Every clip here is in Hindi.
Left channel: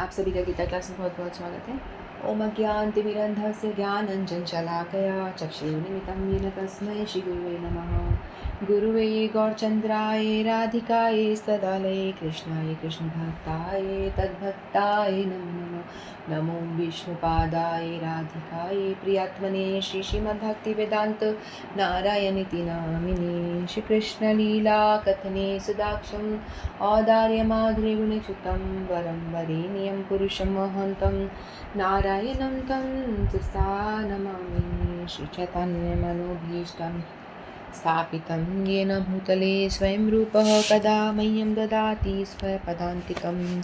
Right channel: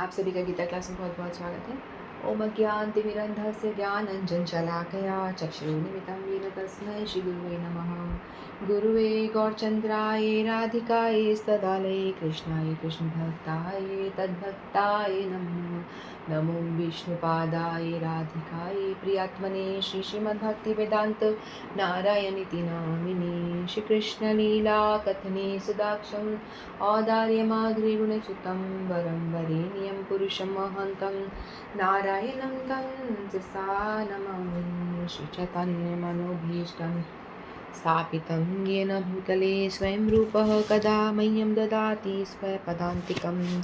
आप सभी का गीता क्लास में बहुत बहुत स्वागत है। ओम अज्ञानतिमिरन्धस्य ज्ञानञ्जनशलाकया चक्षुरुन्मिलितं येन तस्मै श्रीगुरुवे नमः। गुरुवे गौरचन्द्राय राधिकायै तदालये कृष्णाय कृष्णभक्ताय तद्भक्ताय नमो नमो विष्णुपादाय राधिकायै प्रियात्मने श्रीमद्भक्तिवेदान्त नारायणीति नामिने श्रीकृष्णलीला कथने सुदाक्षं औदार्यमाधुर्यगुणच्युतं वरं वरेण्यं पुरुषं महन्तं नारायणं तं शिरसा नमामि। श्रीचैतन्यमनोभीष्टं स्थापितं येन भूतले स्वयं रूपः कदा मह्यं ददाति स्वपदान्तिकम्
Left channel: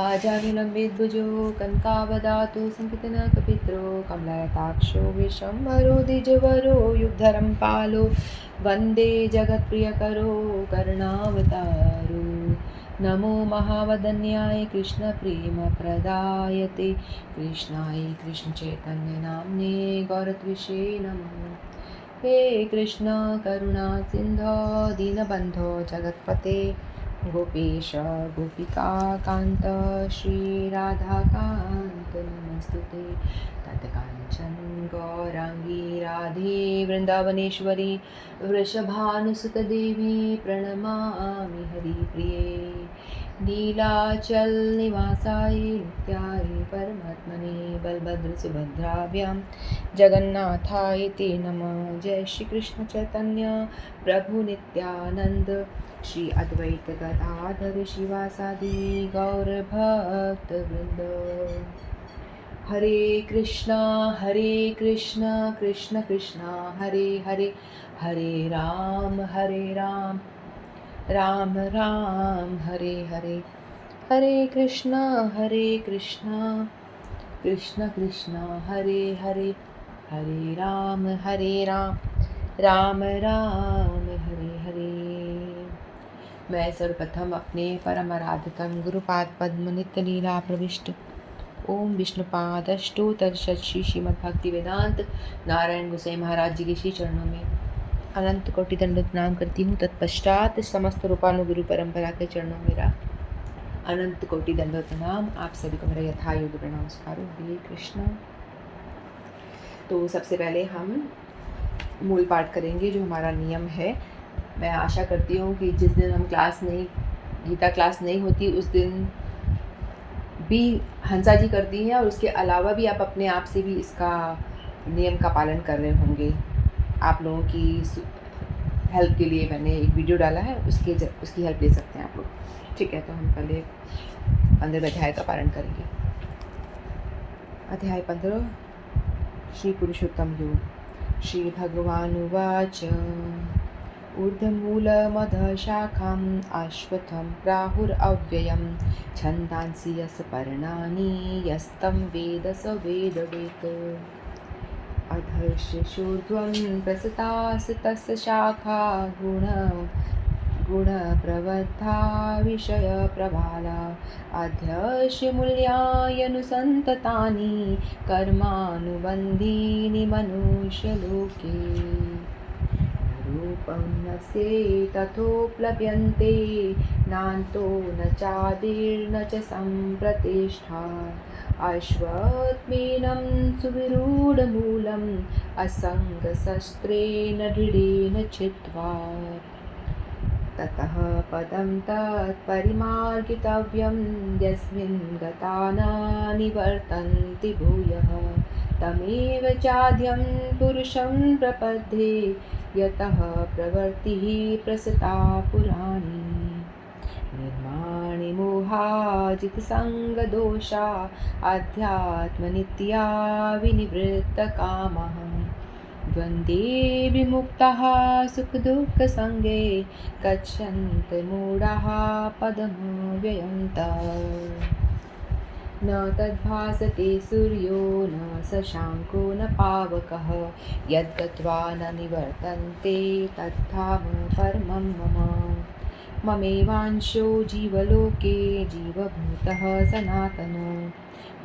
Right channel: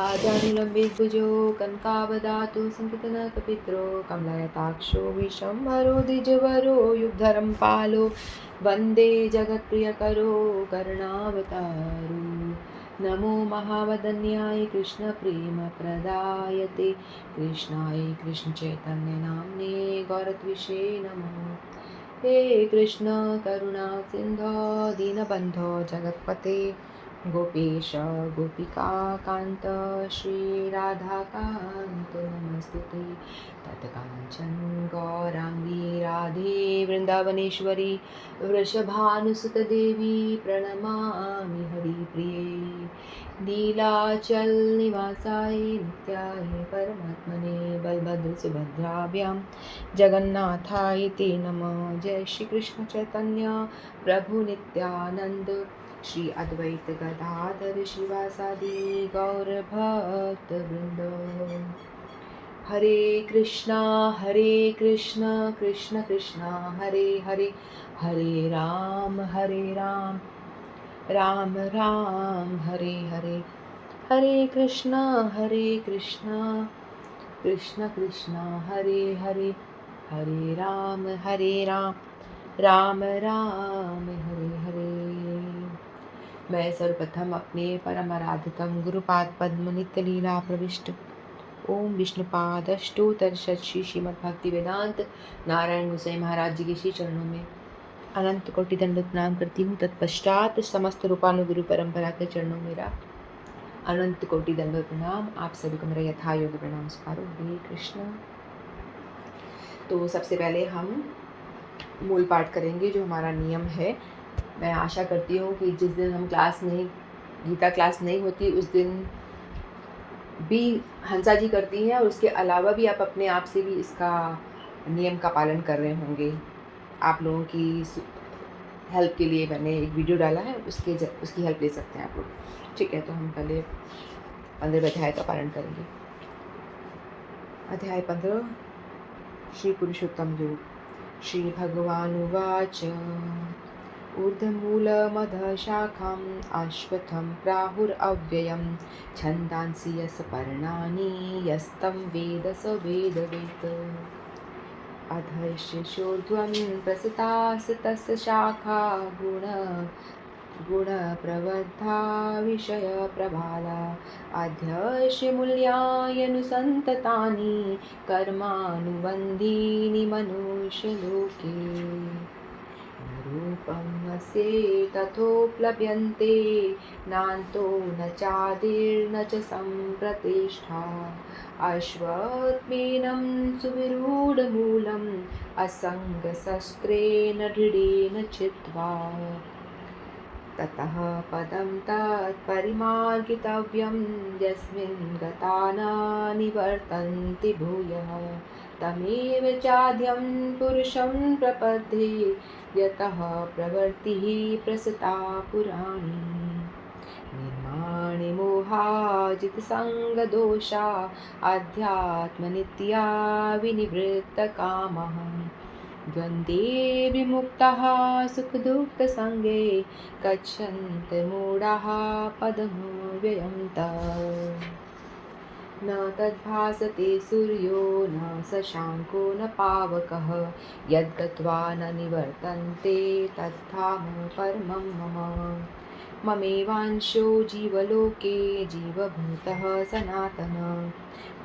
आजानुलम्बितभुजो कनकावदातु संकीर्तनकपित्रो कमलायताक्षो विश्वम्भरो द्विजवरो युगधरं पालो वन्दे जगत्प्रियकरो करुणावतारो। नमो महावदन्याय कृष्णप्रेमप्रदायते कृष्णाय कृष्णचैतन्यनाम्ने गौरत्विषे नमः। हे कृष्ण करुणा सिन्धो दीनबन्धो जगत्पते गोपेश गोपिकान्त श्रीराधाकान्त नमोस्तुते। तत्काञ्चन गौराङ्गी राधे वृन्दावनेश्वरी वृषभानुसुतदेवी प्रणमामि हरिप्रिये। नीलाचल निवासाय नित्याय परमात्मने बलभद्रसुभद्राभ्यां जगन्नाथाय ते नमः। जय श्री कृष्ण चैतन्य प्रभु नित्यानंद श्री अद्वैत गदाधर शिवासादि गौर भक्त वृंद। हरे कृष्णा कृष्ण कृष्णा हरे हरे, हरे राम राम राम हरे हरे। हरे कृष्णा कृष्ण कृष्ण हरे हरे, हरे राम राम राम हरे हरे। मैं सर्वप्रथम अपने परम आराध्यतम गुरुपाद पद्म नित्य लीला प्रविष्ट ओम विष्णुपादष्टोत्तर श्री श्रीमद् भक्ति वेदांत नारायण गोसाई महाराज जी के श्री चरणों में अनंत कोटि दंडवत प्रणाम करती हूँ। तत्पश्चात समस्त रूपानुगुरु परंपरा के चरणों में मेरा अनंत कोटि दंडवत प्रणाम। आप सभी को मेरा यथा योग्य प्रणाम स्वीकारो। हरे कृष्ण। तो सबसे पहले हम मूल पाठ करेंगे जो हमारा नियम है। मैं आशा करती हूँ कि जिस दिन हम गीता क्लास नहीं होती उस दिन भी हंसा जी करती हैं और उसके अलावा भी आप अपने आप से भी इसका नियम का पालन कर रहे होंगे। आप लोगों की हेल्प के लिए मैंने एक वीडियो डाला है, उसकी हेल्प ले सकते हैं आप लोग। ठीक है, तो हम पहले 15 अध्याय का पालन करेंगे। अध्याय 15 श्री पुरुषोत्तम योग। श्री भगवानुवाच ऊर्ध्वमूलमधशाखाम् अश्वत्थं प्राहुरव्ययं छन्दांसि यस्य पर्णानि यस्तं वेद स वेदवेत्। अधश्चोर्ध्वं प्रसृतास्तस्य शाखा गुणप्रवृद्धा विषयप्रभाला अध्यस्य मूल्यायनुसन्ततानि कर्मानुबन्धीनि मनुष्यलोके। रूपं नस्य तथोपलभ्यन्ते नान्तो न चादिर्न च सम्प्रतिष्ठा। अश्वत्थमेनं सुविरूढमूलम् असङ्गशस्त्रेण दृढेन छित्त्वा। ततः पदं तत्परिमार्गितव्यं यस्मिन् गता न निवर्तन्ति भूयः। तमेव चाद्यं पुरुषं प्रपद्ये यतः प्रवृत्तिः प्रसृता पुराणी। निर्माणे मोहाजितसङ्गदोषा अध्यात्मनित्या विनिवृत्तकामः। द्वन्द्वे विमुक्ताः सुखदुःखसङ्गे गच्छन्ति मूढाः पदमव्ययं तत्। न तद्भासते सूर्यो न शशाङ्को न पावकः यद्गत्वा न निवर्तन्ते तद्धाम परमं मम। ममेवांशो जीवलोके जीवभूतः सनातनः।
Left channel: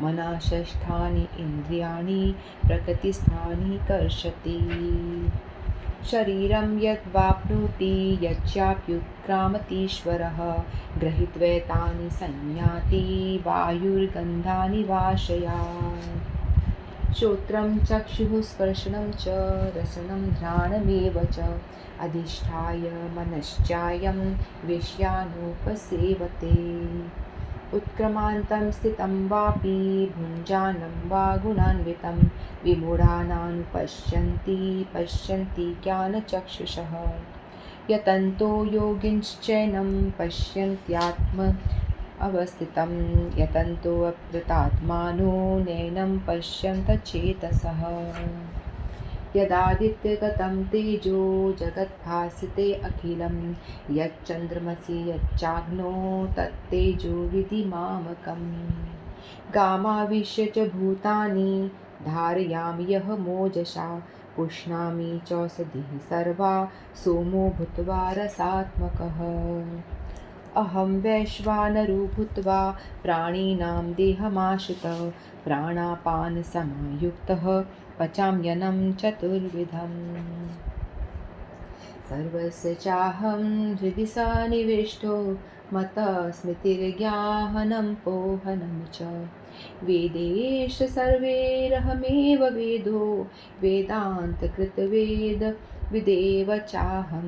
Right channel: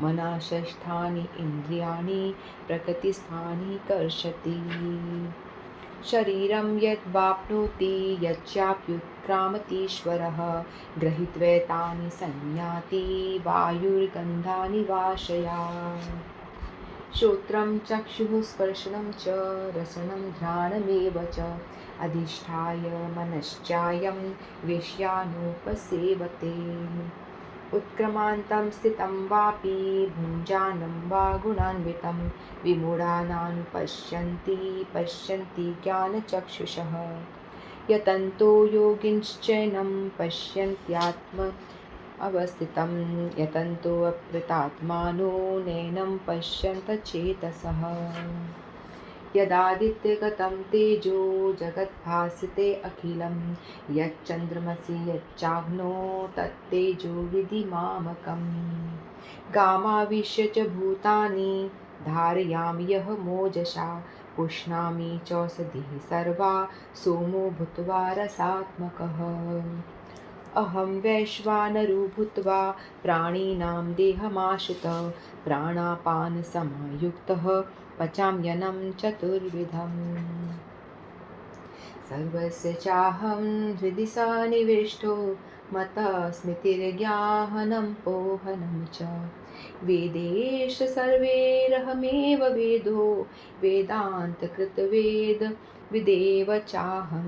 मनः षष्ठानि इन्द्रियाणि प्रकृतिस्थानि कर्षति। शरीरं यद्वाप्नोति यच्चाप्युत्क्रामतीश्वरः गृहीत्वैतानि संयाति वायुर्गन्धानि वाशयात्। श्रोत्रं चक्षुः स्पर्शनं च रसनं घ्राणमेव च अधिष्ठाय मनश्चायं विषयानुपसेवते। उत्क्रमान्तं स्थितं वापि भुञ्जानं वा गुणान्वितं विमूढानानुपश्यन्ति पश्यन्ति ज्ञानचक्षुषः। यतन्तो योगिनश्चैनं पश्यन्त्यात्म अवस्थितं यतन्तोऽप्यतात्मानो नैनं पश्यन्त चेतसः। यदादित्यगतं तेजो जगद्भासते अखिलं यच्चन्द्रमसि यच्चाग्नो तत्तेजो विधिमामकम्। गामाविश्य च भूतानि धारयामि यः मोजसा पुष्णामि चौषधिः सर्वा सोमो भूत्वा रसात्मकः। अहं वैश्वानरो भूत्वा प्राणिनां देहमाश्रितः प्राणापानसमायुक्तः पचाम्यन्नं चतुर्विधम्। सर्वस्य चाहं हृदि सन्निविष्टो मतः स्मृतिर्ज्ञानं पोहनं च वेदेश सर्वैरहमेव वेदो वेदान्तकृतवेद विदेव चाहं।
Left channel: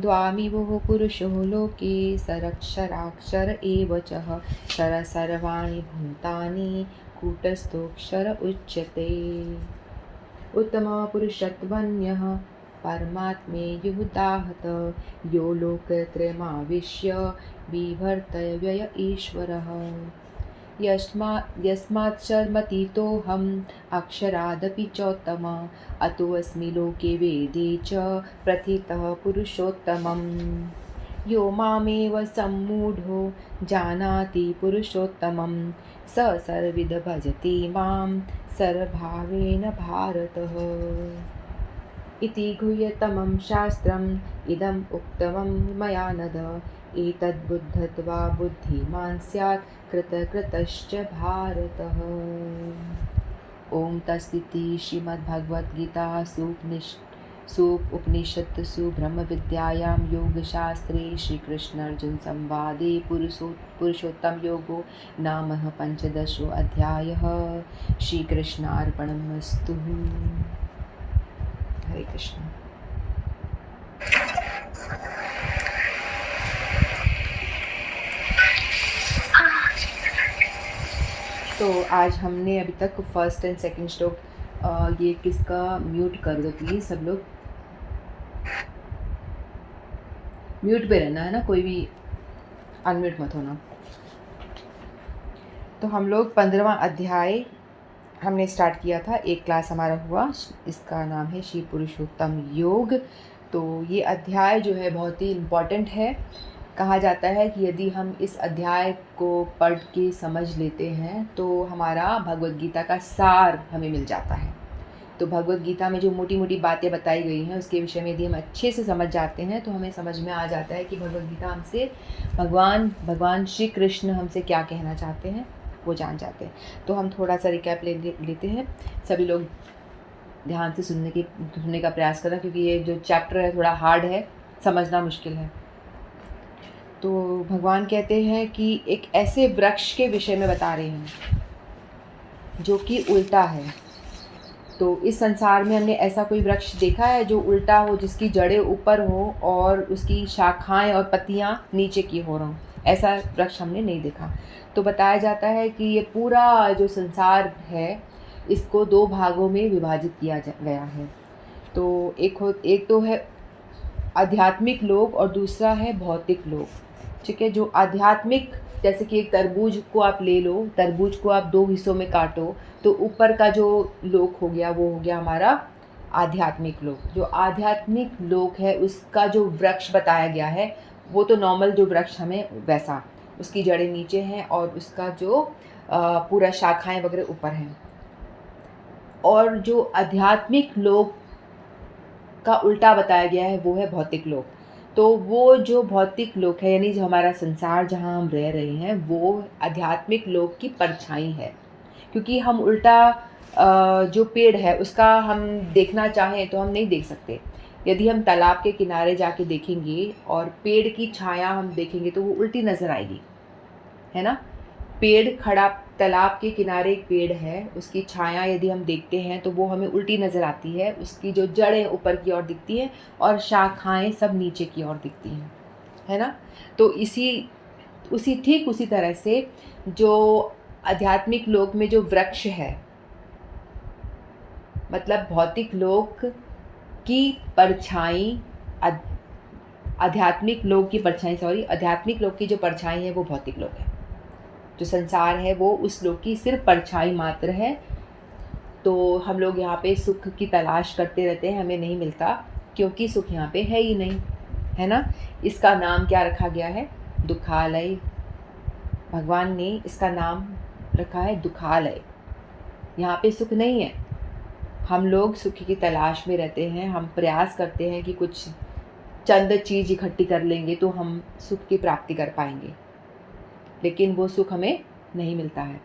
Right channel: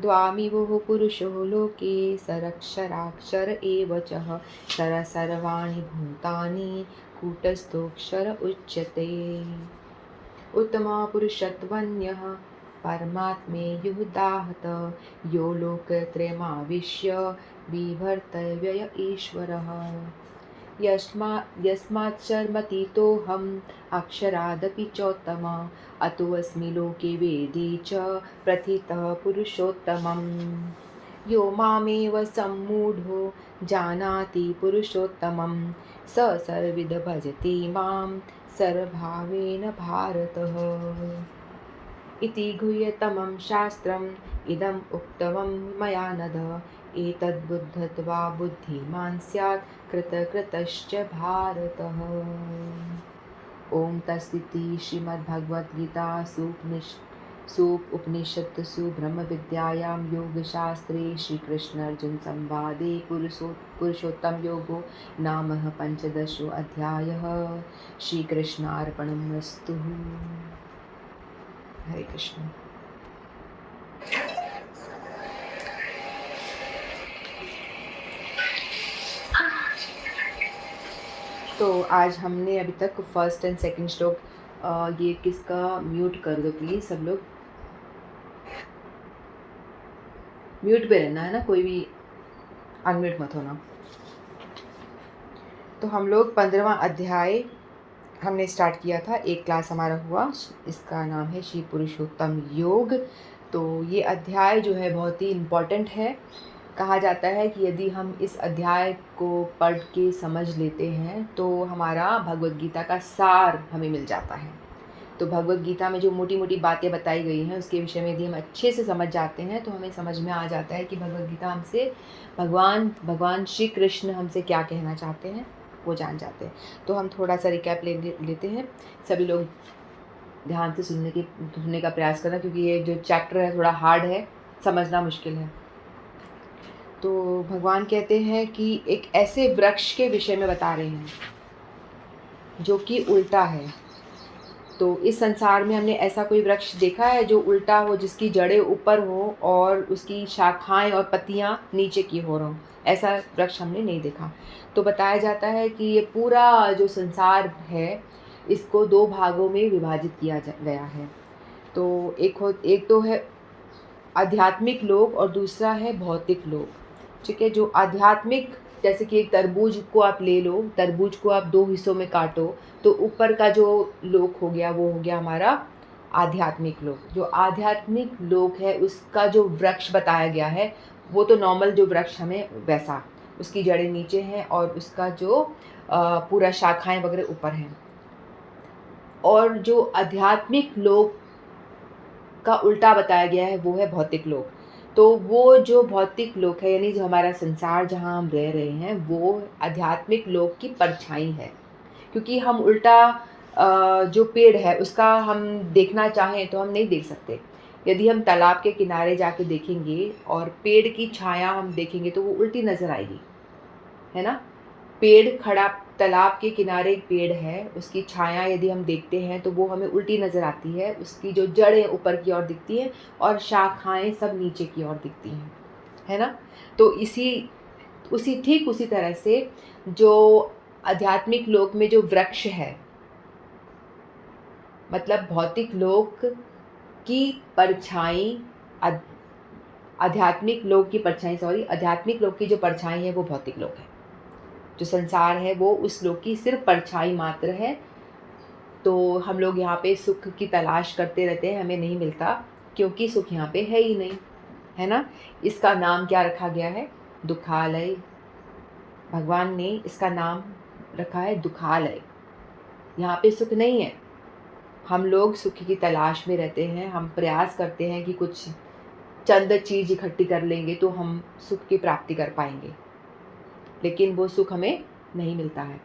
द्वामिवो पुरुषो लोके सरक्षराक्षर एव च सर्वाणि भूतानि कूटस्थोऽक्षर उच्यते। उत्तमपुरुषत्वन्यः परमात्मेयुदाहत यो लोकत्रयमाविश्य बिभर्त्यव्यय ईश्वरः। यस्मात्शर्मतीतोऽहम् अक्षरादपि चोत्तम अतोऽस्मि लोके वेदे च प्रथितः पुरुषोत्तमम्। यो मामेव सम्मूढो जानाति पुरुषोत्तमं स सर्वविद भजति मां सर्वभावेन भारतः। इति गुह्यतमं शास्त्रम् इदम् उक्तवं मया नद एतद्बुद्ध्वा बुद्धिमान् स्यात् कृतकृतश्च भारतः। ॐ तत्सदिति श्रीमद्भगवद्गीतासु उपनिषत्सु ब्रह्मविद्यायां योगशास्त्रे श्रीकृष्णार्जुनसंवादे पुरुषोत्तमयोगो नाम पञ्चदशोऽध्यायः। श्रीकृष्णार्पणमस्तु। हरे कृष्ण। तो आज हमने अभी तक फर्स्ट एंड सेकंड श्लोक, ये किसका म्यूट कर दो प्लीज़, सब लोग म्यूट पे रहना है ना, कोई भी अनम्यूट मत होना। तो हम लोग 15वां अध्याय हमने स्टार्ट किया था, एक क्लास हमारा हुआ, इसका नाम है श्री पुरुषोत्तम योग। तो ये अध्याय जो है बहुत ही इम्पॉर्टेंट है। कहा जाता है कि यदि हम इस अध्याय को पढ़ के समझ लेते हैं तो हमारा भगवद गीता का सार हमें मिल जाता है। तो भगवद गीता में जो मोटी मोटी बातें बताई गई हैं उसके विषय में यदि हम अच्छे से समझ जाते हैं तो हमें समझ में आ जाता है कि भगवद गीता हमसे भगवान श्री कृष्ण हमसे क्या कहना चाहते हैं, वो जान जाते हैं। तो हम थोड़ा सा रिकैप लेते हैं। सभी लोग ध्यान से सुनने का प्रयास करना, क्योंकि ये जो चैप्टर है थोड़ा हार्ड है, समझना मुश्किल है। तो भगवान कहते हैं कि एक ऐसे वृक्ष के विषय में बता रहे हैं जो कि उल्टा है। तो इस संसार में हमने ऐसा कोई वृक्ष देखा है जो उल्टा हो, जिसकी जड़ें ऊपर हो और उसकी शाखाएं और पत्तियां नीचे की हो रहा हो? ऐसा वृक्ष हमने नहीं देखा। तो बताया जाता है कि ये पूरा जो संसार है इसको दो भागों में विभाजित किया गया है। तो एक तो है आध्यात्मिक लोक और दूसरा है भौतिक लोक। ठीक है, जो आध्यात्मिक, जैसे कि एक तरबूज को आप ले लो, तरबूज को आप दो हिस्सों में काटो तो ऊपर का जो लोक हो गया वो हो गया हमारा आध्यात्मिक लोक। जो आध्यात्मिक लोक है उसका जो वृक्ष बताया गया है वो तो नॉर्मल जो वृक्ष हमें वैसा, उसकी जड़ें नीचे हैं और उसका जो पूरा शाखाएं वगैरह ऊपर हैं। और जो आध्यात्मिक लोक का उल्टा बताया गया है वो है भौतिक लोक। तो वो जो भौतिक लोक है, यानी जो हमारा संसार जहाँ हम रह रहे हैं, वो आध्यात्मिक लोक की परछाई है। क्योंकि हम उल्टा जो पेड़ है उसका हम देखना चाहें तो हम नहीं देख सकते। यदि हम तालाब के किनारे जाके देखेंगे और पेड़ की छाया हम देखेंगे तो वो उल्टी नज़र आएगी, है ना। पेड़ खड़ा, तालाब के किनारे एक पेड़ है, उसकी छाया यदि हम देखते हैं तो वो हमें उल्टी नज़र आती है। उसकी जो जड़ें ऊपर की ओर दिखती हैं और शाखाएं सब नीचे की ओर दिखती हैं, है ना। तो ठीक उसी तरह से जो आध्यात्मिक लोक में जो वृक्ष है, मतलब भौतिक लोक की परछाई, आध्यात्मिक लोक की परछाई है वो भौतिक लोक है। जो संसार है वो उस लोक की सिर्फ परछाई मात्र है। तो हम लोग यहाँ पे सुख की तलाश करते रहते हैं, हमें नहीं मिलता, क्योंकि सुख यहाँ पे है ही नहीं, है ना। इसका नाम क्या रखा गया है? दुखालय। भगवान ने इसका नाम रखा है दुखालय। यहाँ पे सुख नहीं है। हम लोग सुख की तलाश में रहते हैं, हम प्रयास करते हैं कि कुछ चंद चीज़ इकट्ठी कर लेंगे तो हम सुख की प्राप्ति कर पाएंगे, लेकिन वो सुख हमें नहीं मिलता है,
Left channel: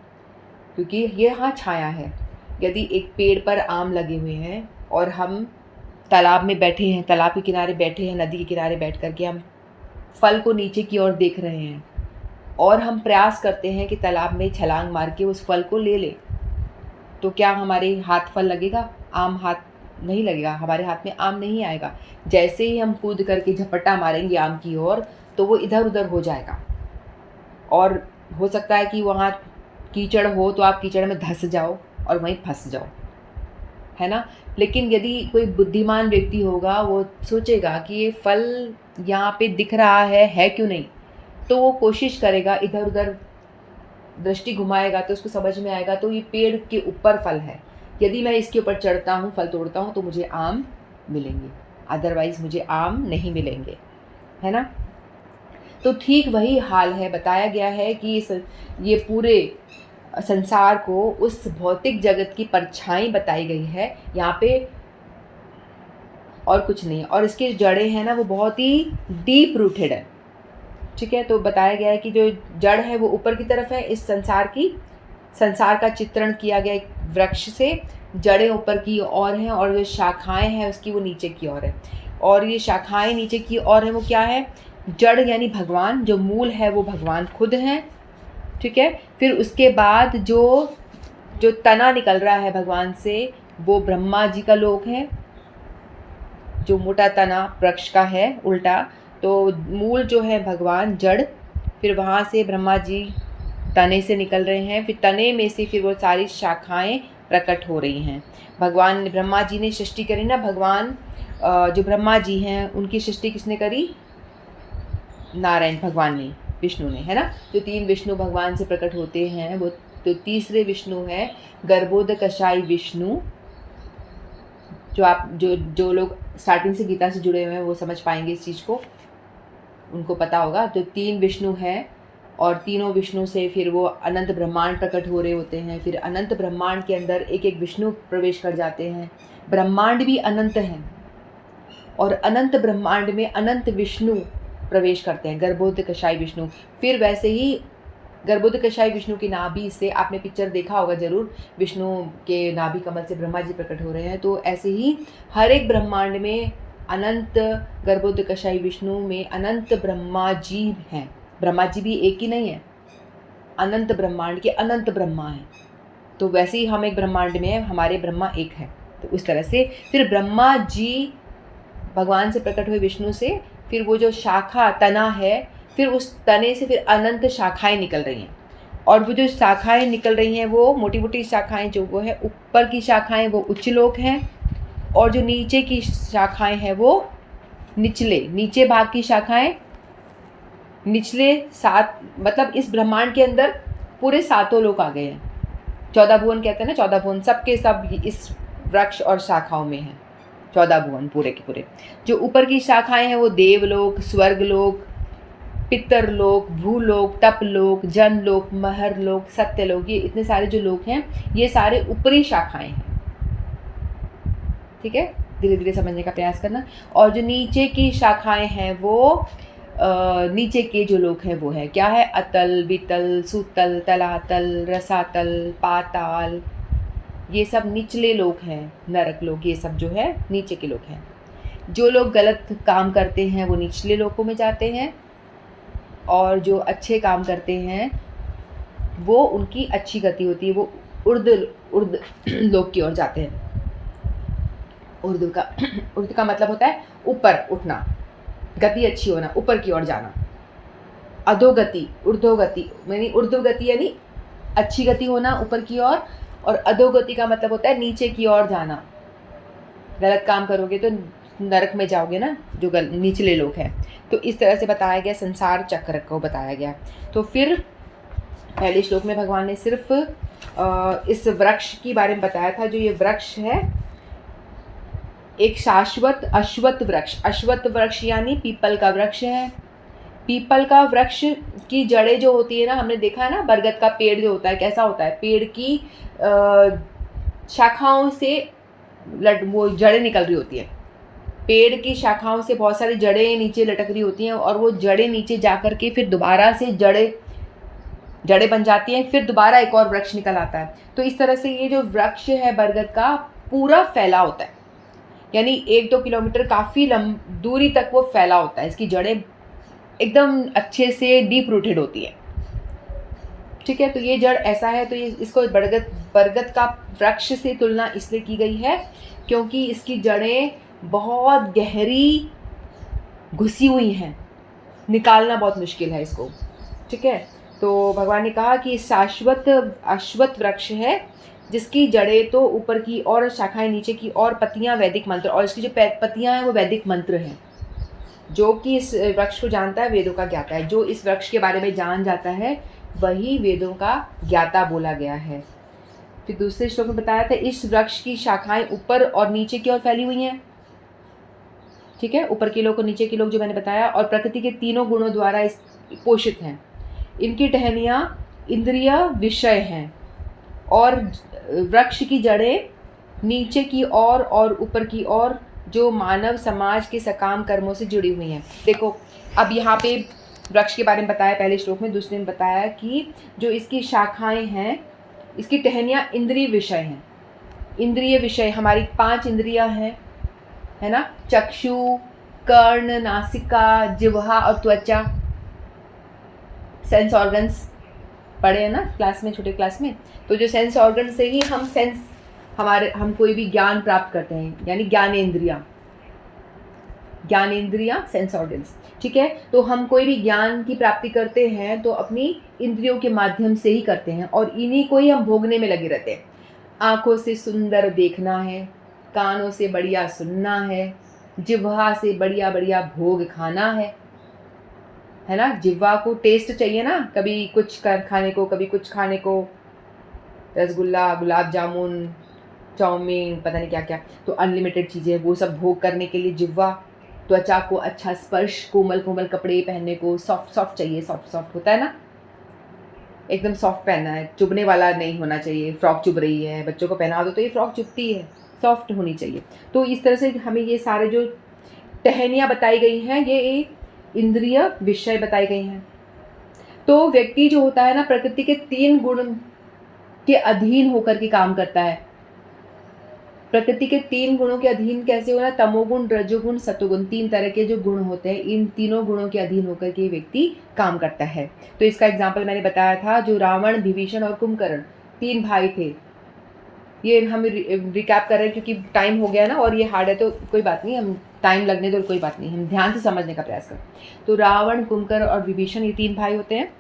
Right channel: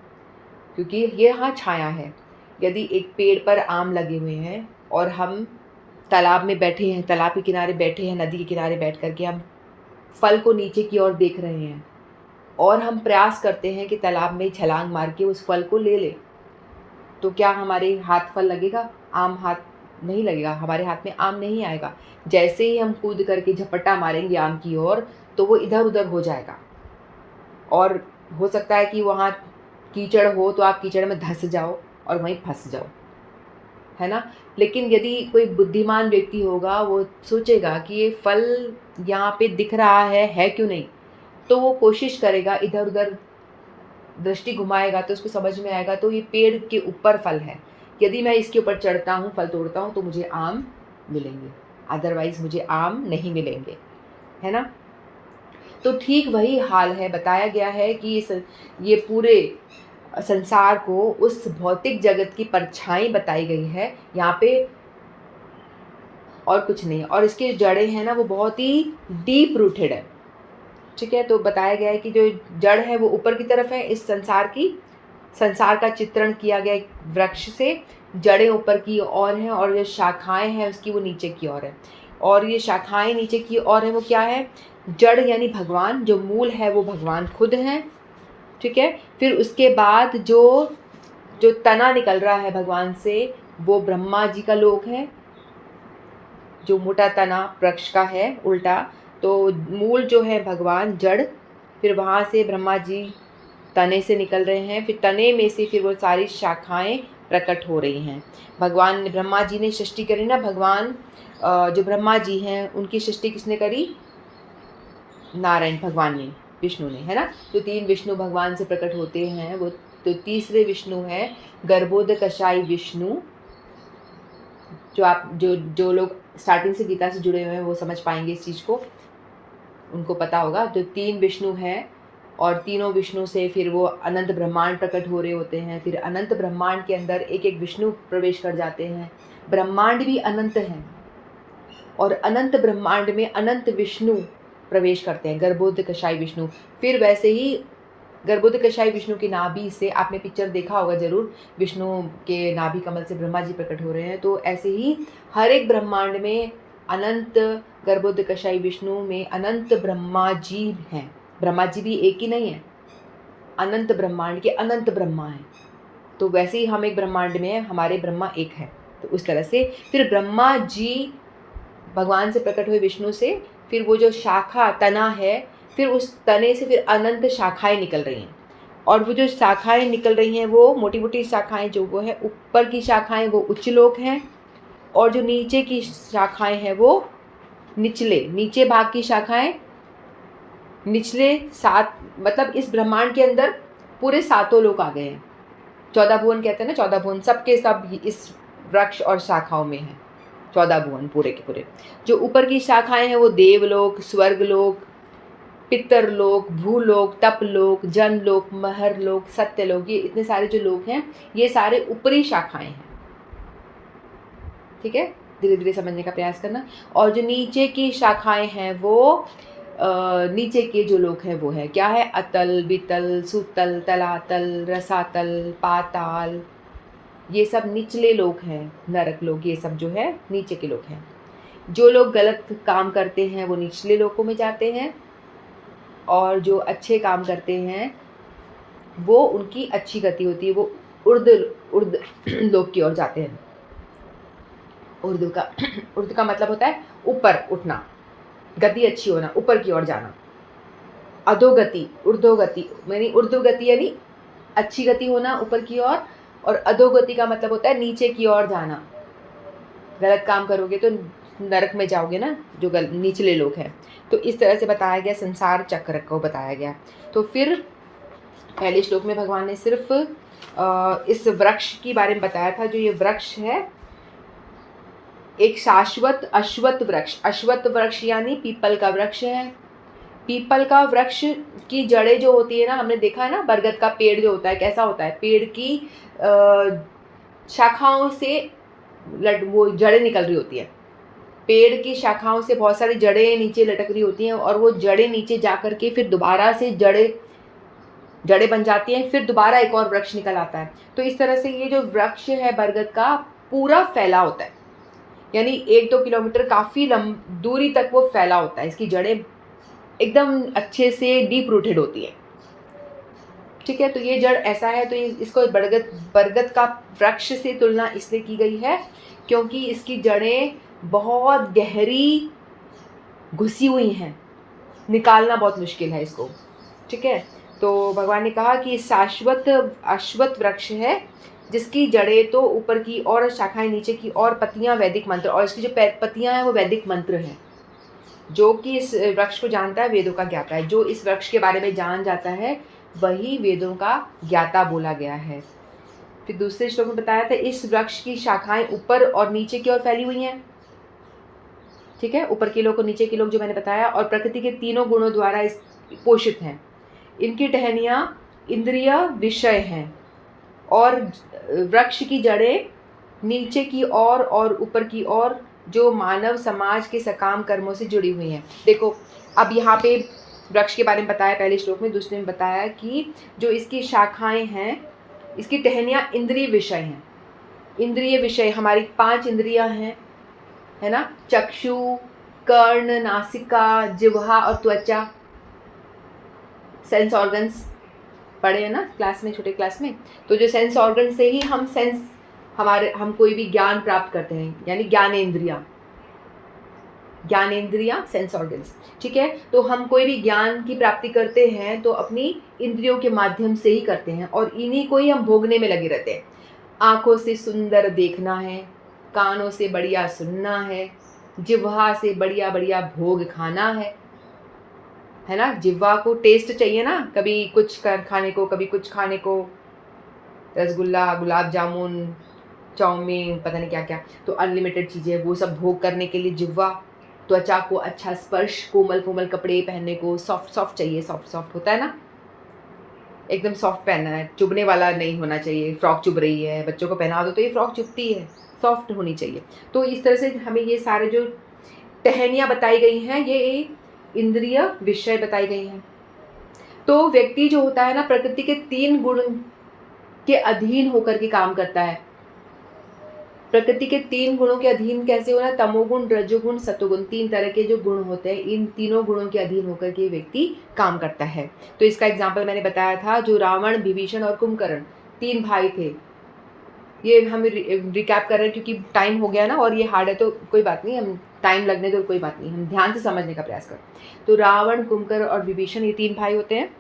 क्योंकि ये यहाँ छाया है। यदि एक पेड़ पर आम लगे हुए हैं और हम तालाब में बैठे हैं, तालाब के किनारे बैठे हैं, नदी के किनारे बैठ कर के हम फल को नीचे की ओर देख रहे हैं और हम प्रयास करते हैं कि तालाब में छलांग मार के उस फल को ले लें, तो क्या हमारे हाथ फल लगेगा? आम हाथ नहीं लगेगा, हमारे हाथ में आम नहीं आएगा। जैसे ही हम कूद करके झपट्टा मारेंगे आम की ओर तो वो इधर उधर हो जाएगा, और हो सकता है कि वहाँ कीचड़ हो तो आप कीचड़ में धंस जाओ और वहीं फंस जाओ, है ना। लेकिन यदि कोई बुद्धिमान व्यक्ति होगा, वो सोचेगा कि ये फल यहाँ पे दिख रहा है क्यों नहीं, तो वो कोशिश करेगा, इधर उधर दृष्टि घुमाएगा तो उसको समझ में आएगा तो ये पेड़ के ऊपर फल है, यदि मैं इसके ऊपर चढ़ता हूँ, फल तोड़ता हूँ तो मुझे आम मिलेंगे, अदरवाइज़ मुझे आम नहीं मिलेंगे, है ना। तो ठीक वही हाल है, बताया गया है कि ये पूरे संसार को उस भौतिक जगत की परछाई बताई गई है यहाँ पे, और कुछ नहीं। और इसके जड़ें हैं ना वो बहुत ही डीप रूटेड है, ठीक है। तो बताया गया है कि जो जड़ है वो ऊपर की तरफ है, इस संसार का चित्रण किया गया एक वृक्ष से, जड़ें ऊपर की ओर हैं और जो शाखाएं हैं उसकी वो नीचे की ओर है, और ये शाखाएं नीचे की ओर है वो क्या है? जड़ यानी भगवान, जो मूल है वो भगवान खुद हैं, ठीक है। फिर उसके बाद जो तना निकल रहा है भगवान से वो ब्रह्मा जी का लोक है, जो मोटा तना वृक्ष का है उल्टा। तो मूल जो है भगवान जड़, फिर वहाँ से ब्रह्मा जी तने से निकल रहे हैं, फिर तने में से फिर वो सारी शाखाएं प्रकट हो रही हैं। भगवान ब्रह्मा जी ने सृष्टि करी ना, भगवान जो ब्रह्मा जी हैं उनकी सृष्टि किसने करी? नारायण भगवान ने, विष्णु ने, है ना। जो 3 विष्णु भगवान से प्रकट होते हैं, वो तो तीसरे विष्णु है गर्भोदकशाई विष्णु। जो लोग स्टार्टिंग से गीता से जुड़े हुए हैं वो समझ पाएंगे इस चीज़ को, उनको पता होगा। जो 3 विष्णु हैं और तीनों विष्णु से फिर वो अनंत ब्रह्मांड प्रकट हो रहे होते हैं, फिर अनंत ब्रह्मांड के अंदर एक एक विष्णु प्रवेश कर जाते हैं। ब्रह्मांड भी अनंत हैं और अनंत ब्रह्मांड में अनंत विष्णु प्रवेश करते हैं, गर्भोदकशाई विष्णु। फिर वैसे ही गर्भोदकशाई विष्णु की नाभि से, आपने पिक्चर देखा होगा जरूर, विष्णु के नाभि कमल से ब्रह्मा जी प्रकट हो रहे हैं। तो ऐसे ही हर एक ब्रह्मांड में अनंत गर्भोदकशाई विष्णु में अनंत ब्रह्मा जी हैं। ब्रह्मा जी भी एक ही नहीं है, अनंत ब्रह्मांड के अनंत ब्रह्मा हैं। तो वैसे ही हम एक ब्रह्मांड में हैं, हमारे ब्रह्मा एक है। तो उस तरह से फिर ब्रह्मा जी भगवान से प्रकट हुए विष्णु से, फिर वो जो शाखा तना है, फिर उस तने से फिर अनंत शाखाएं निकल रही हैं, और वो जो शाखाएं निकल रही हैं वो मोटी मोटी शाखाएं, जो वो है ऊपर की शाखाएं वो उच्च लोक हैं, और जो नीचे की शाखाएं हैं वो नीचे भाग की शाखाएं निचले 7, मतलब इस ब्रह्मांड के अंदर पूरे 7 लोक आ गए हैं। 14 भुवन कहते हैं ना, 14 भुवन सब के सब इस वृक्ष और शाखाओं में हैं। 14 भुवन पूरे के पूरे। जो ऊपर की शाखाएं हैं वो देवलोक, स्वर्गलोक, पितरलोक, भूलोक, तपलोक, जनलोक, महरलोक, सत्यलोक, ये इतने सारे जो लोक हैं ये सारे ऊपरी शाखाएं हैं, ठीक है। धीरे धीरे समझने का प्रयास करना। और जो नीचे की शाखाएं हैं वो नीचे के जो लोक हैं वो है क्या है? अतल, वितल, सुतल, तलातल, रसातल, पाताल, ये सब निचले लोक हैं। नरक लोक, ये सब जो है नीचे के लोक हैं। जो लोग गलत काम करते हैं वो निचले लोकों में जाते हैं, और जो अच्छे काम करते हैं वो उनकी अच्छी गति होती है, वो उर्द उर्द लोक की ओर जाते हैं। उर्द का मतलब होता है ऊपर उठना, गति अच्छी होना, ऊपर की ओर जाना। अधोगति, ऊर्ध्वगति यानी ऊर्ध्वगति यानी अच्छी गति होना ऊपर की ओर, और अधोगति का मतलब होता है नीचे की ओर जाना। गलत काम करोगे तो नरक में जाओगे ना, जो निचले लोग हैं। तो इस तरह से बताया गया, संसार चक्र को बताया गया। तो फिर पहले श्लोक में भगवान ने सिर्फ इस वृक्ष की बारे में बताया था। जो ये वृक्ष है एक शाश्वत अश्वत्थ वृक्ष, अश्वत्थ वृक्ष यानी पीपल का वृक्ष है। पीपल का वृक्ष की जड़ें जो होती है ना, हमने देखा है ना, बरगद का पेड़ जो होता है कैसा होता है, पेड़ की शाखाओं से वो जड़ें निकल रही होती है। पेड़ की शाखाओं से बहुत सारी जड़ें नीचे लटक रही होती हैं, और वो जड़ें नीचे जा कर के फिर दोबारा से जड़ें बन जाती हैं, फिर दोबारा एक और वृक्ष निकल आता है। तो इस तरह से ये जो वृक्ष है बरगद का पूरा फैला होता है, यानी 1-2 किलोमीटर काफ़ी दूरी तक वो फैला होता है। इसकी जड़ें एकदम अच्छे से डीप रूटेड होती है। ठीक है, तो ये जड़ ऐसा है, तो ये इसको बरगद का वृक्ष से तुलना इसलिए की गई है क्योंकि इसकी जड़ें बहुत गहरी घुसी हुई हैं, निकालना बहुत मुश्किल है इसको। ठीक है, तो भगवान ने कहा कि शाश्वत अश्वत्थ वृक्ष है जिसकी जड़ें तो ऊपर की और शाखाएं नीचे की और पत्तियां वैदिक मंत्र, और इसकी जो पत्तियां हैं वो वैदिक मंत्र हैं। जो कि इस वृक्ष को जानता है वेदों का ज्ञाता है। जो इस वृक्ष के बारे में जान जाता है वही वेदों का ज्ञाता बोला गया है। फिर दूसरे श्लोक में बताया था इस वृक्ष की शाखाएं ऊपर और नीचे की ओर फैली हुई हैं। ठीक है, ऊपर के लोग और नीचे के लोग जो मैंने बताया, और प्रकृति के तीनों गुणों द्वारा इस पोषित हैं। इनकी टहनियाँ इंद्रिय विषय हैं, और वृक्ष की जड़ें नीचे की ओर और ऊपर की ओर जो मानव समाज के सकाम कर्मों से जुड़ी हुई हैं। देखो, अब यहाँ पे वृक्ष के बारे में बताया पहले श्लोक में, दूसरे में बताया कि जो इसकी शाखाएं हैं, इसकी टहनियाँ इंद्रिय विषय हैं। इंद्रिय विषय हमारी 5 इंद्रियां हैं, है ना, चक्षु, कर्ण, नासिका, जिह्वा और त्वचा, सेंस ऑर्गन्स पढ़े हैं ना क्लास में, छोटे क्लास में। तो जो सेंस ऑर्गन से ही हम कोई भी ज्ञान प्राप्त करते हैं, यानी ज्ञानेंद्रियां सेंस ऑर्गन्स। ठीक है, तो हम कोई भी ज्ञान की प्राप्ति करते हैं तो अपनी इंद्रियों के माध्यम से ही करते हैं, और इन्हीं को ही हम भोगने में लगे रहते हैं। आँखों से सुंदर देखना है, कानों से बढ़िया सुनना है, जिह्वा से बढ़िया बढ़िया भोग खाना है ना। जिह्वा को टेस्ट चाहिए ना, कभी कुछ खाने को, कभी कुछ खाने को, रसगुल्ला, गुलाब जामुन, चाउमीन, पता नहीं क्या क्या, तो अनलिमिटेड चीज़ें, वो सब भोग करने के लिए जिह्वा। त्वचा को अच्छा स्पर्श, कोमल कोमल कपड़े पहनने को, सॉफ्ट सॉफ्ट चाहिए, सॉफ्ट सॉफ्ट होता है ना, एकदम सॉफ्ट पहनना है, चुभने वाला नहीं होना चाहिए। फ्रॉक चुभ रही है, बच्चों को पहना दो तो ये फ्रॉक चुभती है, सॉफ्ट होनी चाहिए। तो इस तरह से हमें ये सारे जो टहनियाँ बताई गई हैं, ये एक इंद्रिय विषय बताई गई हैं। तो व्यक्ति जो होता है ना, प्रकृति के 3 गुण के अधीन होकर के काम करता है। प्रकृति के 3 गुणों के अधीन कैसे होना, तमोगुण, रजोगुण, सतोगुण, 3 तरह के जो गुण होते हैं, इन तीनों गुणों के अधीन होकर के व्यक्ति काम करता है। तो इसका एग्जाम्पल मैंने बताया था, जो रावण, विभीषण और कुंभकर्ण 3 भाई थे। ये हम रिकैप कर रहे हैं क्योंकि टाइम हो गया ना, और ये हार्ड है तो कोई बात नहीं, हम टाइम लगने दो, कोई बात नहीं, हम ध्यान से समझने का प्रयास करें। तो रावण, कुंभकर्ण और विभीषण, ये 3 भाई होते हैं।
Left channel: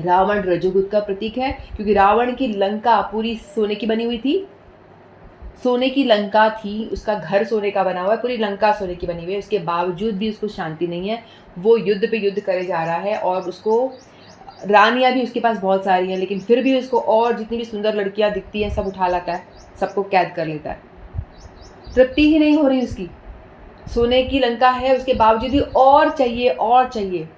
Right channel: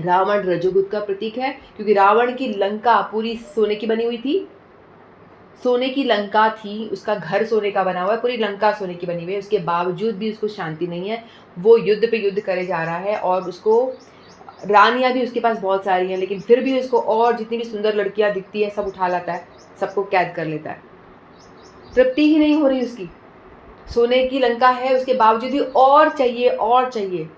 रावण रजोगुण का प्रतीक है क्योंकि रावण की लंका पूरी सोने की बनी हुई थी, सोने की लंका थी, उसका घर सोने का बना हुआ है, पूरी लंका सोने की बनी हुई है, उसके बावजूद भी उसको शांति नहीं है। वो युद्ध पे युद्ध करे जा रहा है, और उसको रानियां भी उसके पास बहुत सारी हैं, लेकिन फिर भी उसको और जितनी भी सुंदर लड़कियां दिखती हैं सब उठा लाता है, सबको कैद कर लेता है। तृप्ति ही नहीं हो रही उसकी, सोने की लंका है, उसके बावजूद भी और चाहिए,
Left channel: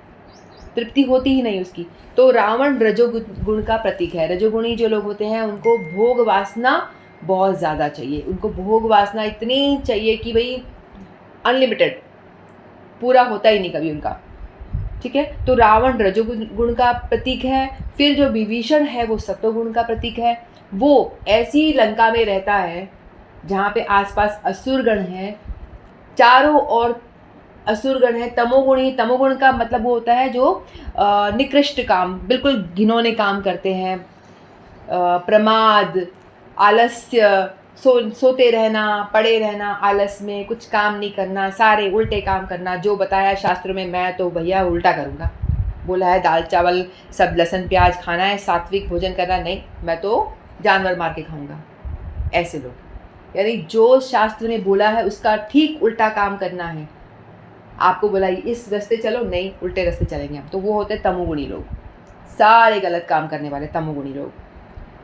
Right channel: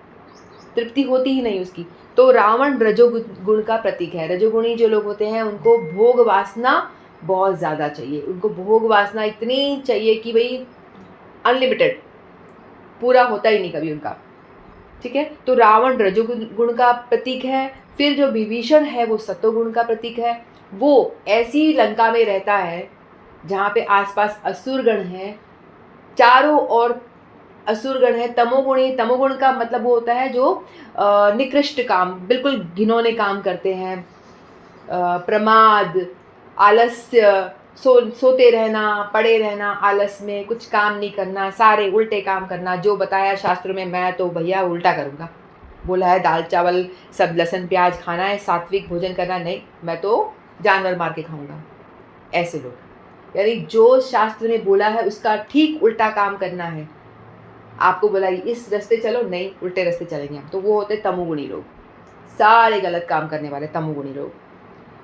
तृप्ति होती ही नहीं उसकी। तो रावण रजोगुण का प्रतीक है। रजोगुणी जो लोग होते हैं उनको भोग वासना बहुत ज़्यादा चाहिए, उनको भोग वासना इतनी चाहिए कि भाई अनलिमिटेड, पूरा होता ही नहीं कभी उनका। ठीक है, तो रावण रजोगुण का प्रतीक है। फिर जो विभीषण है वो सतोगुण का प्रतीक है। वो ऐसी लंका में रहता है जहाँ पे आसपास असुरगण हैं, चारों ओर असुरगण है, तमोगुणी। तमोगुण का मतलब वो होता है जो निकृष्ट काम, बिल्कुल घिनौने काम करते हैं, प्रमाद, आलस्य, सोते रहना, पड़े रहना, आलस में कुछ काम नहीं करना, सारे उल्टे काम करना। जो बताया शास्त्र में, मैं तो भैया उल्टा करूँगा। बोला है दाल चावल सब लहसुन प्याज खाना है, सात्विक भोजन करना, नहीं मैं तो जानवर मार के खाऊंगा। ऐसे लोग, यानी जो शास्त्र ने बोला है उसका ठीक उल्टा काम करना है। आपको बोला इस रास्ते चलो, नहीं उल्टे रास्ते चलेंगे हम, तो वो होते तमोगुणी लोग, सारे गलत काम करने वाले तमोगुणी लोग।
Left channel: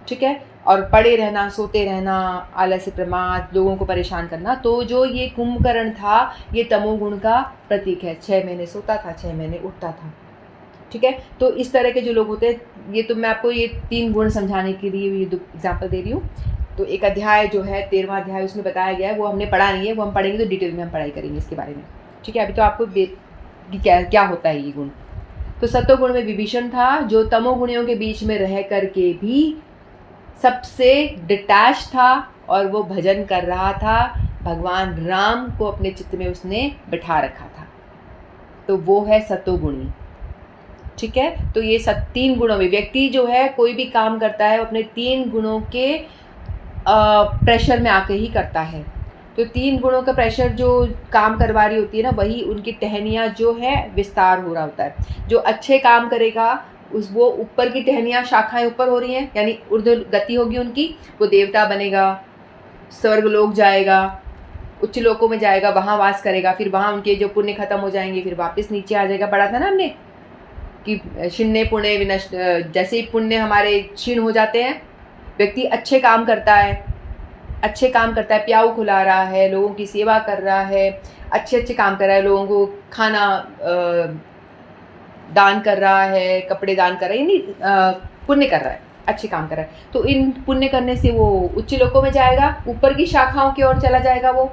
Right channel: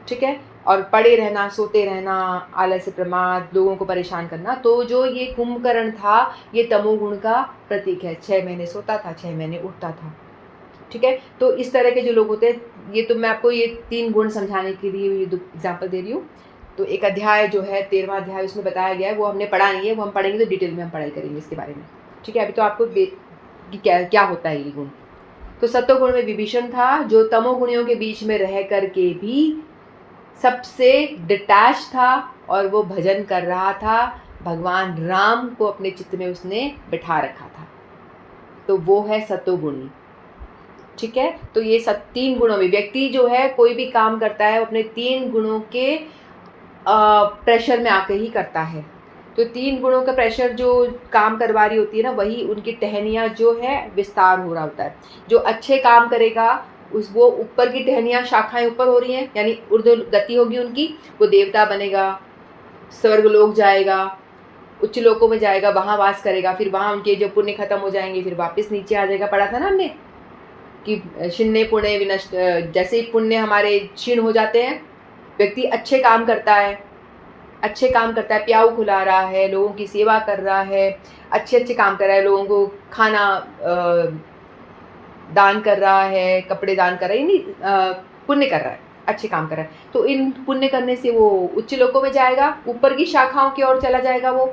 ठीक है। और पड़े रहना, सोते रहना, आलस्य, प्रमाद, लोगों को परेशान करना। तो जो ये कुंभकर्ण था ये तमोगुण का प्रतीक है। 6 महीने सोता था, 6 महीने उठता था। ठीक है। तो इस तरह के जो लोग होते हैं, ये तो मैं आपको ये 3 गुण समझाने के लिए ये एग्जाम्पल दे रही हूँ। तो एक अध्याय जो है 13वां अध्याय, उसमें बताया गया है, वो हमने पढ़ा नहीं है, वो हम पढ़ेंगे तो डिटेल में हम पढ़ाई करेंगे इसके बारे में। ठीक है। अभी तो आपको कि क्या होता है ये गुण। तो सत्वगुण में विभीषण था, जो तमोगुणियों के बीच में रह करके भी सबसे डिटैच था और वो भजन कर रहा था। भगवान राम को अपने चित्त में उसने बिठा रखा था, तो वो है सत्वगुणी। ठीक है। तो ये 3 गुणों में व्यक्ति जो है कोई भी काम करता है, वो अपने 3 गुणों के प्रेशर में आके ही करता है। तो 3 गुणों का प्रेशर जो काम करवा रही होती है ना, वही उनकी टहनियाँ जो है विस्तार हो रहा होता है। जो अच्छे काम करेगा वो ऊपर की टहनियाँ, शाखाएं ऊपर हो रही हैं, यानी ऊर्ध्व गति होगी उनकी, वो देवता बनेगा, स्वर्ग लोक जाएगा, उच्च लोकों में जाएगा, वहाँ वास करेगा। फिर वहाँ उनके जो पुण्य खत्म हो जाएंगे, फिर वापस नीचे आ जाएगा। पढ़ा था ना हमने कि क्षीणे पुण्य विनष्ट, जैसे ही पुण्य हमारे क्षीण हो जाते हैं, व्यक्ति अच्छे काम करता है, प्याऊ खुला रहा है, लोगों की सेवा कर रहा है, अच्छे काम कर रहा है, लोगों को खाना दान कर रहा है, कपड़े दान कर रहा है, यानी पुण्य कर रहा है, अच्छे काम कर रहा है। तो इन पुण्य करने से वो उच्च लोकों में जाएगा, ऊपर की शाखाओं की ओर चला जाएगा वो।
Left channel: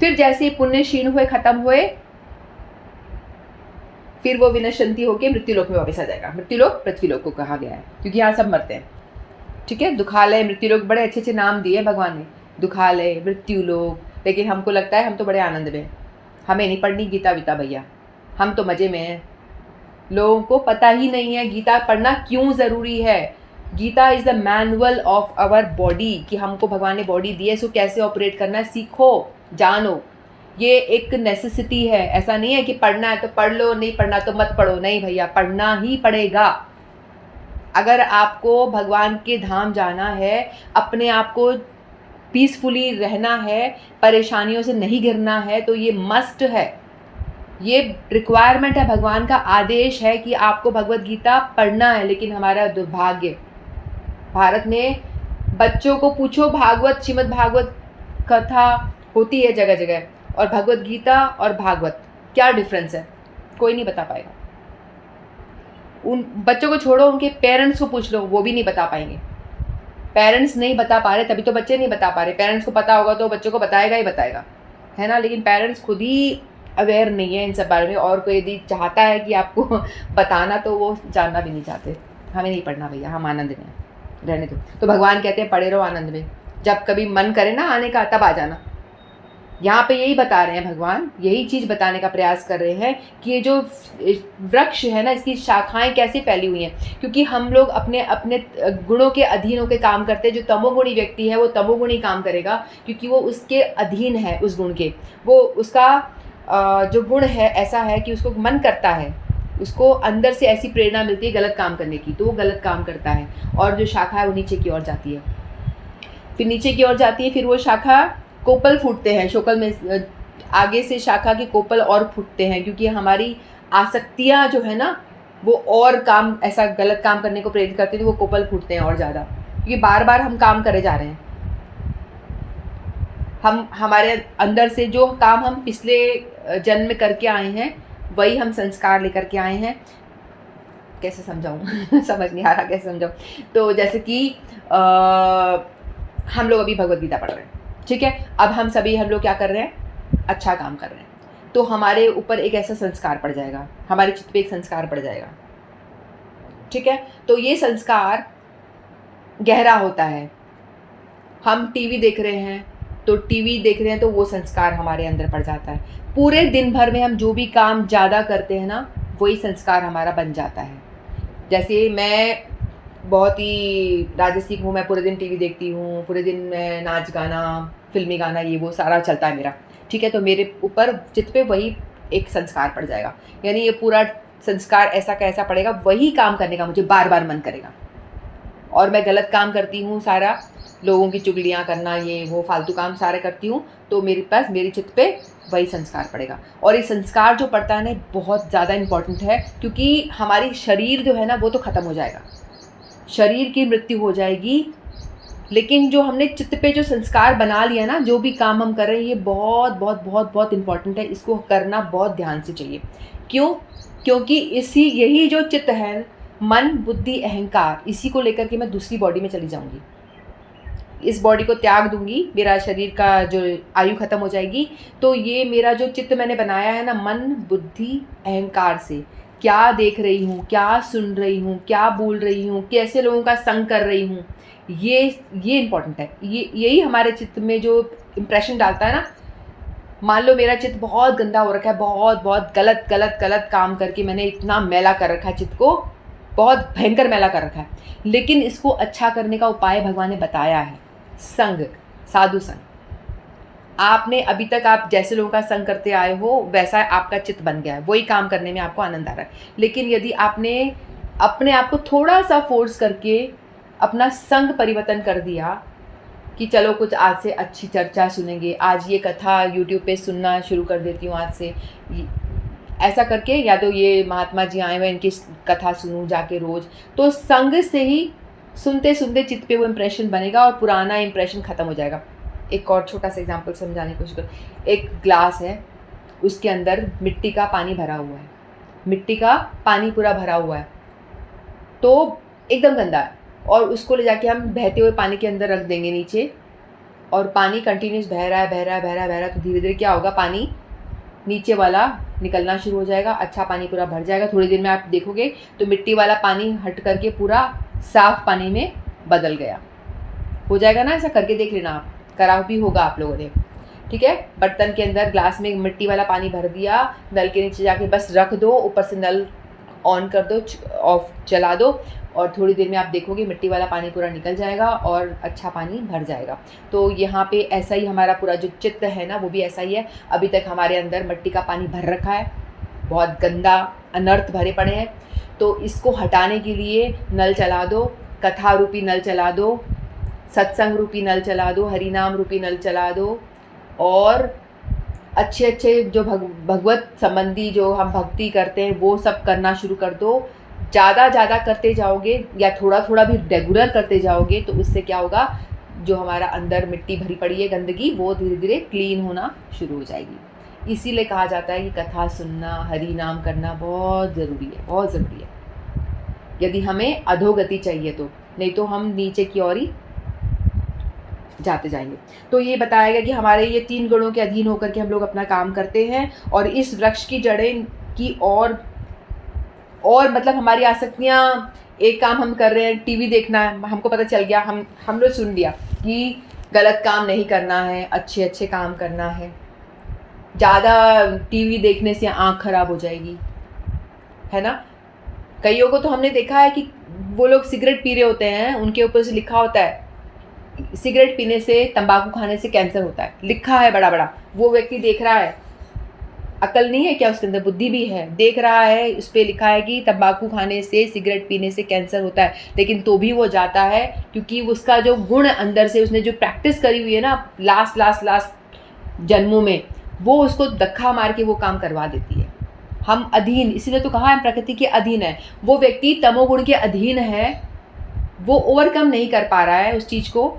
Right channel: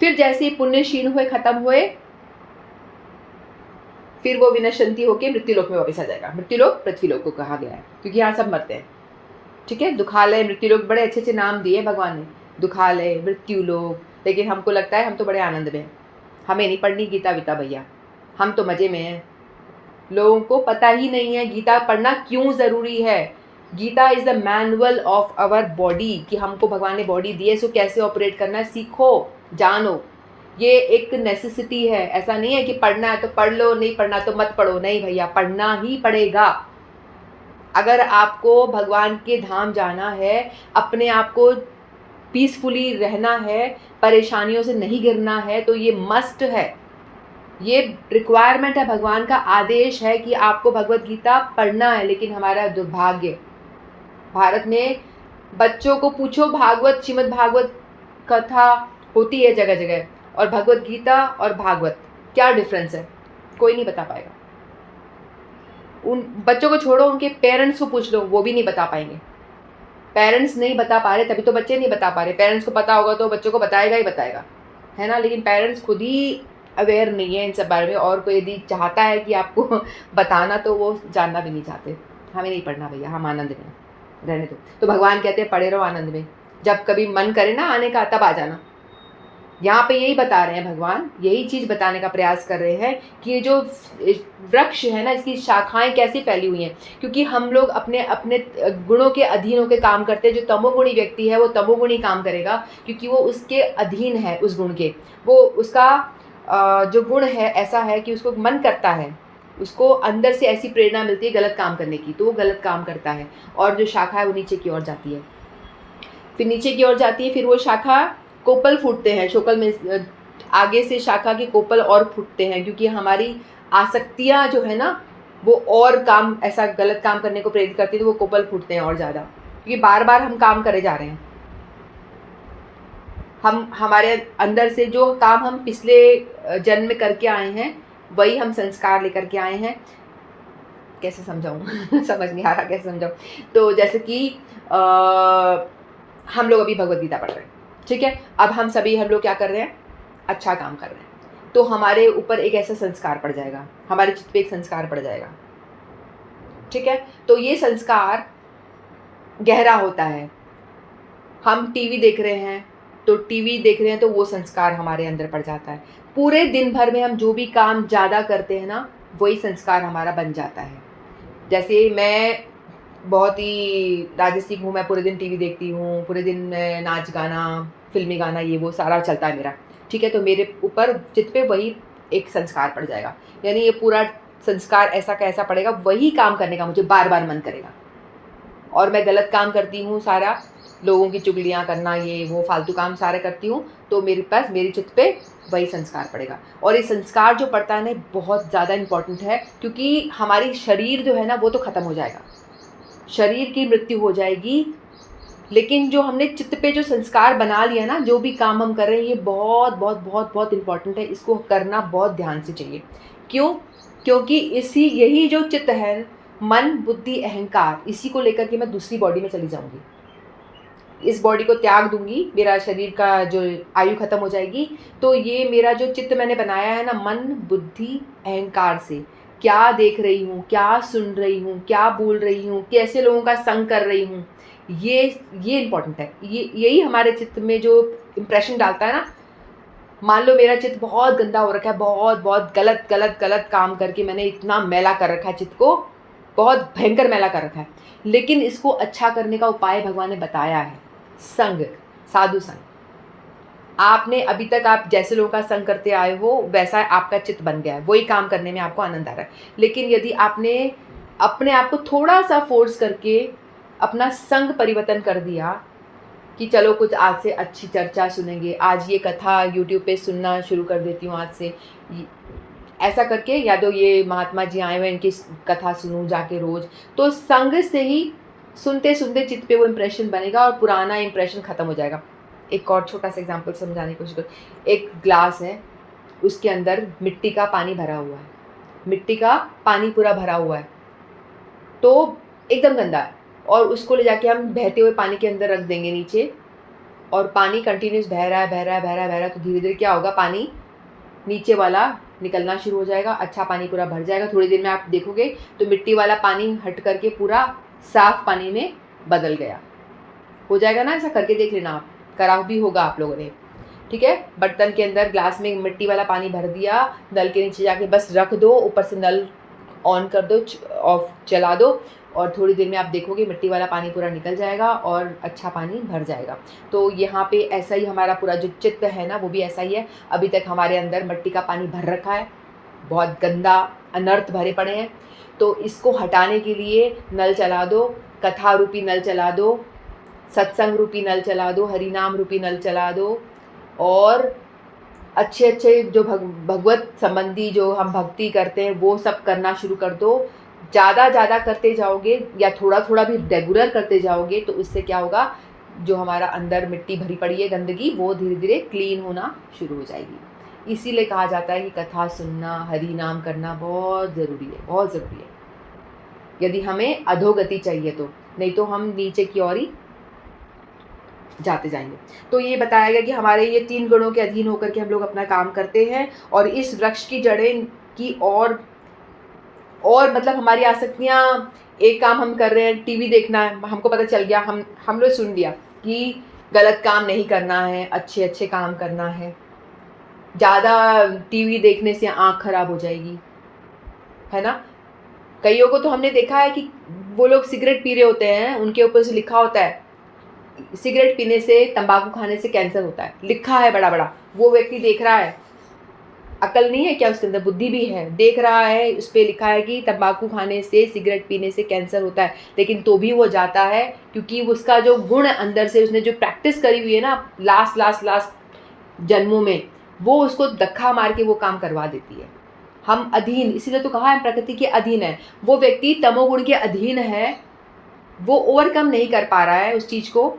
फिर जैसे ही पुण्य क्षीण हुए, खत्म हुए, फिर वो विनश्यंती होकर मृत्युलोक में वापस आ जाएगा। मृत्युलोक पृथ्वीलोक को कहा गया है, क्योंकि यहाँ सब मरते हैं। ठीक है। दुखालय, मृत्युलोक, बड़े अच्छे अच्छे नाम दिए भगवान ने, दुखालय, मृत्युलोक। लेकिन हमको लगता है हम तो बड़े आनंद में, हमें नहीं पढ़नी गीता वीता भैया, हम तो मजे में हैं। लोगों को पता ही नहीं है गीता पढ़ना क्यों ज़रूरी है। Gita is the manual of our body, कि हमको भगवान ने बॉडी दी है, इसको कैसे ऑपरेट करना है सीखो, जानो। ये एक नेसेसिटी है। ऐसा नहीं है कि पढ़ना है तो पढ़ लो, नहीं पढ़ना तो मत पढ़ो। नहीं भैया, पढ़ना ही पड़ेगा। अगर आपको भगवान के धाम जाना है, अपने आप को पीसफुली रहना है, परेशानियों से नहीं घिरना है, तो ये मस्ट है, ये रिक्वायरमेंट है, भगवान का आदेश है कि आपको भगवत गीता पढ़ना है। लेकिन हमारा दुर्भाग्य, भारत में बच्चों को पूछो, भागवत, श्रीमद् भागवत कथा होती है जगह जगह, और भगवत गीता और भागवत क्या डिफरेंस है, कोई नहीं बता पाएगा। उन बच्चों को छोड़ो, उनके पेरेंट्स को पूछ लो, वो भी नहीं बता पाएंगे। पेरेंट्स नहीं बता पा रहे, तभी तो बच्चे नहीं बता पा रहे। पेरेंट्स को पता होगा तो बच्चों को बताएगा ही बताएगा, है ना। लेकिन पेरेंट्स खुद ही अवेयर नहीं है इन सब बारे में, और कोई यदि चाहता है कि आपको बताना, तो वो जानना भी नहीं चाहते। हमें नहीं पढ़ना भैया, हम आनंद में रहने दो। तो भगवान कहते हैं पढ़े रहो आनंद में, जब कभी मन करे ना आने का तब आ जाना। यहाँ पे यही बता रहे हैं भगवान, यही चीज़ बताने का प्रयास कर रहे हैं कि ये जो वृक्ष है ना, इसकी शाखाएं कैसी फैली हुई हैं। क्योंकि हम लोग अपने अपने गुणों के अधीन होकर काम करते हैं। जो तमोगुणी व्यक्ति है वो तमोगुणी काम करेगा, क्योंकि वो उसके अधीन है, उस गुण के। वो उसका जो गुण है ऐसा है कि उसको मन करता है, उसको अंदर से ऐसी प्रेरणा मिलती है गलत काम करने की, तो वो गलत काम करता है। और जो शाखा है वो नीचे की ओर जाती है, फिर नीचे की ओर जाती है, फिर वो शाखा कोपल फूटते हैं, शोकल में आगे से शाखा के कोपल और फूटते हैं, क्योंकि हमारी आसक्तियाँ जो है ना, वो और काम, ऐसा गलत काम करने को प्रेरित करती है, तो वो कोपल फूटते हैं और ज़्यादा, क्योंकि बार बार हम काम करे जा रहे हैं। हम हमारे अंदर से जो काम हम पिछले जन्म में करके आए हैं, वही हम संस्कार लेकर के आए हैं। कैसे समझाऊँ समझ नहीं आ रहा कैसे समझाऊँ। तो जैसे कि हम लोग अभी भगवद गीता पढ़ रहे हैं, ठीक है। अब हम लोग क्या कर रहे हैं, अच्छा काम कर रहे हैं, तो हमारे ऊपर एक ऐसा संस्कार पड़ जाएगा, हमारे चित्त पे एक संस्कार पड़ जाएगा, ठीक है। तो ये संस्कार गहरा होता है। हम टीवी देख रहे हैं तो टीवी देख रहे हैं तो वो संस्कार हमारे अंदर पड़ जाता है। पूरे दिन भर में हम जो भी काम ज़्यादा करते हैं ना, वही संस्कार हमारा बन जाता है। जैसे मैं बहुत ही राजसिक हूँ, मैं पूरे दिन टीवी देखती हूँ, पूरे दिन मैं नाच गाना, फ़िल्मी गाना ये वो सारा चलता है मेरा, ठीक है? तो मेरे ऊपर चित्त पे वही एक संस्कार पड़ जाएगा। यानी ये पूरा संस्कार ऐसा का ऐसा पड़ेगा, वही काम करने का मुझे बार-बार मन करेगा। और मैं गलत काम करती हूँ सारा, लोगों की चुगलियाँ करना, ये वो फालतू काम सारे करती हूँ, तो मेरे पास मेरे चित्त पे वही संस्कार पड़ेगा। और ये संस्कार जो पड़ता है ना, बहुत ज़्यादा इम्पोर्टेंट है, क्योंकि हमारी शरीर जो है ना, वो तो ख़त्म हो जाएगा, शरीर की मृत्यु हो जाएगी, लेकिन जो हमने चित्त पे जो संस्कार बना लिया ना, जो भी काम हम कर रहे हैं, ये बहुत बहुत बहुत बहुत इम्पोर्टेंट है। इसको करना बहुत ध्यान से चाहिए। क्यों? क्योंकि यही जो चित्त है, मन, बुद्धि, अहंकार, इसी को लेकर के मैं दूसरी बॉडी में चली जाऊँगी। इस बॉडी को त्याग दूँगी, मेरा शरीर का जो आयु ख़त्म हो जाएगी, तो ये मेरा जो चित्त मैंने बनाया है ना, मन, बुद्धि, अहंकार से, क्या देख रही हूँ, क्या सुन रही हूँ, क्या बोल रही हूँ, कैसे लोगों का संग कर रही हूँ, ये इम्पोर्टेंट है। यही हमारे चित्त में जो इम्प्रेशन डालता है ना, मान लो मेरा चित्त बहुत गंदा हो रखा है, बहुत गलत गलत गलत काम करके मैंने इतना मैला कर रखा है चित्त को, बहुत भयंकर मैला कर रखा है, लेकिन इसको अच्छा करने का उपाय भगवान ने बताया है। संग, साधु संग। आपने अभी तक आप जैसे लोगों का संग करते आए हो, वैसा आपका चित्त बन गया है, वही काम करने में आपको आनंद आ रहा है। लेकिन यदि आपने अपने आप को थोड़ा सा फोर्स करके अपना संग परिवर्तन कर दिया कि चलो कुछ आज से अच्छी चर्चा सुनेंगे, आज ये कथा यूट्यूब पे सुनना शुरू कर देती हूँ आज से, ऐसा करके, या तो ये महात्मा जी आए हुए इनकी कथा सुनूँ जाके रोज़, तो संग से ही सुनते सुनते चित्त पे वो इम्प्रेशन बनेगा और पुराना इम्प्रेशन ख़त्म हो जाएगा। एक और छोटा सा एग्जांपल समझाने की कोशिश करो। एक ग्लास है, उसके अंदर मिट्टी का पानी भरा हुआ है, मिट्टी का पानी पूरा भरा हुआ है, तो एकदम गंदा है, और उसको ले जाके हम बहते हुए पानी के अंदर रख देंगे नीचे, और पानी कंटिन्यूस बह रहा है बह रहा है बह रहा है बह रहा है, तो धीरे धीरे क्या होगा, पानी नीचे वाला निकलना शुरू हो जाएगा, अच्छा पानी पूरा भर जाएगा। थोड़ी देर में आप देखोगे तो मिट्टी वाला पानी हट करके पूरा साफ पानी में बदल गया। हो जाएगा ना, ऐसा करके देख लेना, आप करा भी होगा आप लोगों ने, ठीक है? बर्तन के अंदर ग्लास में मिट्टी वाला पानी भर दिया, नल के नीचे जाके बस रख दो, ऊपर से नल ऑन कर दो, ऑफ चला दो, और थोड़ी देर में आप देखोगे मिट्टी वाला पानी पूरा निकल जाएगा और अच्छा पानी भर जाएगा। तो यहाँ पे ऐसा ही हमारा पूरा जो चित्त है ना, वो भी ऐसा ही है। अभी तक हमारे अंदर मिट्टी का पानी भर रखा है, बहुत गंदा अनर्थ भरे पड़े हैं, तो इसको हटाने के लिए नल चला दो, कथा रूपी नल चला दो, सत्संग रूपी नल चला दो, हरि नाम रूपी नल चला दो, और अच्छे अच्छे जो भगवत संबंधी जो हम भक्ति करते हैं वो सब करना शुरू कर दो। ज़्यादा करते जाओगे या थोड़ा थोड़ा भी रेगुलर करते जाओगे, तो उससे क्या होगा, जो हमारा अंदर मिट्टी भरी पड़ी है गंदगी, वो धीरे धीरे क्लीन होना शुरू हो जाएगी। इसीलिए कहा जाता है कि कथा सुनना, हरि नाम करना बहुत ज़रूरी है, बहुत ज़रूरी है, यदि हमें अधोगति चाहिए तो, नहीं तो हम नीचे की ओर ही जाते जाएंगे। तो ये बताया गया कि हमारे ये 3 गुणों के अधीन होकर के हम लोग अपना काम करते हैं, और इस वृक्ष की जड़ें की और मतलब हमारी आसक्तियाँ, एक काम हम कर रहे हैं, टीवी देखना है, हमको पता चल गया, हम लोग सुन लिया कि गलत काम नहीं करना है, अच्छे अच्छे काम करना है। ज़्यादा टीवी देखने से आँख खराब हो जाएगी, है ना? कईयों को तो हमने देखा है कि वो लोग सिगरेट पी रहे होते हैं, उनके ऊपर से लिखा होता है सिगरेट पीने से, तंबाकू खाने से कैंसर होता है, लिखा है बड़ा बड़ा। वो व्यक्ति देख रहा है, अकल नहीं है क्या उसके अंदर, बुद्धि भी है, देख रहा है, उस पर लिखा है कि तंबाकू खाने से, सिगरेट पीने से कैंसर होता है, लेकिन तो भी वो जाता है, क्योंकि उसका जो गुण अंदर से उसने जो प्रैक्टिस करी हुई है ना लास्ट जन्मों में, वो उसको धक्का मार के वो काम करवा देती है। हम अधीन, इसीलिए तो कहा है प्रकृति के अधीन है। वो व्यक्ति तमोगुण के अधीन है, वो ओवरकम नहीं कर पा रहा है उस चीज़ को,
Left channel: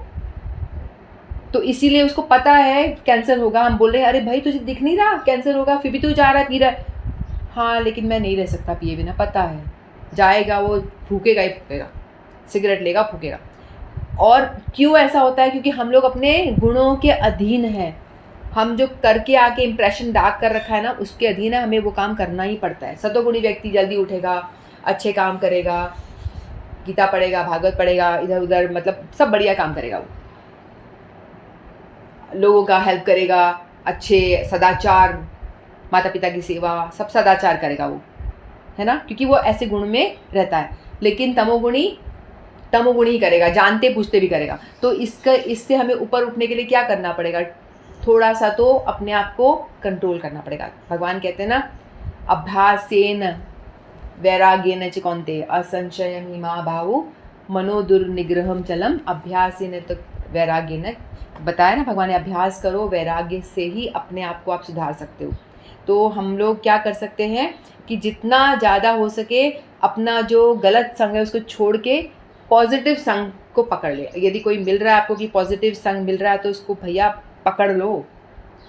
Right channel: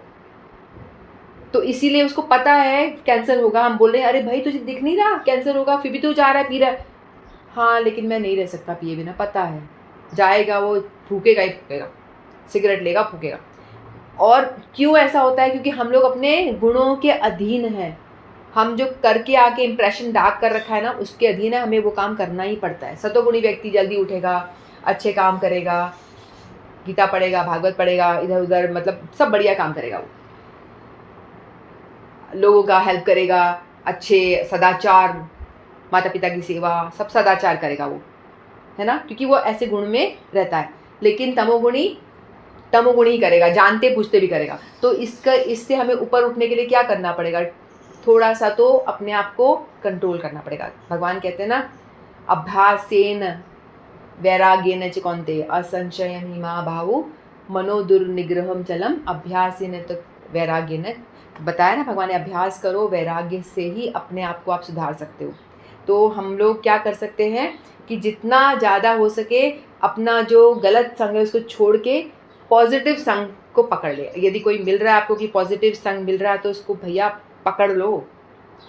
तो इसीलिए उसको पता है कैंसर होगा। हम बोल रहे हैं अरे भाई तुझे दिख नहीं रहा कैंसर होगा, फिर भी तू जा रहा है, पी रहा है। हाँ लेकिन मैं नहीं रह सकता पिए बिना, पता है जाएगा, वो फूकेगा ही फूकेगा, सिगरेट लेगा फूकेगा। और क्यों ऐसा होता है, क्योंकि हम लोग अपने गुणों के अधीन हैं। हम जो करके आके इम्प्रेशन डार्क कर रखा है ना, उसके अधीन है, हमें वो काम करना ही पड़ता है। सतोगुणी व्यक्ति जल्दी उठेगा, अच्छे काम करेगा, गीता पढ़ेगा, भागवत पढ़ेगा, इधर उधर मतलब सब बढ़िया काम करेगा वो। लोगों का हेल्प करेगा, अच्छे सदाचार, माता पिता की सेवा, सब सदाचार करेगा वो, है ना, क्योंकि वो ऐसे गुण में रहता है। लेकिन तमोगुणी ही करेगा, जानते बूझते भी करेगा। तो इससे हमें ऊपर उठने के लिए क्या करना पड़ेगा? थोड़ा सा तो अपने आप को कंट्रोल करना पड़ेगा। भगवान कहते हैं ना, अभ्यासेन वैराग्येन च कौन्तेय असंशयं हि महाबाहो मनोदुर्निग्रहं चलम अभ्यासेन तो वैराग्येन। बताया ना भगवान ने, अभ्यास करो, वैराग्य से ही अपने आप को आप सुधार सकते हो। तो हम लोग क्या कर सकते हैं कि जितना ज़्यादा हो सके अपना जो गलत संग है उसको छोड़ के पॉजिटिव संग को पकड़ ले। यदि कोई मिल रहा है आपको कि पॉजिटिव संग मिल रहा है तो उसको भैया पकड़ लो।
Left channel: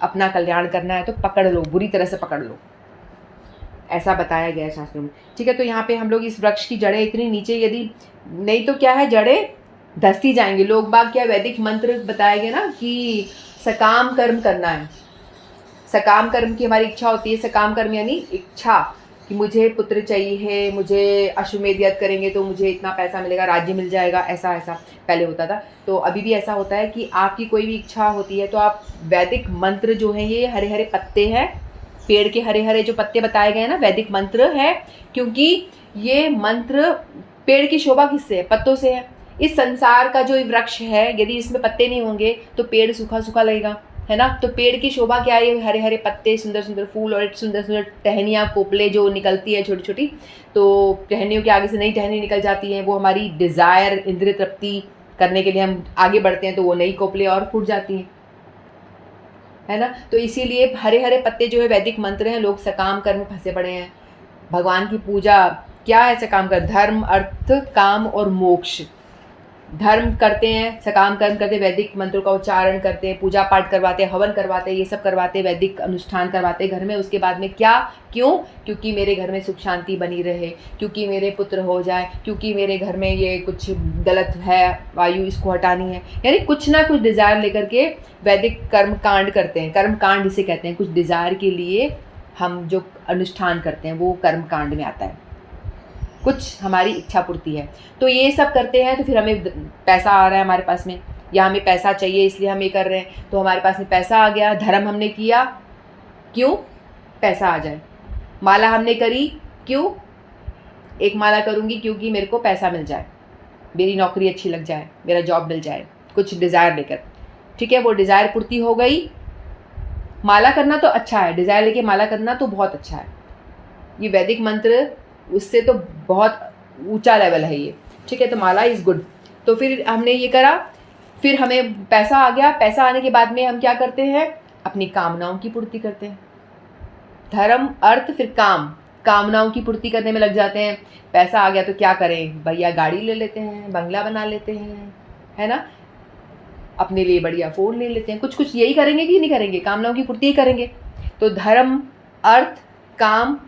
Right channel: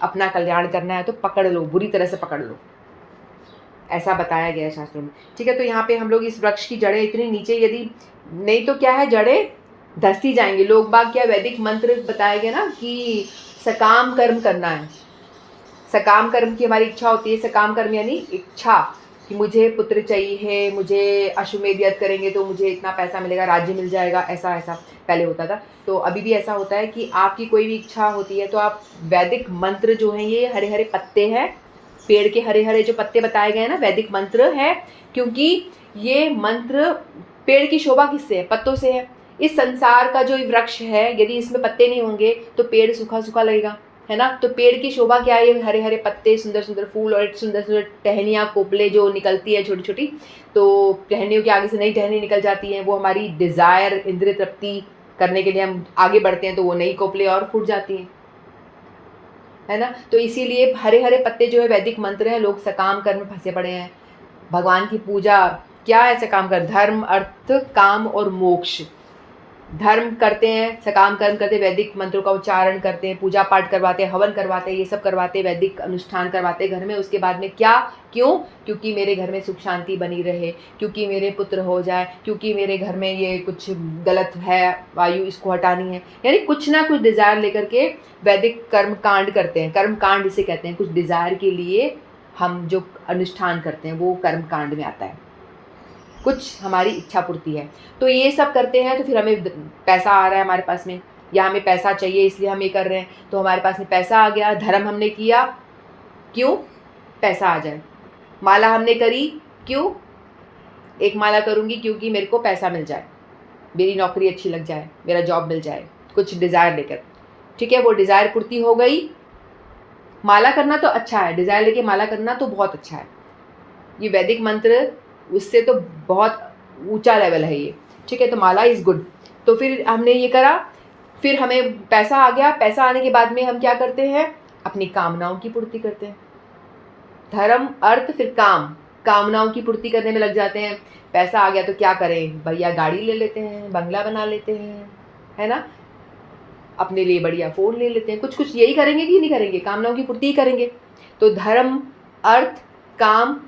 अपना कल्याण करना है तो पकड़ लो, बुरी तरह से पकड़ लो, ऐसा बताया गया है शास्त्रों में। ठीक है, तो यहाँ पे हम लोग इस वृक्ष की जड़ें इतनी नीचे, यदि नहीं तो क्या है, जड़ें धसती जाएंगी। लोग बाग क्या, वैदिक मंत्र बताया गया ना कि सकाम कर्म करना है। सकाम कर्म की हमारी इच्छा होती है। सकाम कर्म यानी इच्छा कि मुझे पुत्र चाहिए, मुझे अश्वमेध यज्ञ करेंगे तो मुझे इतना पैसा मिलेगा, राज्य मिल जाएगा, ऐसा ऐसा पहले होता था। तो अभी भी ऐसा होता है कि आपकी कोई भी इच्छा होती है तो आप वैदिक मंत्र जो हैं, ये हरे हरे पत्ते हैं, पेड़ के हरे हरे जो पत्ते बताए गए हैं ना, वैदिक मंत्र है। क्योंकि ये मंत्र, पेड़ की शोभा किससे है? पत्तों से है। इस संसार का जो वृक्ष है, यदि इसमें पत्ते नहीं होंगे तो पेड़ सूखा सूखा लगेगा, है ना। तो पेड़ की शोभा क्या है? हरे हरे पत्ते, सुंदर सुंदर फूल और सुंदर सुंदर टहनियाँ, कोपले जो निकलती है छोटी छोटी। तो टहनियों के आगे से नई टहनी निकल जाती हैं, वो हमारी डिज़ायर, इंद्रिय तृप्ति करने के लिए हम आगे बढ़ते हैं, तो वो नई कोपले और फूट जाती हैं, है ना। तो इसीलिए हरे हरे पत्ते जो है वैदिक मंत्र हैं। लोग सकाम कर्म में फंसे पड़े हैं। भगवान की पूजा क्या है? सकाम कर्म, धर्म अर्थ काम और मोक्ष। धर्म करते हैं, सकाम कर्म करते हैं, वैदिक मंत्रों का उच्चारण करते हैं, पूजा पाठ करवाते हैं, हवन करवाते हैं, ये सब करवाते हैं, वैदिक अनुष्ठान करवाते हैं घर में। उसके बाद में क्या? क्यों? क्योंकि मेरे घर में सुख शांति बनी रहे, क्योंकि मेरे पुत्र हो जाए, क्योंकि मेरे घर में ये कुछ गलत है, वायु इसको हटानी है। यानी कुछ ना कुछ डिज़ायर लेकर के वैदिक कर्म कांड करते हैं। कर्म कांड इसे कहते हैं। कुछ डिज़ायर के लिए हम जो अनुष्ठान करते हैं वो कर्म कांड में आता है। कुछ हमारी इच्छा पूर्ति है, तो ये सब करते हैं। तो फिर हमें पैसा आ रहा है हमारे पास में, या हमें पैसा चाहिए इसलिए हम ये कर रहे हैं, तो हमारे पास में पैसा आ गया। धर्म हमने किया, क्यों? पैसा आ जाए। माला हमने करी, क्यों? एक माला करूँगी क्योंकि मेरे को पैसा मिल जाए, मेरी नौकरी अच्छी लग जाए, मेरा जॉब मिल जाए, कुछ डिज़ायर लेकर। ठीक है, वो डिज़ायर पूर्ति हो गई। माला करना तो अच्छा है, डिज़ायर लेके माला करना तो बहुत अच्छा है। ये वैदिक मंत्र उससे तो बहुत ऊंचा लेवल है ये। ठीक है, तो माला इज़ गुड। तो फिर हमने ये करा, फिर हमें पैसा आ गया। पैसा आने के बाद में हम क्या करते हैं? अपनी कामनाओं की पूर्ति करते हैं। धर्म अर्थ फिर काम, कामनाओं की पूर्ति करने में लग जाते हैं। पैसा आ गया तो क्या करें भैया? गाड़ी ले लेते हैं, बंगला बना लेते हैं, है ना, अपने लिए बढ़िया फ़ोन ले लेते हैं। कुछ कुछ यही करेंगे कि नहीं करेंगे? कामनाओं की पूर्ति ही करेंगे। तो धर्म अर्थ काम,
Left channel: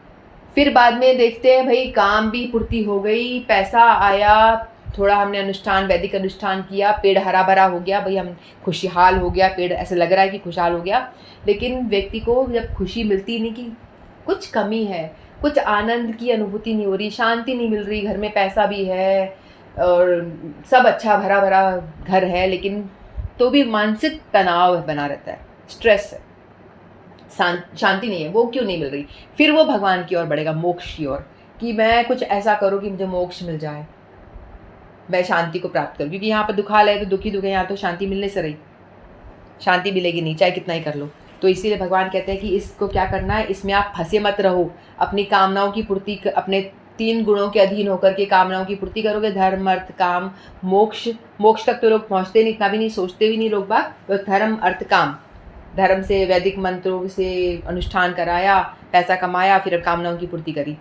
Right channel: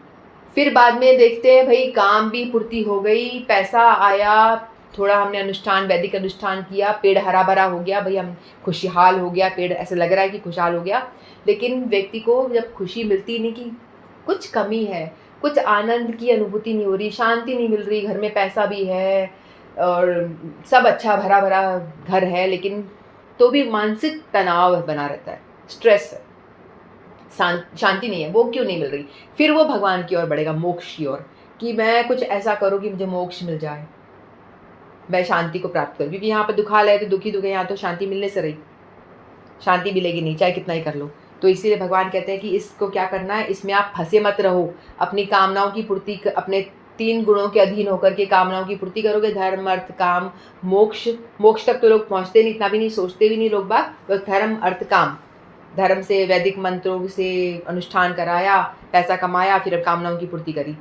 फिर बाद में देखते हैं भाई काम भी पूर्ति हो गई, पैसा आया, थोड़ा हमने अनुष्ठान, वैदिक अनुष्ठान किया, पेड़ हरा भरा हो गया, भाई हम खुशहाल हो गया, पेड़ ऐसा लग रहा है कि खुशहाल हो गया। लेकिन व्यक्ति को जब खुशी मिलती नहीं, कि कुछ कमी है, कुछ आनंद की अनुभूति नहीं हो रही, शांति नहीं मिल रही, घर में पैसा भी है और सब अच्छा भरा भरा घर है, लेकिन तो भी मानसिक तनाव बना रहता है, स्ट्रेस है, शांति नहीं है। वो क्यों नहीं मिल रही? फिर वो भगवान की ओर बढ़ेगा, मोक्ष की ओर, कि मैं कुछ ऐसा करूँ कि मुझे मोक्ष मिल जाए, मैं शांति को प्राप्त करूँ। क्योंकि यहाँ पर दुखाल है तो दुखी दुख है, यहाँ तो शांति मिलने से रही, शांति मिलेगी नहीं चाहे कितना ही कर लो। तो इसीलिए भगवान कहते हैं कि इसको क्या करना है, इसमें आप फंसे मत रहो। अपनी कामनाओं की पूर्ति, अपने 3 गुणों के अधीन होकर के कामनाओं की पूर्ति करोगे, धर्म अर्थ काम मोक्ष। मोक्ष तक तो लोग पहुँचते नहीं, इतना भी नहीं सोचते भी नहीं लोग बात। तो धर्म अर्थ काम, धर्म से, वैदिक मंत्रों से अनुष्ठान कराया, पैसा कमाया, फिर कामनाओं की पूर्ति करी,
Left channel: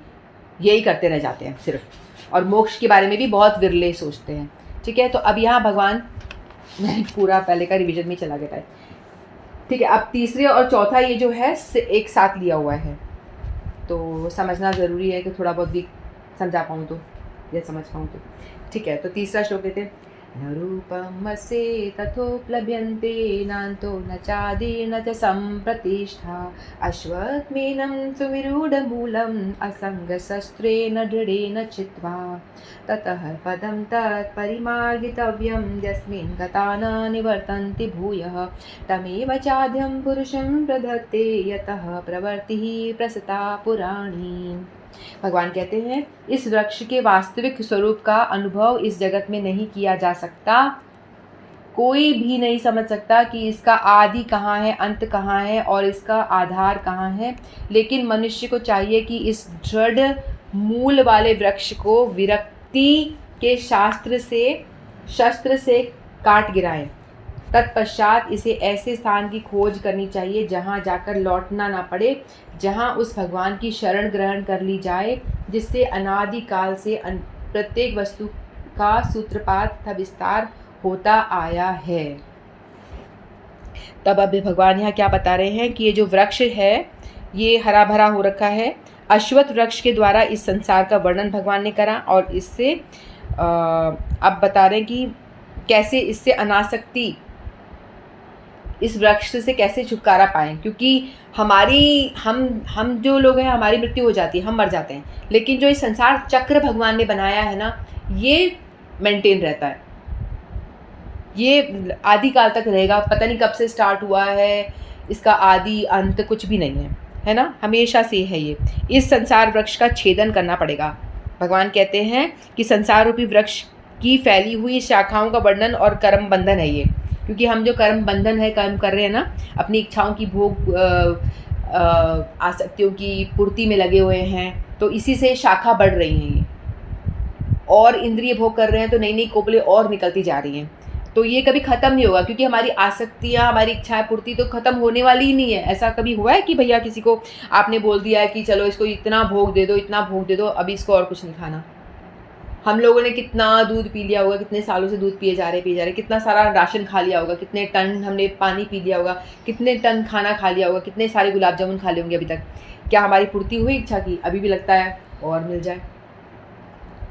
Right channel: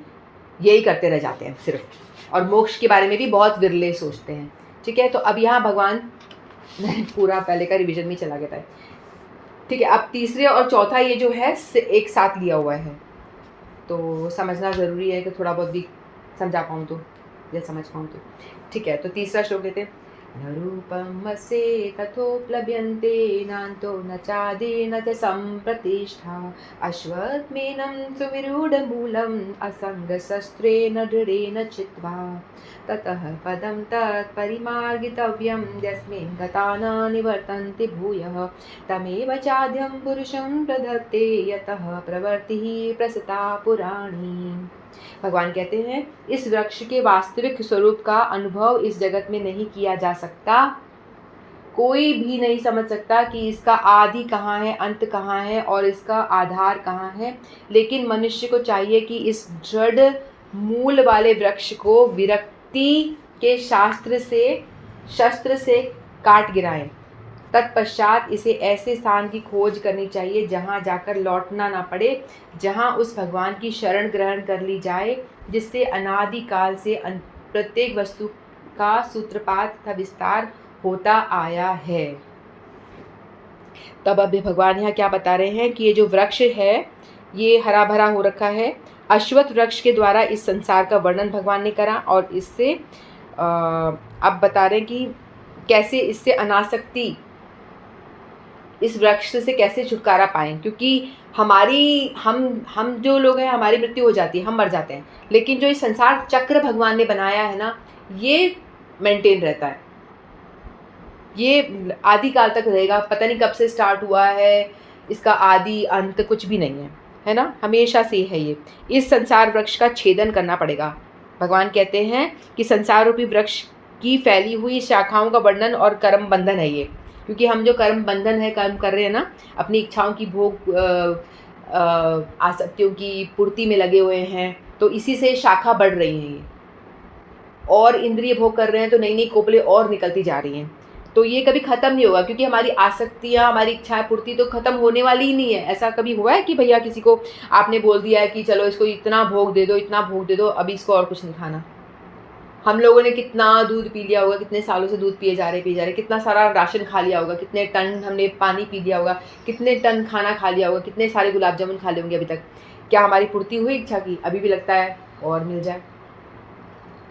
यही करते रह जाते हैं सिर्फ। और मोक्ष के बारे में भी बहुत विरले सोचते हैं। ठीक है, तो अब यहाँ भगवान, मैं पूरा पहले का रिवीजन में चला गया था। ठीक है, अब तीसरे और चौथा ये जो है एक साथ लिया हुआ है, तो समझना ज़रूरी है कि थोड़ा बहुत भी समझा पाऊँ तो, या समझ पाऊँ तो। ठीक है, तो तीसरा श्लोक लेते हैं। न रूपमस्य तथोपलभ्यन्ते नान्तो न चादि न च सम्प्रतिष्ठा अश्वत्थमेनं सुविरूढमूलम् असङ्गशस्त्रेण दृढेन चित्वा ततः पदं तत्परिमार्गितव्यं यस्मिन् गता न निवर्तन्ते भूयः तमेव चाद्यं पुरुषं प्रदत्ते यतः प्रवृत्तिः प्रसृता पुराणी। भगवान कहते हैं इस वृक्ष के वास्तविक स्वरूप का अनुभव इस जगत में नहीं किया जा सकता। कोई भी नहीं समझ सकता कि इसका आदि कहाँ है, अंत कहाँ है और इसका आधार कहाँ है। लेकिन मनुष्य को चाहिए कि इस दृढ़ मूल वाले वृक्ष को विरक्ति के शस्त्र से काट गिराएं। तत्पश्चात इसे ऐसे स्थान की खोज करनी चाहिए जहाँ जाकर लौटना ना पड़े, जहाँ उस भगवान की शरण ग्रहण कर ली जाए जिससे अनादिकाल से प्रत्येक वस्तु का सूत्रपात तथा विस्तार होता आया है। तब अब भगवान यहाँ क्या बता रहे हैं कि ये जो वृक्ष है ये हरा भरा हो रखा है। अश्वत्थ वृक्ष के द्वारा इस संसार का वर्णन भगवान ने करा और इससे अब बता रहे हैं कि कैसे इससे अनासक्ति, इस वृक्ष से कैसे छुटकारा पाएं। क्योंकि हम जो लोग हैं हमारी मृत्यु हो जाती है, हम मर जाते हैं, लेकिन जो इस संसार चक्र भगवान ने बनाया है ना ये मेंटेन रहता है, ये आदिकाल तक रहेगा। पता नहीं कब से स्टार्ट हुआ है, इसका आदि अंत कुछ भी नहीं है ना, हमेशा से है ये। इस संसार वृक्ष का छेदन करना पड़ेगा। भगवान कहते हैं कि संसार रूपी वृक्ष की फैली हुई शाखाओं का वर्णन और कर्म बंधन है ये। क्योंकि हम जो कर्म बंधन है, कर्म कर रहे हैं ना, अपनी इच्छाओं की भोग आसक्तियों की पूर्ति में लगे हुए हैं, तो इसी से शाखा बढ़ रही हैं ये। और इंद्रिय भोग कर रहे हैं तो नई नई कोपलें और निकलती जा रही हैं। तो ये कभी ख़त्म नहीं होगा, क्योंकि हमारी आसक्तियाँ, हमारी इच्छाएं पूर्ति तो ख़त्म होने वाली ही नहीं है। ऐसा कभी हुआ है कि भैया किसी को आपने बोल दिया है कि चलो इसको इतना भोग दे दो, इतना भोग दे दो, अभी इसको और कुछ नहीं खाना। हम लोगों ने कितना दूध पी लिया होगा, कितने सालों से दूध पिए जा रहे, कितना सारा राशन खा लिया होगा, कितने टन हमने पानी पी लिया होगा, कितने टन खाना खा लिया होगा, कितने सारे गुलाब जामुन खा लिए होंगे अभी तक। क्या हमारी पूर्ति हुई इच्छा की? अभी भी लगता है और मिल जाए।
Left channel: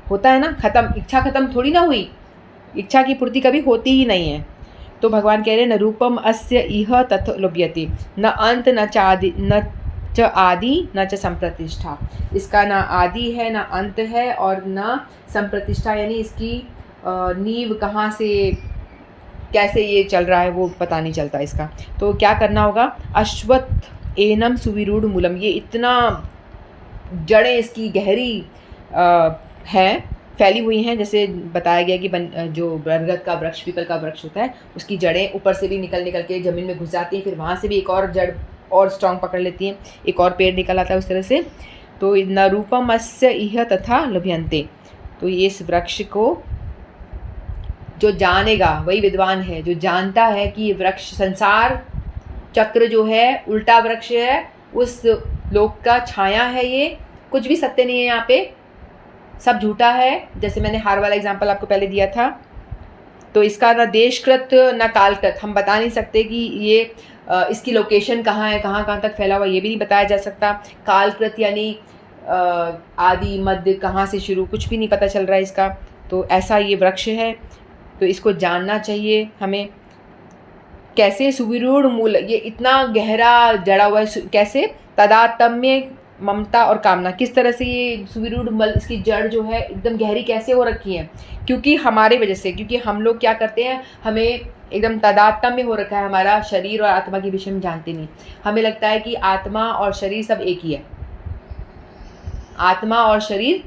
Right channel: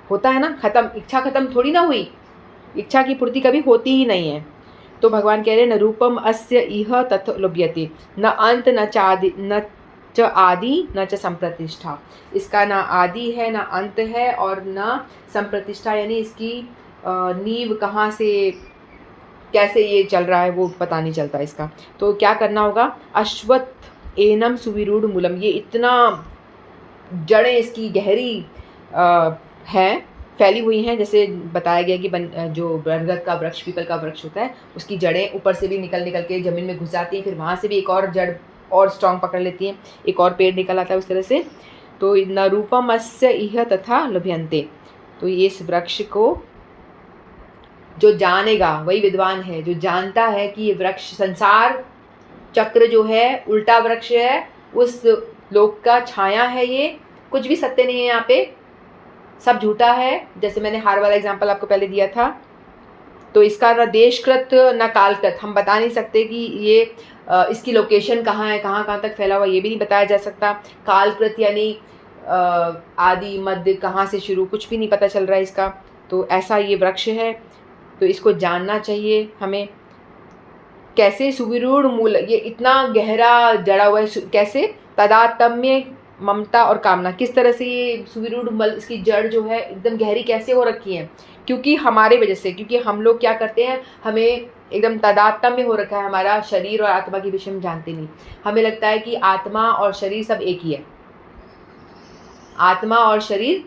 होता है ना, खत्म, इच्छा खत्म थोड़ी ना हुई, इच्छा की पूर्ति कभी होती ही नहीं है। तो भगवान कह रहे हैं न रूपम अस्य इह तथ लुभ्यते न अंत न चादि न च आदि न च संप्रतिष्ठा। इसका ना आदि है, ना अंत है और न संप्रतिष्ठा, यानी इसकी नींव कहाँ से कैसे ये चल रहा है वो पता नहीं चलता इसका। तो क्या करना होगा? अश्वत्थ एनम सुविरूढ़ मूलम, ये इतना जड़ें इसकी गहरी हैं, फैली हुई हैं। जैसे बताया गया कि जो बरगद का वृक्ष, पीपल का वृक्ष होता है, उसकी जड़ें ऊपर से भी निकल के ज़मीन में घुस जाती हैं, फिर वहाँ से भी एक और जड़ और स्ट्रॉन्ग पकड़ लेती हैं, एक और पेड़ निकल आता है उस तरह से। तो न रूपम अस्य इह तथा लभ्यन्ते, तो ये इस वृक्ष को जो जानेगा वही विद्वान है, जो जानता है कि ये वृक्ष संसार चक्र जो है उल्टा वृक्ष है, उस लोक का छाया है, ये कुछ भी सत्य नहीं है यहाँ पे, सब झूठा है। जैसे मैंने हार वाला एग्जाम्पल आपको पहले दिया था। तो इसका न देशकृत न कालकृत, हम बता नहीं सकते कि ये इसकी लोकेशन कहाँ है, कहाँ तक फैला हुआ, ये भी नहीं बताया जा सकता। कालकृत यानी आदि मध्य कहाँ से शुरू, कुछ भी नहीं पता चल रहा है इसका। तो ऐसा ये वृक्ष है, तो इसको जानना चाहिए हमें। कैसे? सुविरूढ़ मूल, ये इतना गहरा जड़ा हुआ है। कैसे? तदात्म्य, ममता और कामना, किस तरह से ये सुविरूढ़ मल, इसकी जड़ जो है एकदम गहरी कैसे हो रखी है? क्योंकि हमारे वजह से, क्योंकि हम लोग क्या करते हैं, हमें एकदम तादात्म्य हो रखा है हमारा शरीर और आत्मा के विषय में जानते नहीं। हमें लगता है कि आत्मा और शरीर सब एक ही है, आत्मा और शरीर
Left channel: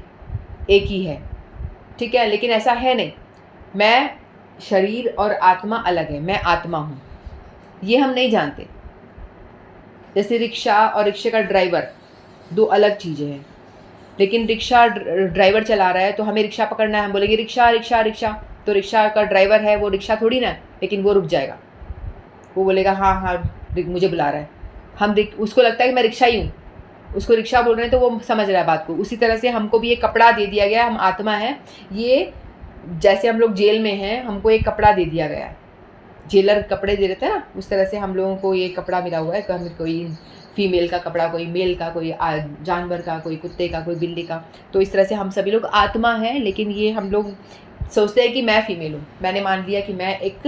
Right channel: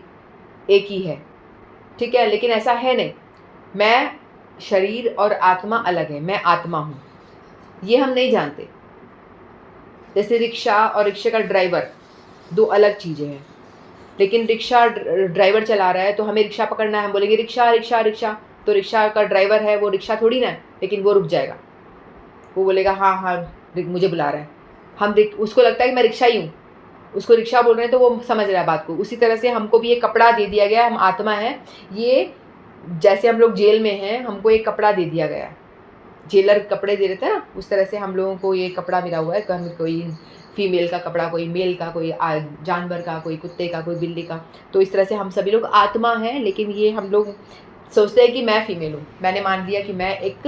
एक ही है, ठीक है, लेकिन ऐसा है नहीं। मैं शरीर और आत्मा अलग है, मैं आत्मा हूँ, ये हम नहीं जानते। जैसे रिक्शा और रिक्शे का ड्राइवर दो अलग चीज़ें हैं। लेकिन रिक्शा ड्राइवर चला रहा है तो हमें रिक्शा पकड़ना है, हम बोलेंगे रिक्शा रिक्शा रिक्शा, तो रिक्शा का ड्राइवर है वो रिक्शा थोड़ी ना है, लेकिन वो रुक जाएगा, वो बोलेगा हाँ हाँ मुझे बुला रहा है। हम उसको लगता है कि मैं रिक्शा ही हूँ, उसको रिक्शा बोल रहे हैं तो वो समझ रहा है बात को। उसी तरह से हमको भी एक कपड़ा दे दिया गया, हम आत्मा है। ये जैसे हम लोग जेल में हैं, हमको एक कपड़ा दे दिया गया है, जेलर कपड़े दे देते हैं ना, उस तरह से हम लोगों को ये कपड़ा मिला हुआ है। कोई फीमेल का कपड़ा, कोई मेल का, कोई जानवर का, कोई कुत्ते का, कोई बिल्ली का। तो इस तरह से हम सभी लोग आत्मा हैं, लेकिन ये हम लोग सोचते हैं कि मैं फीमेल हूँ, मैंने मान लिया कि मैं एक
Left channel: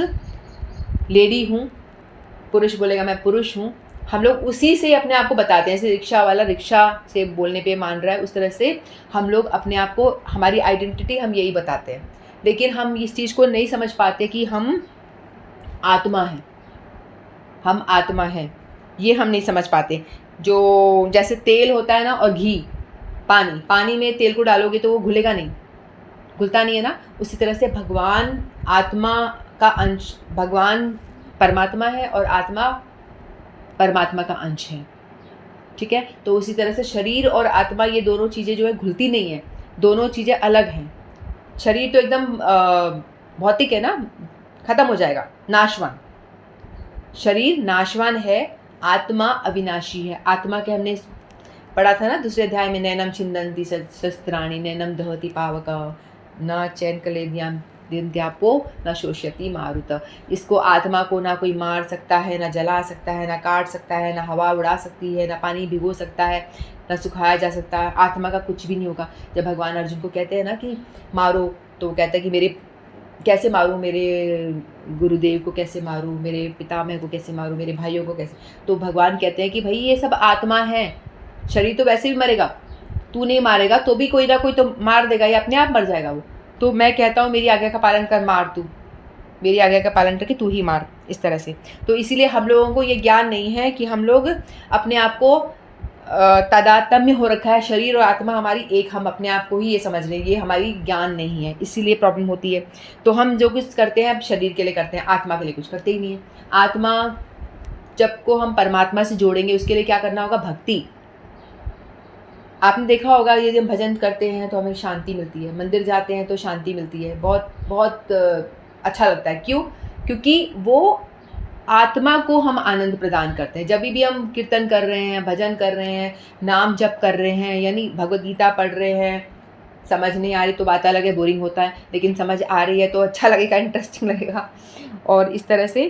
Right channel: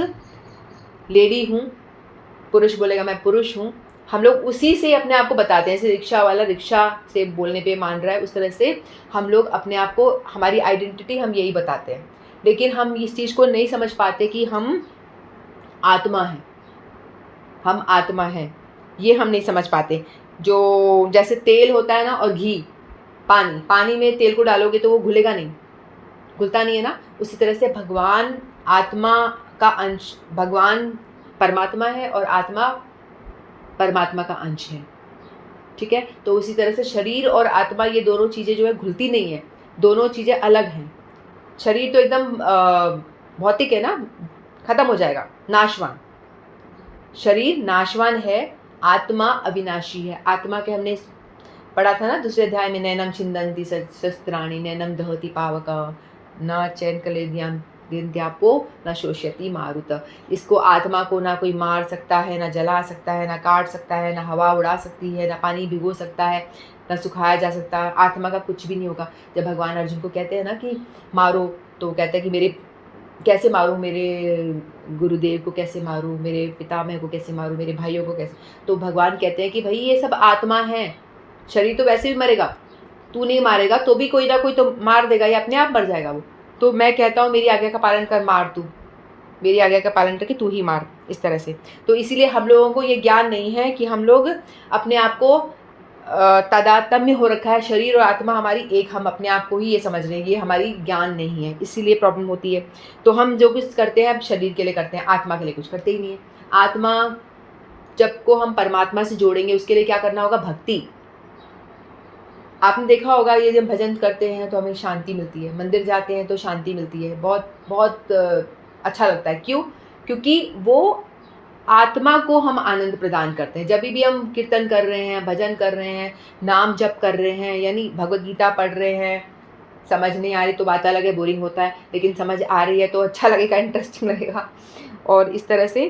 लेडी हूँ, पुरुष बोलेगा मैं पुरुष हूँ। हम लोग उसी से अपने आप को बताते हैं, जैसे रिक्शा वाला रिक्शा से बोलने पे मान रहा है, उस तरह से हम लोग अपने आप को, हमारी आइडेंटिटी हम यही बताते हैं। लेकिन हम इस चीज़ को नहीं समझ पाते कि हम आत्मा हैं, हम आत्मा हैं, ये हम नहीं समझ पाते। जो जैसे तेल होता है ना और घी, पानी में तेल को डालोगे तो वो घुलेगा नहीं, घुलता नहीं है ना। उसी तरह से भगवान आत्मा का अंश, भगवान परमात्मा है और आत्मा परमात्मा का अंश है, ठीक है। तो उसी तरह से शरीर और आत्मा, ये दोनों चीज़ें जो है घुलती नहीं है, दोनों चीज़ें अलग हैं। शरीर तो एकदम भौतिक है ना, खत्म हो जाएगा, नाशवान। शरीर नाशवान है, आत्मा अविनाशी है। आत्मा के हमने पढ़ा था ना दूसरे अध्याय में, नैनम छिंदन्ति शस्त्राणि नैनम दहति पावक न चैन कलेद्याम दिद्यापो न शोष्यति मारुत। इसको आत्मा को ना कोई मार सकता है, ना जला सकता है, ना काट सकता है, ना हवा उड़ा सकती है, ना पानी भिगो सकता है, ना सुखाया जा सकता है। आत्मा का कुछ भी नहीं होगा। जब भगवान अर्जुन को कहते हैं ना कि मारो, तो वो कहता है कि मेरे कैसे मारूं, मेरे गुरुदेव को कैसे मारूं, मेरे पितामह को कैसे मारूं, मेरे भाइयों को कैसे। तो भगवान कहते हैं कि भाई ये सब आत्मा है, शरीर तो वैसे भी मरेगा, तू नहीं मारेगा तो भी कोई ना कोई तो मार देगा, या अपने आप मर जाएगा वो। तो मैं कहता हूँ मेरी आज्ञा का पालन कर, मार तू, मेरी आज्ञा का पालन करके तू ही मार, इस तरह से। तो इसीलिए हम लोगों को ये ज्ञान नहीं है कि हम लोग अपने आप को तादात्म्य हो रखा है, शरीर और आत्मा हमारी एक, हम अपने आप को ही ये समझ रहे हैं, ये हमारी ज्ञान नहीं है, इसीलिए प्रॉब्लम होती है। तो हम जो कुछ करते हैं अब शरीर के लिए करते हैं, आत्मा के लिए कुछ करते ही नहीं है। आत्मा जब को हम परमात्मा से जोड़ेंगे, उसके लिए क्या करना होगा? भक्ति। आपने देखा होगा ये जब भजन करते हैं तो हमें शांति मिलती है, मंदिर जाते हैं तो शांति मिलती है, बहुत बहुत अच्छा लगता है। क्यों? क्योंकि वो आत्मा को हम आनंद प्रदान करते हैं। जब भी हम कीर्तन कर रहे हैं, भजन कर रहे हैं, नाम जप कर रहे हैं, यानी भगवद गीता पढ़ रहे हैं, समझ नहीं आ रही तो बात अलग है, बोरिंग होता है, लेकिन समझ आ रही है तो अच्छा लगेगा, इंटरेस्टिंग लगेगा। और इस तरह से,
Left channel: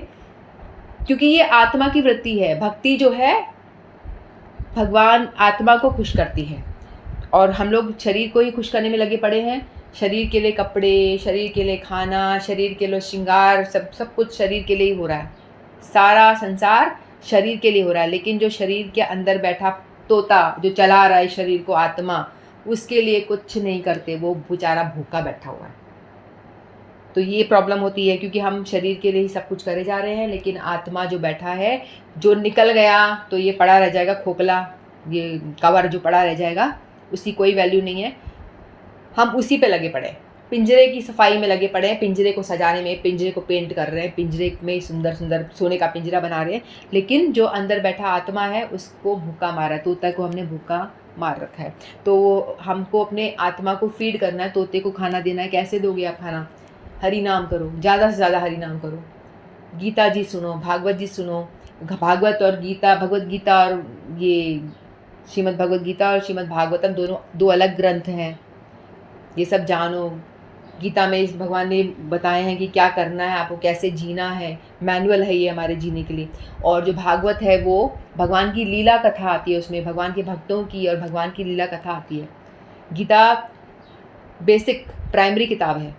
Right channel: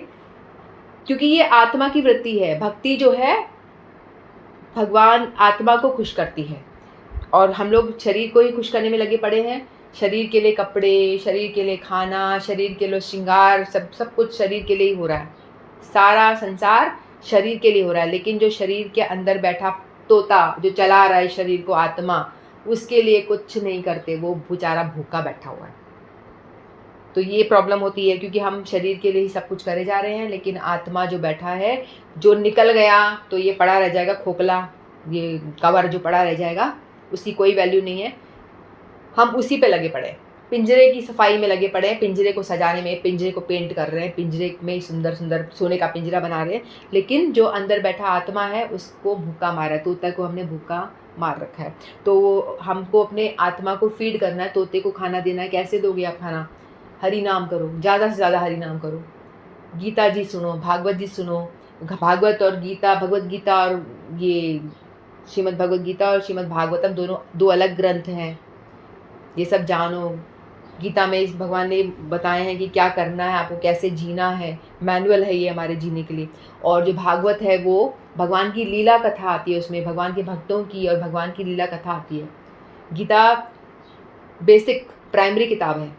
क्योंकि ये आत्मा की वृत्ति है, भक्ति जो है भगवान आत्मा को खुश करती है। और हम लोग शरीर को ही खुश करने में लगे पड़े हैं। शरीर के लिए कपड़े, शरीर के लिए खाना, शरीर के लिए श्रृंगार, सब कुछ शरीर के लिए ही हो रहा है। सारा संसार शरीर के लिए हो रहा है, लेकिन जो शरीर के अंदर बैठा तोता जो चला रहा है शरीर को, आत्मा, उसके लिए कुछ नहीं करते, वो बेचारा भूखा बैठा हुआ है। तो ये प्रॉब्लम होती है, क्योंकि हम शरीर के लिए ही सब कुछ करे जा रहे हैं, लेकिन आत्मा जो बैठा है, जो निकल गया तो ये पड़ा रह जाएगा, खोखला ये कवर जो पड़ा रह जाएगा, उसकी कोई वैल्यू नहीं है। हम उसी पे लगे पड़े, पिंजरे की सफाई में लगे पड़े हैं, पिंजरे को सजाने में, पिंजरे को पेंट कर रहे हैं, पिंजरे में सुंदर सुंदर सोने का पिंजरा बना रहे हैं, लेकिन जो अंदर बैठा आत्मा है उसको भूखा मारा है, तोते को हमने भूखा मार रखा है। तो हमको अपने आत्मा को फीड करना है, तोते को खाना देना है। कैसे दोगे आप खाना? हरि नाम करो, ज़्यादा से ज़्यादा हरि नाम करो, गीता जी सुनो, भागवत जी सुनो। भागवत और गीता, भगवत गीता और ये श्रीमद् भगवत गीता और श्रीमद् भागवतम दोनों दो अलग ग्रंथ हैं, ये सब जानो। गीता में इस भगवान ने बताए हैं कि क्या करना है, आपको कैसे जीना है, मैनुअल है ये हमारे जीने के लिए। और जो भागवत है वो भगवान की लीला कथा आती है, उसमें भगवान के भक्तों की और भगवान की लीला कथा आती है। गीता बेसिक प्राइमरी किताब है,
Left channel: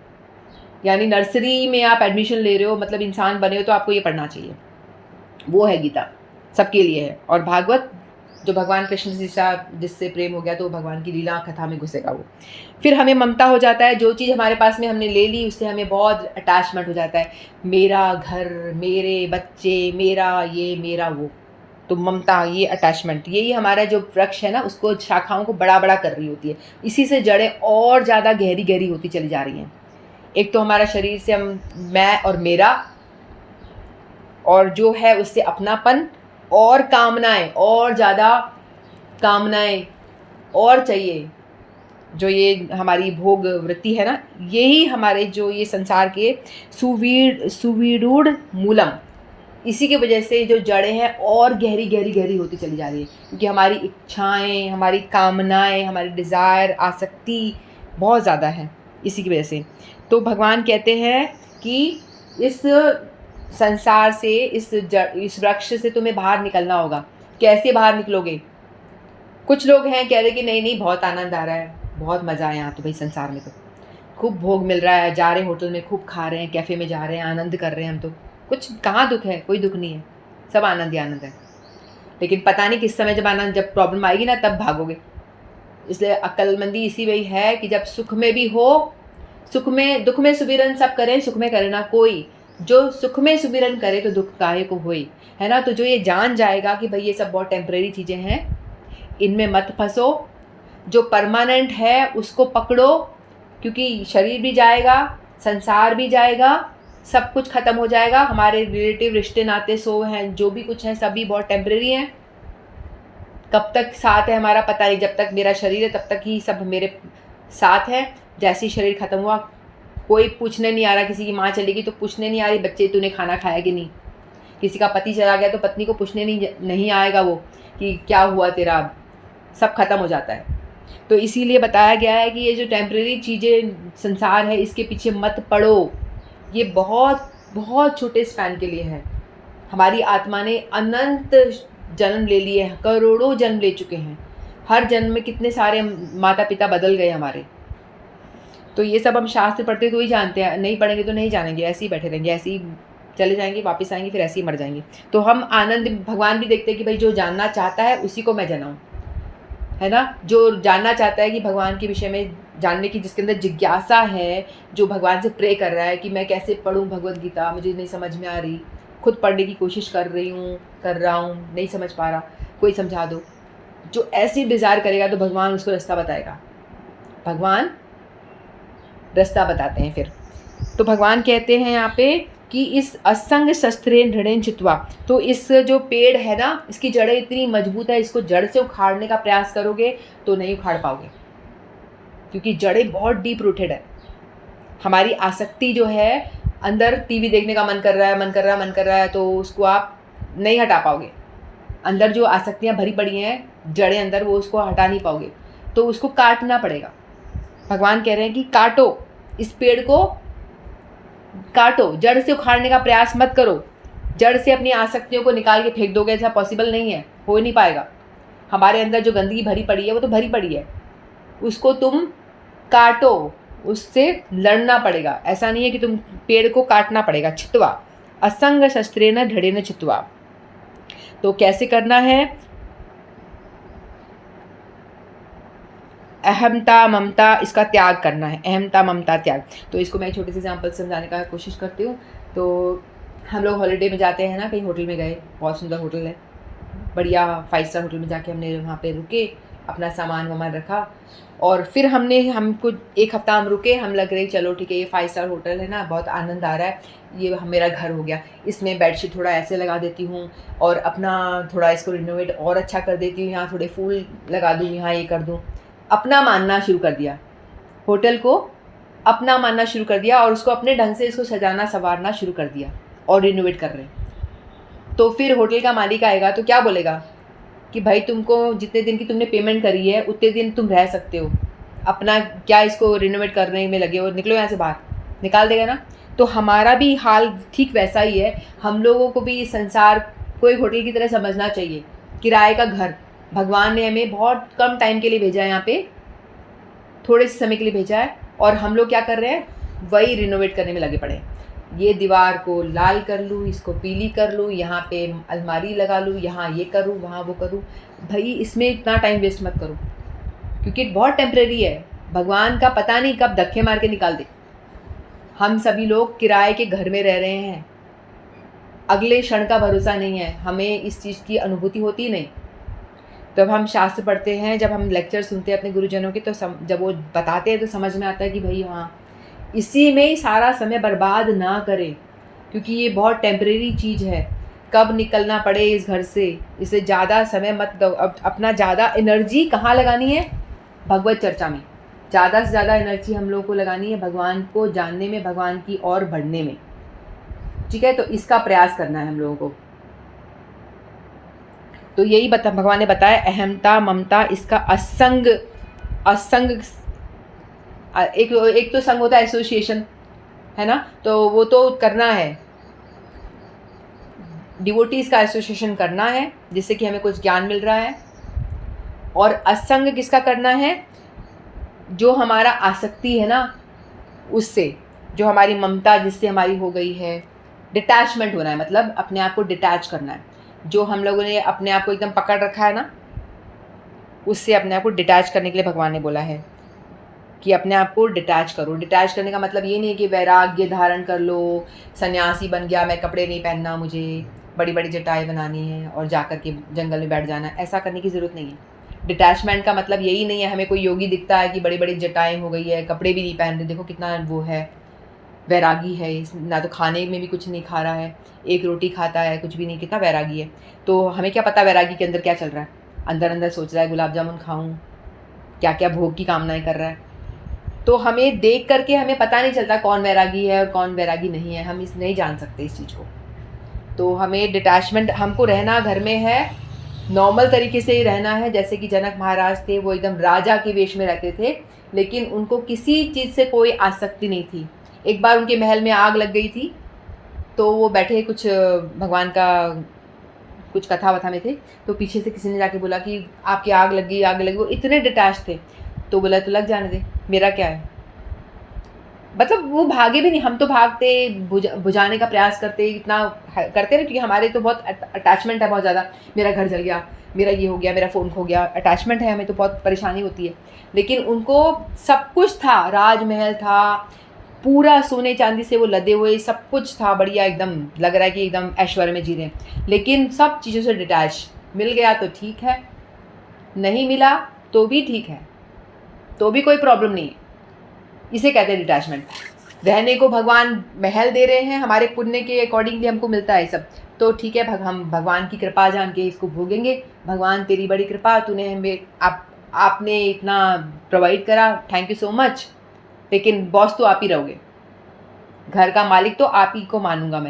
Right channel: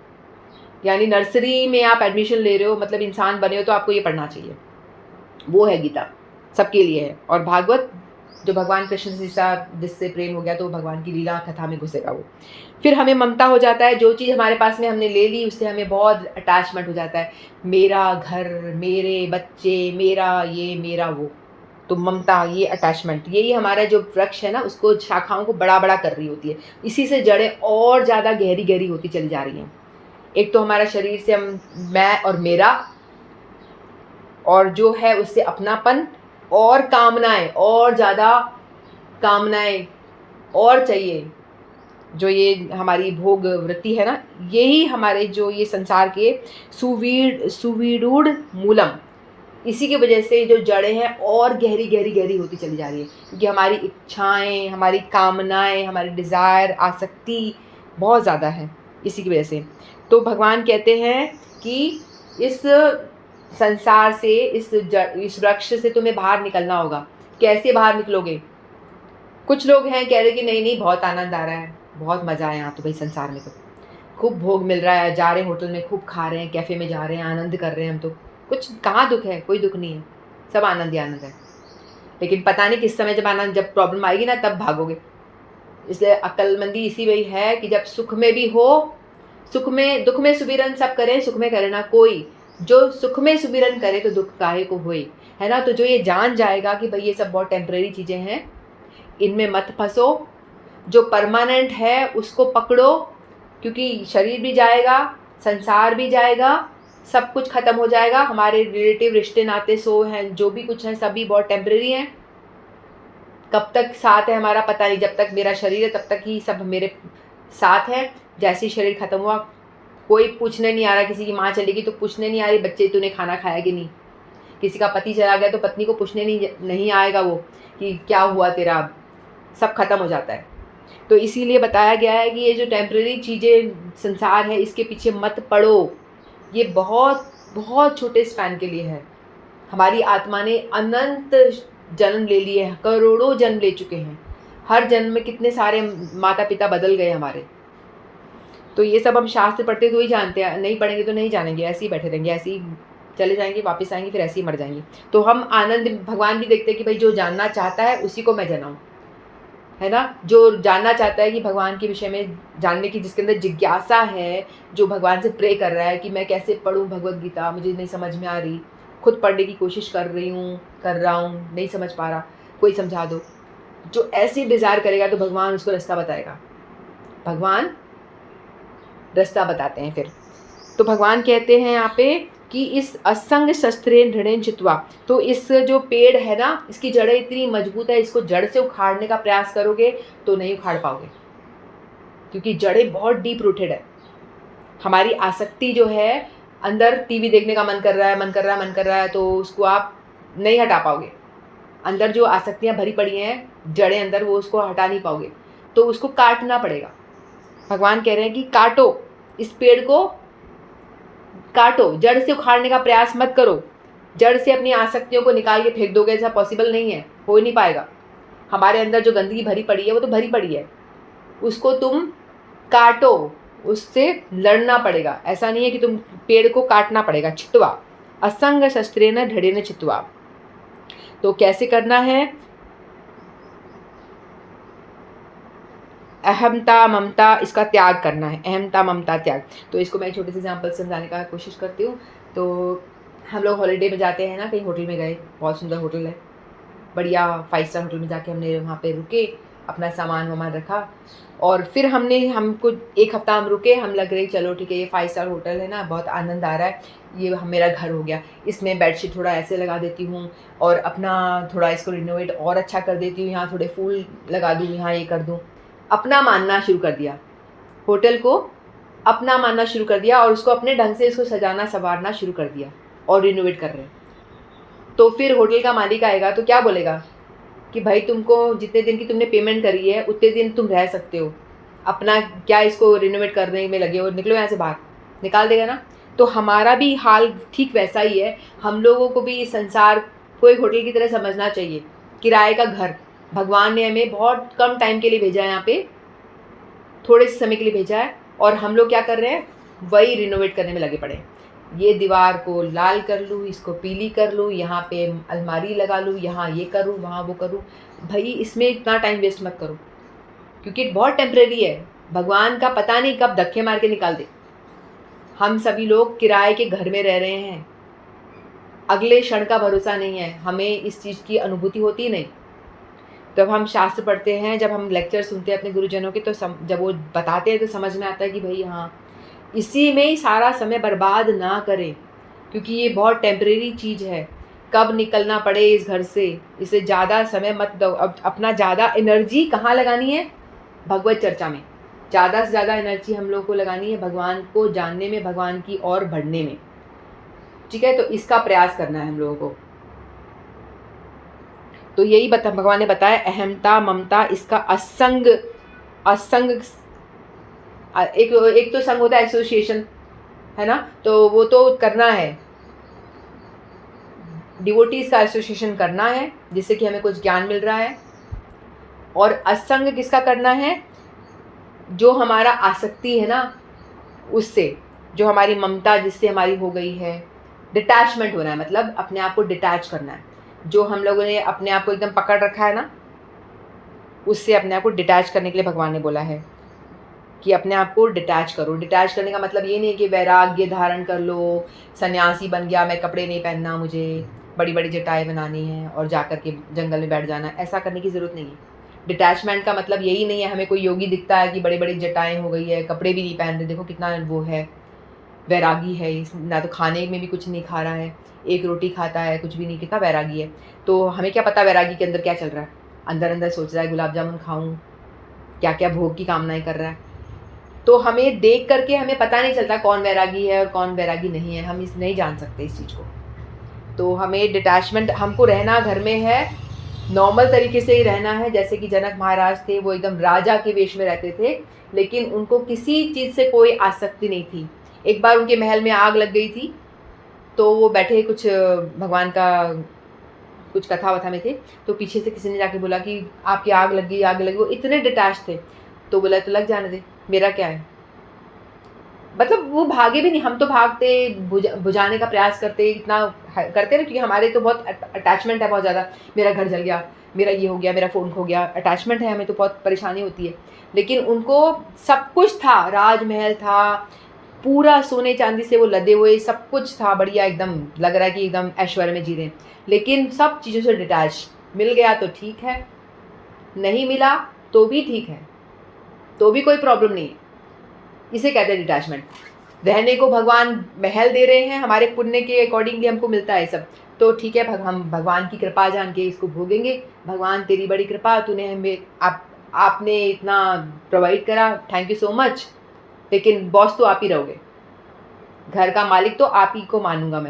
यानी नर्सरी में आप एडमिशन ले रहे हो, मतलब इंसान बने हो, तो आपको ये पढ़ना चाहिए, वो है गीता, सबके लिए है। और भागवत जो भगवान कृष्ण से जिससे प्रेम हो गया तो भगवान की लीला कथा में घुसेगा वो। फिर हमें ममता हो जाता है, जो चीज़ हमारे पास में हमने ले ली उससे हमें बहुत अटैचमेंट हो जाता है, मेरा घर, मेरे बच्चे, मेरा ये, मेरा वो। तो ममता, ये अटैचमेंट, यही हमारा जो वृक्ष है ना, उसको शाखाओं को बड़ा बड़ा कर रही होती है। इसी से जड़ें और ज़्यादा गहरी गहरी होती चली जा रही हैं। एक तो हमारा शरीर से हम मैं और मेरा, और जो है उससे अपनापन और कामनाएं, और ज़्यादा कामनाएं और चाहिए, जो ये हमारी भोग वृत्ति है ना, यही हमारे जो ये संसार के सुविरूढ़ मूलम, इसी की वजह से जो जड़ें हैं और गहरी गहरी गहरी होती चली जा रही है, क्योंकि हमारी इच्छाएं, हमारी कामनाएं, हमारी डिज़ायर, आसक्ति बहुत ज़्यादा है इसी की वजह से। तो भगवान कहते हैं कि इस संसार से, इस वृक्ष से तुम्हें बाहर निकलना होगा। कैसे बाहर निकलोगे? कुछ लोग हैं कह रहे कि नहीं नहीं बहुत आनंद आ रहा है, बहुत मज़ा है यहाँ तो भाई संसार में। खूब भोग मिल रहा है, जा रहे हैं होटल में, खूब खा रहे हैं, कैफ़े में जा रहे हैं, आनंद कर रहे हैं हम तो। कुछ कहाँ दुःख है? कोई दुःख नहीं है, सब आनंद ही आनंद है। लेकिन पता नहीं किस समय जब प्रॉब्लम आएगी ना, तब भागोगे। इसलिए अक्लमंदी इसी में है कि जब सुख में भी हो, सुख में दुख में सुमिरन सब करें, सुख में करे ना कोई। जो सुख में सुमिरन करे तो दुख काहे को होई, है ना। तो जो ये जान जाएगा कि भाई ये सब बहुत टेम्परेरी चीज़ें हैं, इनमें मत फंसो। जो परमानेंट है उसको पकड़ो, क्योंकि शरीर भी जाएगा, संसार भी जाएगा, सब कुछ ख़त्म हो जाएगा। हमारे रिलेटिव रिश्ते नाते सो हैं, जो भी कुछ हैं, सभी बहुत टेम्परेरी हैं। कब तक साथ है हमारा पता नहीं, जब तक मेरा शरीर है तब तक ही सब मेरे साथ है। जैसे ही शरीर ख़त्म हुआ, कोई पूछने नहीं आ रहा। किसी की माँ चली गई तो पूछने नहीं आ रही, बच्चे तूने खाना खाया कि नहीं। किसी का पति चला गया तो पत्नी को पूछने नहीं आएगा वो कि क्या हुआ तेरा। अब सब खत्म हो जाता है। तो इसीलिए बताया गया है कि ये जो टेम्परेरी चीज़ें संसार है, इसके पीछे मत पड़ो। ये बहुत बहुत छोटे स्पैन के लिए है। हमारी आत्मा ने अनंत जन्म ले लिए हैं, करोड़ों जन्म ले चुके हैं। हर जन्म में कितने सारे माता पिता बदल गए हमारे। तो ये सब हम शास्त्र पढ़ते तो ही जानते हैं, नहीं पढ़ेंगे तो नहीं जानेंगे, ऐसे ही बैठे रहेंगे, ऐसे ही चले जाएंगे, वापस आएंगे, फिर ऐसे ही मर जाएंगे। तो हम आनंद, भगवान भी देखते हैं कि भाई जो जानना चाहता है उसी को मैं जनाऊँ, है ना। जो जानना चाहता है कि भगवान के विषय में जानने की, जिसके अंदर जिज्ञासा है, जो भगवान से प्रे कर रहा है कि मैं कैसे पढ़ूँ भगवद गीता, मुझे नहीं समझ में आ रही, खुद पढ़ने की कोशिश कर रहा हूँ, नहीं समझ पा रहा, कोई समझा दो। जो ऐसी डिज़ायर करेगा तो भगवान उसको रास्ता बताएगा, भगवान रास्ता बताते हैं फिर। तो भगवान कहते हैं यहाँ पे कि इस असंग शस्त्रे दृढ़ेन चित्वा, तो इस जो पेड़ है ना, इसकी जड़ें इतनी मजबूत है, इसको जड़ से उखाड़ने का प्रयास करोगे तो नहीं उखाड़ पाओगे, क्योंकि जड़ें बहुत डीप रूटेड है। हमारी आसक्ति जो है, अंदर टीवी देखने का मन कर रहा है तो उसको आप नहीं हटा पाओगे। अंदर जो आसक्तियाँ भरी पड़ी हैं, जड़ें अंदर, वो उसको हटा नहीं पाओगे, तो उसको काटना पड़ेगा। भगवान कह रहे हैं कि काटो, इस पेड़ को काटो, जड़ से उखाड़ने का प्रयास मत करो। जड़ से अपनी आसक्तियों को निकाल के फेंक दोगे, ऐसा पॉसिबल नहीं है, हो नहीं पाएगा। हमारे अंदर जो गंदगी भरी पड़ी है वो तो भरी पड़ी है, उसको तुम काटो, उससे लड़ना पड़ेगा। ऐसा नहीं है कि तुम पेड़ को काटना पड़ेगा। छित्वा असंग शस्त्रेण दृढ़ेन छित्वा। तो कैसे करना है? अहमता ममता, इसका त्याग करना है। अहमता ममता त्याग। तो इसको मैं छोटे से एग्जाम्पल समझाने का कोशिश करती हूँ। तो हम लोग हॉलीडे में जाते हैं ना, कहीं होटल में गए, बहुत सुंदर होटल है, बढ़िया 5 स्टार होटल में जाके हमने वहाँ पे रुके, अपना सामान वामान रखा, और फिर हमको 1 हफ्ता हम रुके। हम लग रही चलो ठीक है, ये 5 स्टार होटल है ना, बहुत आनंद आ रहा है, ये मेरा घर हो गया। इसमें बेडशीट थोड़ा ऐसे लगा देती हूँ, और अपना थोड़ा इसको रिनोवेट और अच्छा कर देती हूँ, यहाँ थोड़े फूल लगा दूँ, यहाँ ये कर दूँ। अपना मानना शुरू कर दिया, होटल को अपना मानना शुरू कर दिया, और उसको अपने ढंग से इसको सजाना संवारना शुरू कर दिया, और रिनोवेट कर रहे हैं। तो फिर होटल का मालिक आएगा तो क्या बोलेगा कि भाई तुमको जितने दिन की तुमने पेमेंट करी है उतने दिन तुम रह सकते हो, अपना क्या इसको रिनोवेट करने में लगे हो, निकलो यहाँ से बाहर, निकाल देगा ना। तो हमारा भी हाल ठीक वैसा ही है। हम लोगों को भी संसार को एक होटल की तरह समझना चाहिए, किराए का घर। भगवान ने हमें बहुत कम टाइम के लिए भेजा है, यहाँ पे थोड़े से समय के लिए भेजा है, और हम लोग क्या कर रहे हैं, वही रिनोवेट करने में लगे पड़े हैं। ये दीवार को लाल कर लूँ, इसको पीली कर लूँ, यहाँ पे अलमारी लगा लूँ, यहाँ ये करूँ, वहाँ वो करूँ। भाई इसमें इतना टाइम वेस्ट मत करो, क्योंकि बहुत टेम्परेरी है। भगवान का पता नहीं कब धक्के मार के निकाल दे। हम सभी लोग किराए के घर में रह रहे हैं, अगले क्षण का भरोसा नहीं है, हमें इस चीज़ की अनुभूति होती नहीं। जब हम शास्त्र पढ़ते हैं, जब हम लेक्चर सुनते हैं अपने गुरुजनों के, तो जब वो बताते हैं तो समझ में आता है कि भाई हाँ, इसी में ही सारा समय बर्बाद ना करें, क्योंकि ये बहुत टेम्परेरी चीज़ है। कब निकलना पड़े इस घर से, इसे ज़्यादा समय मत दो। अब अपना ज़्यादा एनर्जी कहाँ लगानी है? भगवत चर्चा में। ज़्यादा से ज़्यादा एनर्जी हम लोग को लगानी है भगवान को जानने में, भगवान की ओर बढ़ने में। ठीक है, तो इसका प्रयास करना है हम लोगों को। तो यही भगवान ने बताया, अहमता ममता, इसका असंग एक तो संग होता है एसोसिएशन, है ना, तो वो तो करना है, डिवोटीज का एसोसिएशन करना है, जिससे कि हमें कुछ ज्ञान मिल रहा है। और असंग किसका करना है? जो हमारा आसक्ति है ना, उससे, जो हमारी ममता जिससे हमारी हो गई है, डिटैचमेंट होना है, मतलब अपने आप को डिटैच करना है। जो हम लोगों ने अपने आप को एकदम पकड़ रखा है ना, उससे अपने आप को डिटैच करने के लिए भगवान ने बोला है कि अपने आप को डिटैच करो। डिटैच करने का मतलब ये नहीं है कि वैराग्य धारण कर लो, सन्यासी बन गया, मैं कपड़े नहीं पहनना, मुझे बड़ी-बड़ी जटाएँ बनानी है और जाकर के जंगल में बैठ जाना है, ऐसा करने की ज़रूरत नहीं है। डिटैचमेंट का मतलब यही नहीं है हमें कोई योगी दिखता है कि बड़ी-बड़ी जटाएँ हो गई है, कपड़े भी नहीं पहन रहे, देखो कितना वो है, वैरागी है, इस ना तो खाने में भी कुछ नहीं खा रहा है, एक रोटी खाता है, कुछ भी नहीं, कितना वैरागी है। तो हमें क्या पता वैरागी के अंदर क्या चल रहा है? अंदर-अंदर सोच रहा है गुलाब जामुन खाऊँ, क्या-क्या भोग की कामनाएँ कर रहा है। तो हमें देख करके हमें पता नहीं चलता कौन वैरागी है और कौन वैरागी नहीं है, हम इस नहीं जान सकते इस चीज़ को। तो हमें डिटैचमेंट हमको रहना घर में है, नॉर्मल तरीके से ही रहना है, जैसे कि जनक महाराज थे, वो एकदम राजा के वेश में रहते थे, लेकिन उनको किसी चीज़ से कोई आसक्ति नहीं थी। एक बार उनके महल में आग लग गई थी, तो वो बैठे कुछ भगवान का कुछ कथा-वथा में थे, तो पीछे से किसी ने जाके बोला कि आपकी आग लग गई, आग लग गई। वो इतने डिटैच थे, तो बोला तो लग जाने दे, मेरा क्या है? मतलब वो भागे भी नहीं, हम तो भागते, बुझाने का प्रयास करते, इतना करते ना, क्योंकि हमारे तो बहुत अटैचमेंट है बहुत ज़्यादा। मेरा घर जल गया, मेरा ये हो गया, मेरा फ़ोन खो गया, अटैचमेंट है हमें, तो बहुत परेशानी होती है। लेकिन उनको सब कुछ था, राजमहल था, पूरा सोने चांदी से वो लदे हुए, सब कुछ था बढ़िया, एकदम लग रहा है कि एकदम ऐश्वर्य में जी रहे हैं, लेकिन सब चीज़ों से डिटैच। मिल गया तो ठीक है, नहीं मिला तो भी ठीक है, तो भी कोई प्रॉब्लम नहीं है। इसे कहते हैं डिटैचमेंट। रहने को भगवान महल दे रहे हैं, हमारे पुण्य के अकॉर्डिंगली हमको मिलता है सब, तो ठीक है, हम भगवान की कृपा जान के इसको भोगेंगे। भगवान तेरी बड़ी कृपा, तूने हमें आपने इतना प्रोवाइड करा, थैंक यू सो मच। लेकिन बॉस तो आप ही रहोगे, घर का मालिक तो आप ही को मानूंगा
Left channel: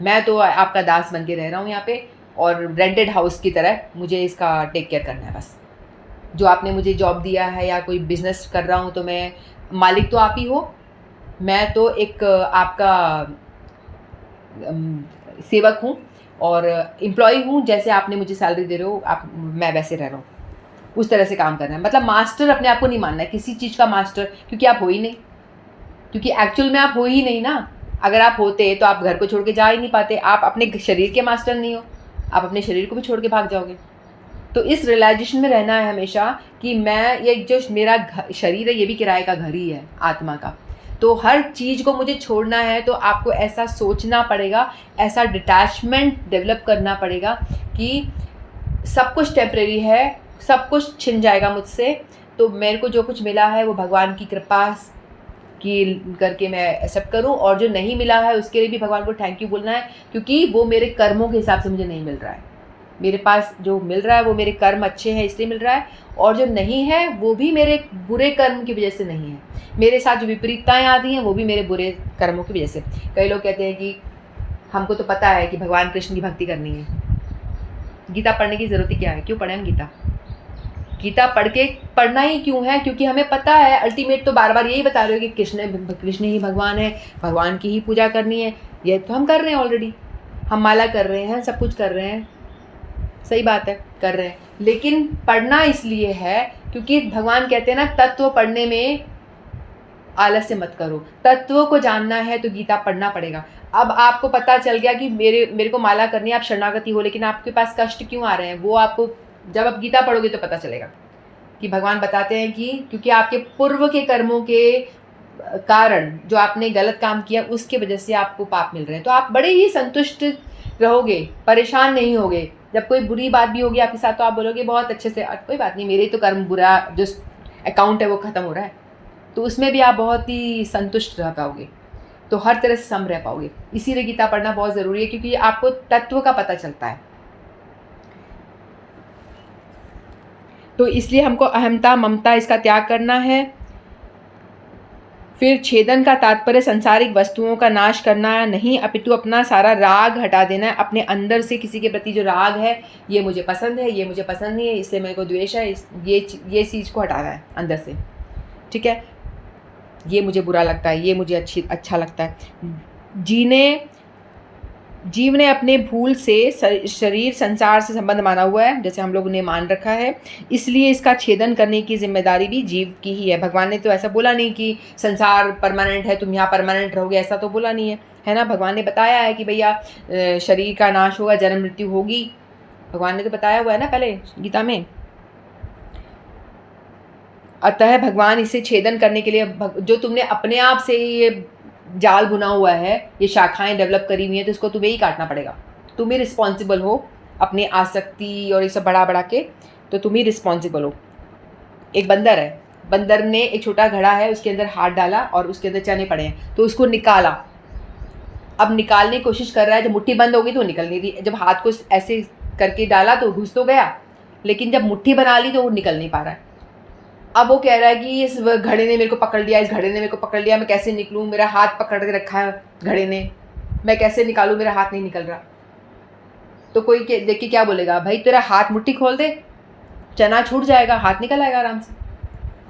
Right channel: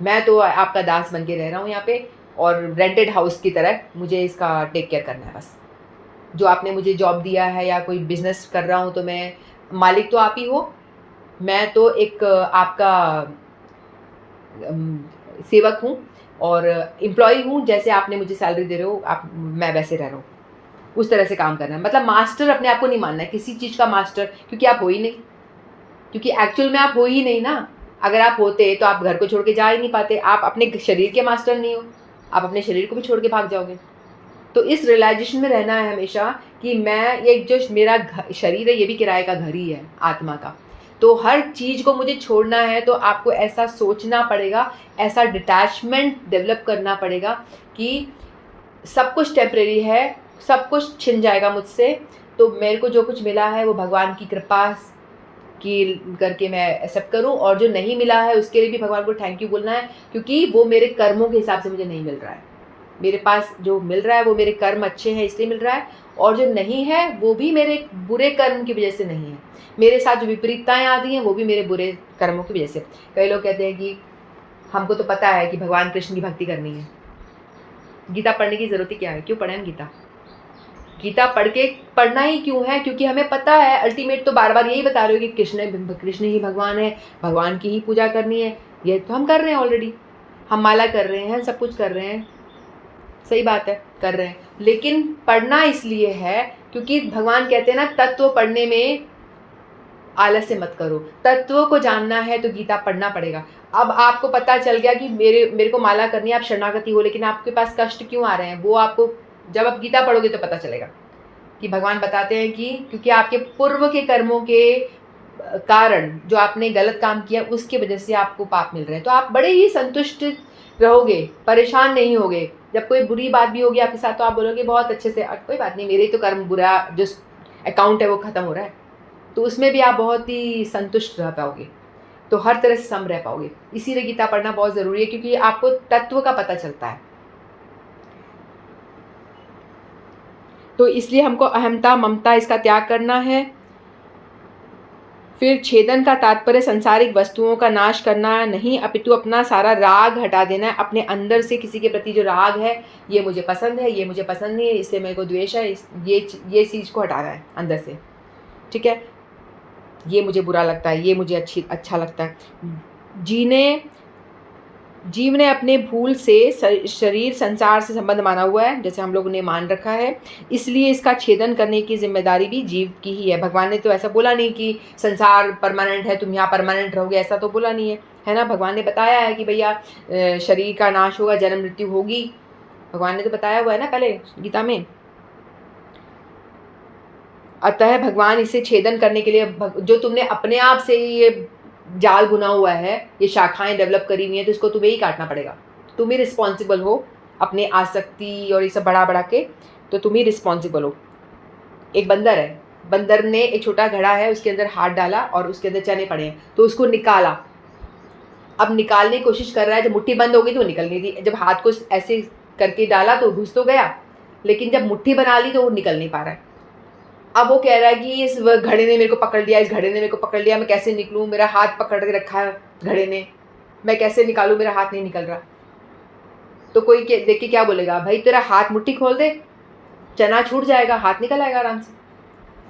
मैं तो आपका दास बन के रह रहा हूँ यहाँ पे, और रेंटेड हाउस की तरह मुझे इसका टेक केयर करना है बस। जो आपने मुझे जॉब दिया है या कोई बिजनेस कर रहा हूँ, तो मैं, मालिक तो आप ही हो, मैं तो एक आपका सेवक हूँ और एम्प्लॉय हूँ। जैसे आपने मुझे सैलरी दे रहे हो, आप, मैं वैसे रह रहा हूँ, उस तरह से काम करना है। मतलब मास्टर अपने आप को नहीं मानना है, किसी चीज़ का मास्टर, क्योंकि आप हो ही नहीं, क्योंकि एक्चुअल में आप हो ही नहीं ना। अगर आप होते तो आप घर को छोड़ के जा ही नहीं पाते, आप अपने शरीर के मास्टर नहीं हो, आप अपने शरीर को भी छोड़ के भाग जाओगे। तो इस रियलाइजेशन में रहना है हमेशा कि मैं, ये जो मेरा शरीर है, ये भी किराए का घर ही है आत्मा का। तो हर चीज़ को मुझे छोड़ना है, तो आपको ऐसा सोचना पड़ेगा, ऐसा डिटैचमेंट डेवलप करना पड़ेगा कि सब कुछ टेम्परेरी है, सब कुछ छिन जाएगा मुझसे। तो मेरे को जो कुछ मिला है वो भगवान की कृपा की करके मैं एक्सेप्ट करूं, और जो नहीं मिला है उसके लिए भी भगवान को थैंक यू बोलना है, क्योंकि वो मेरे कर्मों के हिसाब से मुझे नहीं मिल रहा है। मेरे पास जो मिल रहा है वो मेरे कर्म अच्छे हैं इसलिए मिल रहा है, और जो नहीं है वो भी मेरे बुरे कर्म की वजह से नहीं है। मेरे साथ जो विपरीतताएं आती हैं वो भी मेरे बुरे कर्मों की वजह से। कई लोग कहते हैं कि हमको तो पता है कि भगवान कृष्ण की भक्ति करनी है, गीता पढ़ने की ज़रूरत ही क्या है? क्यों पढ़ें हम गीता? गीता पढ़ना ही क्यों है? क्योंकि हमें पता है अल्टीमेट तो बार बार यही बता रहे हो कि कृष्ण ही भगवान है, भगवान की ही पूजा करनी है। ये तो हम कर रहे हैं ऑलरेडी, हम माला कर रहे हैं, सब कुछ कर रहे हैं, सही बात है, कर रहे हैं। लेकिन पढ़ना इसलिए है क्योंकि भगवान कहते हैं ना, तत्व पढ़ने में आलस्य मत करो। तत्व को जानना है तो गीता पढ़ना पड़ेगा। अब आपको पता चल गया कि मेरे को माला करनी है, आप शरणागति हो, लेकिन आपके पास कष्ट क्यों आ रहे हैं, वो आपको जब आप गीता पढ़ोगे तो पता चलेगा। कि भगवान बताते हैं कि क्योंकि आपके पूर्व के कर्मों के कारण, जो आपने गलत काम किया उसके वजह से आपको पाप मिल रहे हैं, तो आप बड़े ही संतुष्ट रहोगे, परेशान नहीं होगे। जब कोई बुरी बात भी होगी आपके साथ तो आप बोलोगे बहुत अच्छे से, कोई बात नहीं, मेरे तो कर्म बुरा, जो अकाउंट है वो ख़त्म हो रहा है। तो उसमें भी आप बहुत ही संतुष्ट रह पाओगे, तो हर तरह से सम रह पाओगे। इसीलिए गीता पढ़ना बहुत ज़रूरी है, क्योंकि आपको तत्व का पता चलता है। तो इसलिए हमको अहमता, ममता, इसका त्याग करना है। फिर छेदन का तात्पर्य संसारिक वस्तुओं का नाश करना है नहीं, अपितु अपना सारा राग हटा देना है। अपने अंदर से किसी के प्रति जो राग है, ये मुझे पसंद है, ये मुझे पसंद नहीं है, इससे मेरे को द्वेष है, ये चीज़ को हटाना है अंदर से, ठीक है। ये मुझे बुरा लगता है, ये मुझे अच्छा लगता है। जीने जीव ने अपने भूल से शरीर संसार से संबंध माना हुआ है, जैसे हम लोगों ने मान रखा है, इसलिए इसका छेदन करने की जिम्मेदारी भी जीव की ही है। भगवान ने तो ऐसा बोला नहीं कि संसार परमानेंट है, तुम यहाँ परमानेंट रहोगे, ऐसा तो बोला नहीं है ना। भगवान ने बताया है कि भैया शरीर का नाश होगा, जन्म मृत्यु होगी, भगवान ने तो बताया हुआ है ना पहले गीता में। अतः भगवान इसे छेदन करने के लिए, जो तुमने अपने आप से ये जाल बुना हुआ है, ये शाखाएं डेवलप करी हुई हैं, तो इसको तुम्हें ही काटना पड़ेगा। तुम ही रिस्पॉन्सिबल हो अपनी आसक्ति और ये सब बढ़ा बढ़ा के, तो तुम ही रिस्पॉन्सिबल हो। एक बंदर है, बंदर ने एक छोटा घड़ा है, उसके अंदर हाथ डाला और उसके अंदर चने पड़े हैं, तो उसको निकाला। अब निकालने की कोशिश कर रहा है, जब मुट्ठी बंद होगी तो निकल नहीं रही, जब हाथ को ऐसे करके डाला तो घुस तो गया, लेकिन जब मुट्ठी बना ली तो वो निकल नहीं पा रहा है। अब वो कह रहा है कि इस घड़े ने मेरे को पकड़ लिया, इस घड़े ने मेरे को पकड़ लिया, मैं कैसे निकलूं, मेरा हाथ पकड़ के रखा है घड़े ने, मैं कैसे निकालूं, मेरा हाथ नहीं निकल रहा। तो कोई देख के क्या बोलेगा, भाई तेरा हाथ मुट्ठी खोल दे, चना छूट जाएगा, हाथ निकल आएगा आराम से।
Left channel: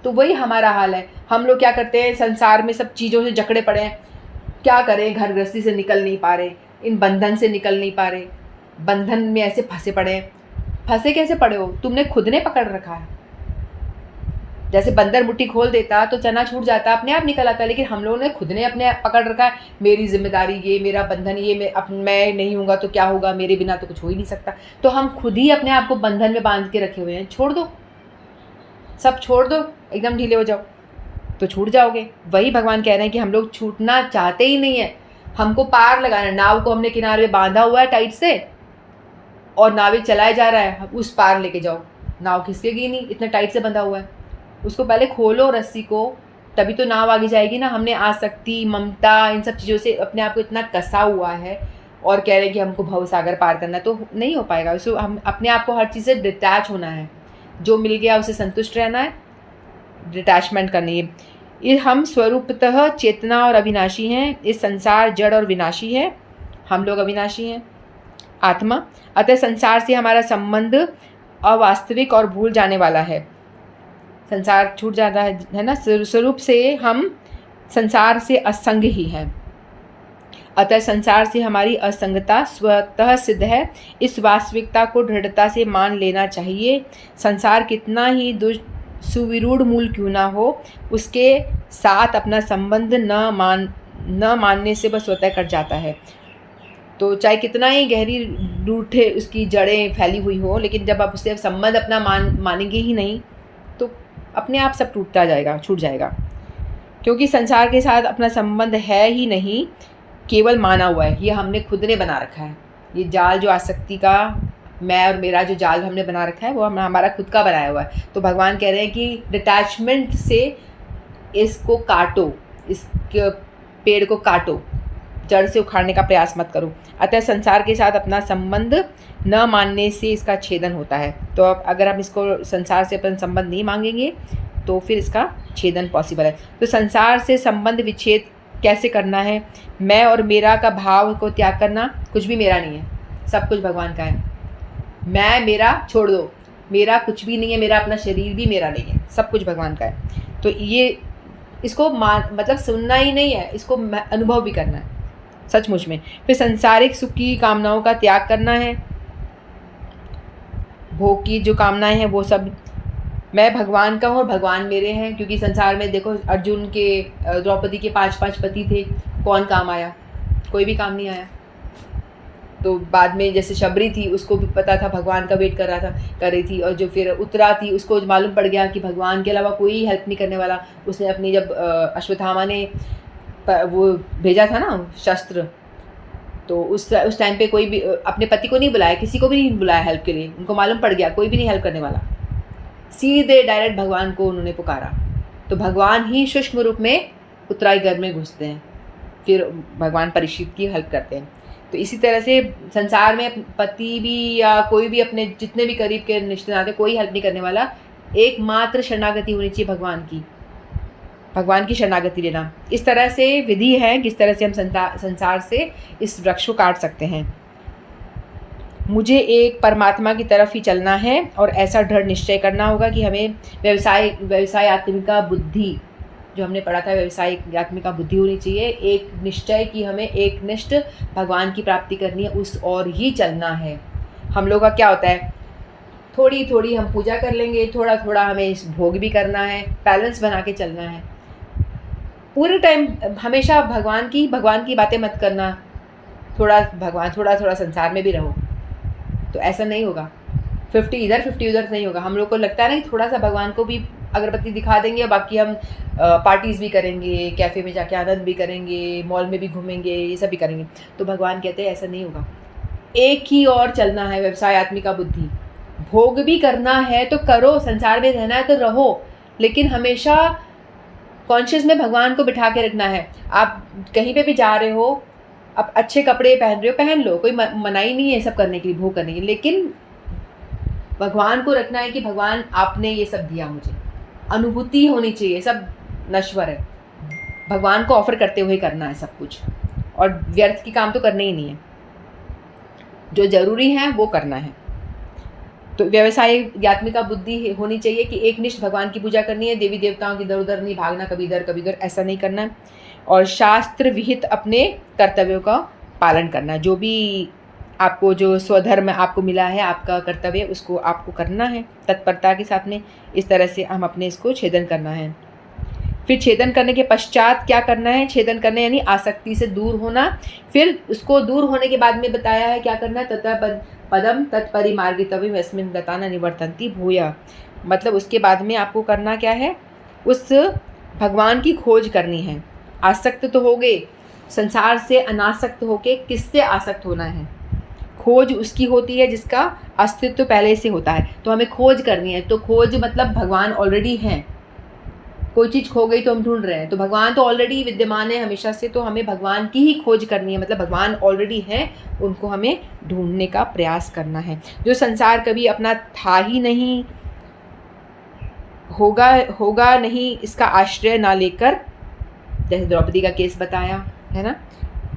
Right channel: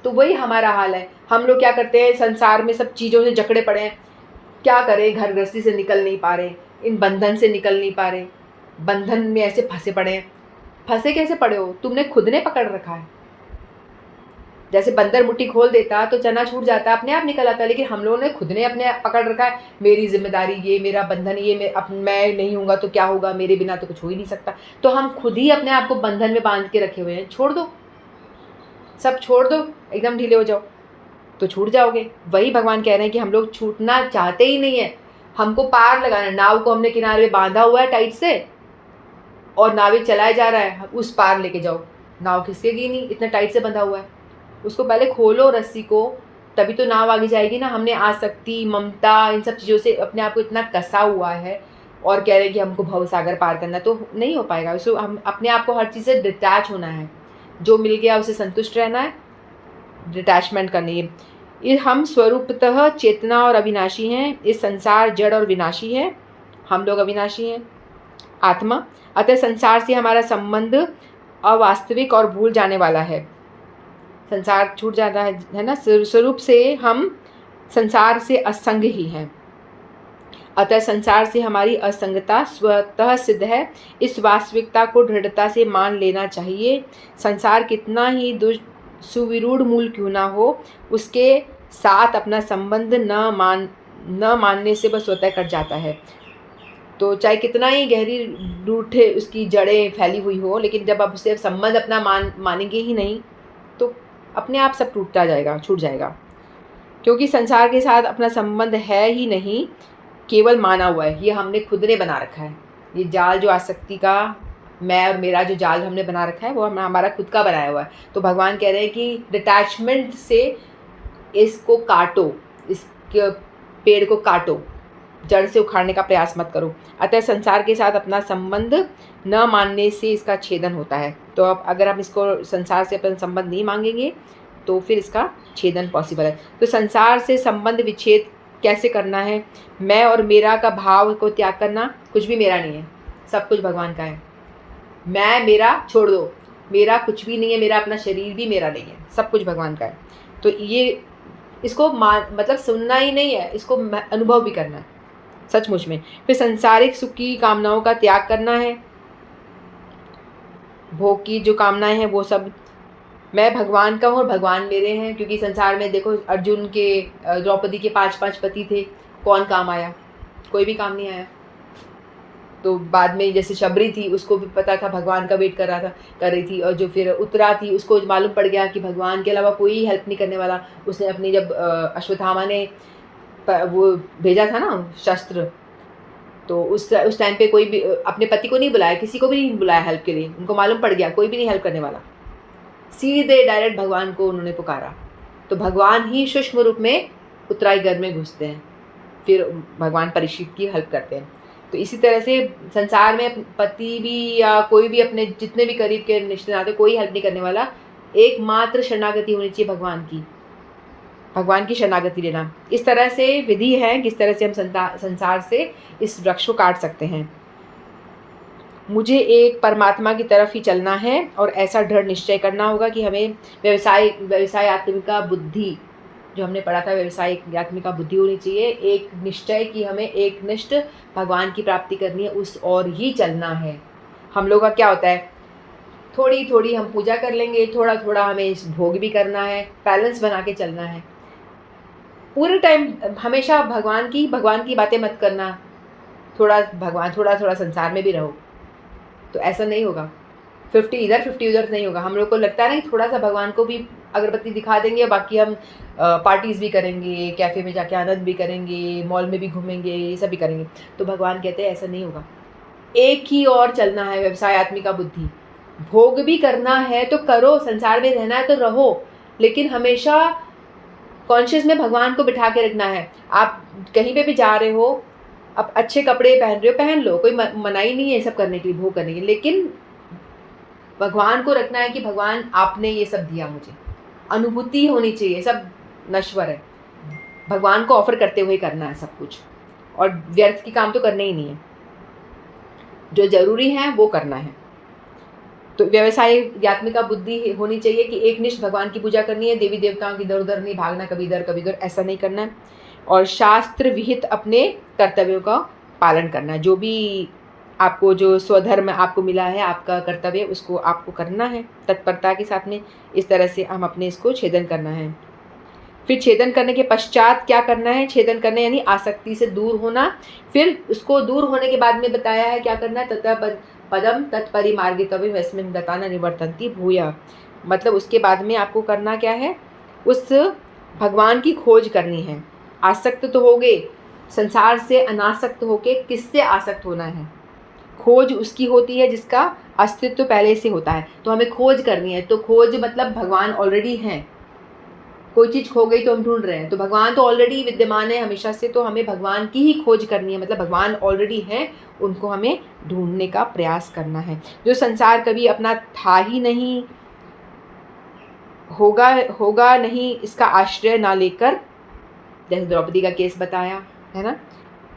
तो वही हमारा हाल है। हम लोग क्या करते हैं, संसार में सब चीज़ों से जकड़े पड़े हैं, क्या करें, घर गृहस्थी से निकल नहीं पा रहे, इन बंधन से निकल नहीं पा रहे, बंधन में ऐसे फंसे पड़े हैं। फंसे कैसे पड़े हो, तुमने खुद ने पकड़ रखा है। जैसे बंदर मुट्ठी खोल देता तो चना छूट जाता, अपने आप निकल आता, लेकिन हम लोगों ने खुद ने अपने आप पकड़ रखा है। मेरी जिम्मेदारी ये, मेरा बंधन ये, मैं नहीं होऊंगा तो क्या होगा, मेरे बिना तो कुछ हो ही नहीं सकता। तो हम खुद ही अपने आप को बंधन में बांध के रखे हुए हैं। छोड़ दो, सब छोड़ दो, एकदम ढीले हो जाओ तो छूट जाओगे। वही भगवान कह रहे हैं कि हम लोग छूटना चाहते ही नहीं है, हमको पार लगाना है। नाव को हमने किनारे बांधा हुआ है टाइट से, और नाविक चलाया जा रहा है, उस पार लेके जाओ। नाव खिसकेगी नहीं, इतना टाइट से बंधा हुआ है। उसको पहले खोलो रस्सी को, तभी तो नाव आगे जाएगी ना। हमने आसक्ति, ममता, इन सब चीज़ों से अपने आप को इतना कसा हुआ है और कह रहे हैं कि हमको भव सागर पार करना, तो नहीं हो पाएगा। उसको हम अपने आप को हर चीज़ से डिटैच होना है, जो मिल गया उसे संतुष्ट रहना है, डिटैचमेंट करनी है। ये हम स्वरूपतः चेतना और अविनाशी हैं। इस संसार जड़ और विनाशी है, हम लोग अविनाशी हैं, आत्मा। अतः संसार से हमारा संबंध अवास्तविक और भूल जाने वाला है। संसार छूट जाता है ना, स्वरूप से हम संसार से असंग ही हैं। अतः संसार से हमारी असंगता स्वतः सिद्ध है। इस वास्तविकता को दृढ़ता से मान लेना चाहिए। संसार कितना ही सुविरूढ़ मूल क्यों ना हो, उसके साथ अपना संबंध न मानने से वह स्वतः कट जाता है। तो चाहे कितना ही गहरी रूठे उसकी जड़ें फैली हुई हो, लेकिन जब आप उससे संबंध अपना मानेंगे ही नहीं, तो अपने आप सब टूटता जाएगा, छूट जाएगा। क्योंकि संसार के साथ अपना संबंध है ही नहीं, केवल माना हुआ है, ये हमने खुद ने बना रखा है। ये जाल जो आसक्ति का, मैं और मेरा जो जाल हमने बना रखा है, वो हमारा खुद का बनाया हुआ है। तो भगवान कह रहे हैं कि डिटैचमेंट से इसको काटो, इस पेड़ को काटो, जड़ से उखाड़ने का प्रयास मत करो। अतः संसार के साथ अपना संबंध न मानने से इसका छेदन होता है। तो अब अगर हम इसको संसार से अपना संबंध नहीं मांगेंगे तो फिर इसका छेदन पॉसिबल है। तो संसार से संबंध विच्छेद कैसे करना है? मैं और मेरा का भाव को त्याग करना। कुछ भी मेरा नहीं है, सब कुछ भगवान का है। मैं मेरा छोड़ दो, मेरा कुछ भी नहीं है, मेरा अपना शरीर भी मेरा नहीं है, सब कुछ भगवान का है। तो ये इसको मतलब सुनना ही नहीं है, इसको अनुभव भी करना है सचमुच में। फिर सांसारिक सुख की कामनाओं का त्याग करना है। भोग की जो कामनाएं हैं वो सब, मैं भगवान का हूँ और भगवान मेरे हैं। क्योंकि संसार में देखो, अर्जुन के, द्रौपदी के 5 पति थे, कौन काम आया? कोई भी काम नहीं आया। तो बाद में जैसे शबरी थी, उसको भी पता था, भगवान का वेट कर रही थी। और जो फिर उत्तरा थी, उसको मालूम पड़ गया कि भगवान के अलावा कोई हेल्प नहीं करने वाला। उसने अपनी, जब अश्वत्थामा ने वो भेजा था ना शस्त्र, तो उस टाइम पे कोई भी अपने पति को नहीं बुलाया, किसी को भी नहीं बुलाया हेल्प के लिए। उनको मालूम पड़ गया कोई भी नहीं हेल्प करने वाला, सीधे डायरेक्ट भगवान को उन्होंने पुकारा। तो भगवान ही सूक्ष्म रूप में उत्तराई गर्भ में घुसते हैं, फिर भगवान परीक्षित की हेल्प करते हैं। तो इसी तरह से संसार में पति भी या कोई भी अपने जितने भी करीब के रिश्ते नाते, कोई हेल्प नहीं करने वाला। एकमात्र शरणागति होनी चाहिए भगवान की शरणागति लेना। इस तरह से विधि है किस तरह से हम संसार से इस वृक्ष को काट सकते हैं। मुझे एक परमात्मा की तरफ ही चलना है और ऐसा दृढ़ निश्चय करना होगा कि हमें व्यवसाय आत्मिका बुद्धि जो हमने पढ़ा था, व्यवसायिक आत्मिका बुद्धि होनी चाहिए, एक निश्चय कि हमें एक निष्ठ भगवान की प्राप्ति करनी है, उस और ही चलना है। हम लोग का क्या होता है, थोड़ी थोड़ी हम पूजा कर लेंगे, थोड़ा थोड़ा हमें इस भोग भी करना है, बैलेंस बना के चलना है। पूरे टाइम हमेशा भगवान की बातें मत करना, थोड़ा भगवान, थोड़ा थोड़ा संसार में भी रहो, तो ऐसा नहीं होगा। 50 इधर 50 उधर नहीं होगा। हम लोग को लगता है ना कि थोड़ा सा भगवान को भी अगरबत्ती दिखा देंगे, बाकी हम पार्टीज़ भी करेंगे, कैफ़े में जाके आनंद भी करेंगे, मॉल में भी घूमेंगे, ये सब भी करेंगे। तो भगवान कहते हैं ऐसा नहीं होगा, एक ही और चलना है, व्यवसाय आत्मिका बुद्धि। भोग भी करना है तो करो, संसार में रहना है तो रहो, लेकिन हमेशा कॉन्शियस में भगवान को बिठा के रखना है। आप कहीं पे भी जा रहे हो, आप अच्छे कपड़े पहन रहे हो, पहन लो, कोई मनाही नहीं है सब करने के लिए, भोग करने के लिए, लेकिन भगवान को रखना है कि भगवान आपने ये सब दिया मुझे, अनुभूति होनी चाहिए, सब नश्वर है, भगवान को ऑफर करते हुए करना है सब कुछ, और व्यर्थ की काम तो करने ही नहीं है, जो जरूरी है वो करना है। तो व्यवसाय आत्मिका बुद्धि होनी चाहिए कि एक निष्ठ भगवान की पूजा करनी है, देवी देवताओं की इधर उधर नहीं भागना, कभी इधर कभी उधर, ऐसा नहीं करना है, और शास्त्र विहित अपने कर्तव्यों का पालन करना है। जो भी आपको, जो स्वधर्म आपको मिला है, आपका कर्तव्य, उसको आपको करना है तत्परता के साथ में। इस तरह से हम अपने इसको छेदन करना है। फिर छेदन करने के पश्चात क्या करना है, छेदन करना यानी आसक्ति से दूर होना। फिर उसको दूर होने के बाद में बताया है क्या करना है, ततः पदम तत्परिमार्गितव्यम यस्मिन् गता न निवर्तन्ति भूयः। मतलब उसके बाद में आपको करना क्या है, उस भगवान की खोज करनी है। आसक्त तो हो गए, संसार से अनासक्त होके किससे आसक्त होना है, खोज उसकी होती है जिसका अस्तित्व पहले से होता है, तो हमें खोज करनी है। तो खोज मतलब भगवान ऑलरेडी हैं, कोई चीज़ खो गई तो हम ढूंढ रहे हैं, तो भगवान तो ऑलरेडी विद्यमान है हमेशा से, तो हमें भगवान की ही खोज करनी है, मतलब भगवान ऑलरेडी हैं, उनको हमें ढूंढने का प्रयास करना है। जो संसार कभी अपना था ही नहीं, होगा नहीं, इसका आश्रय ना लेकर, जैसे द्रौपदी का केस बताया है ना,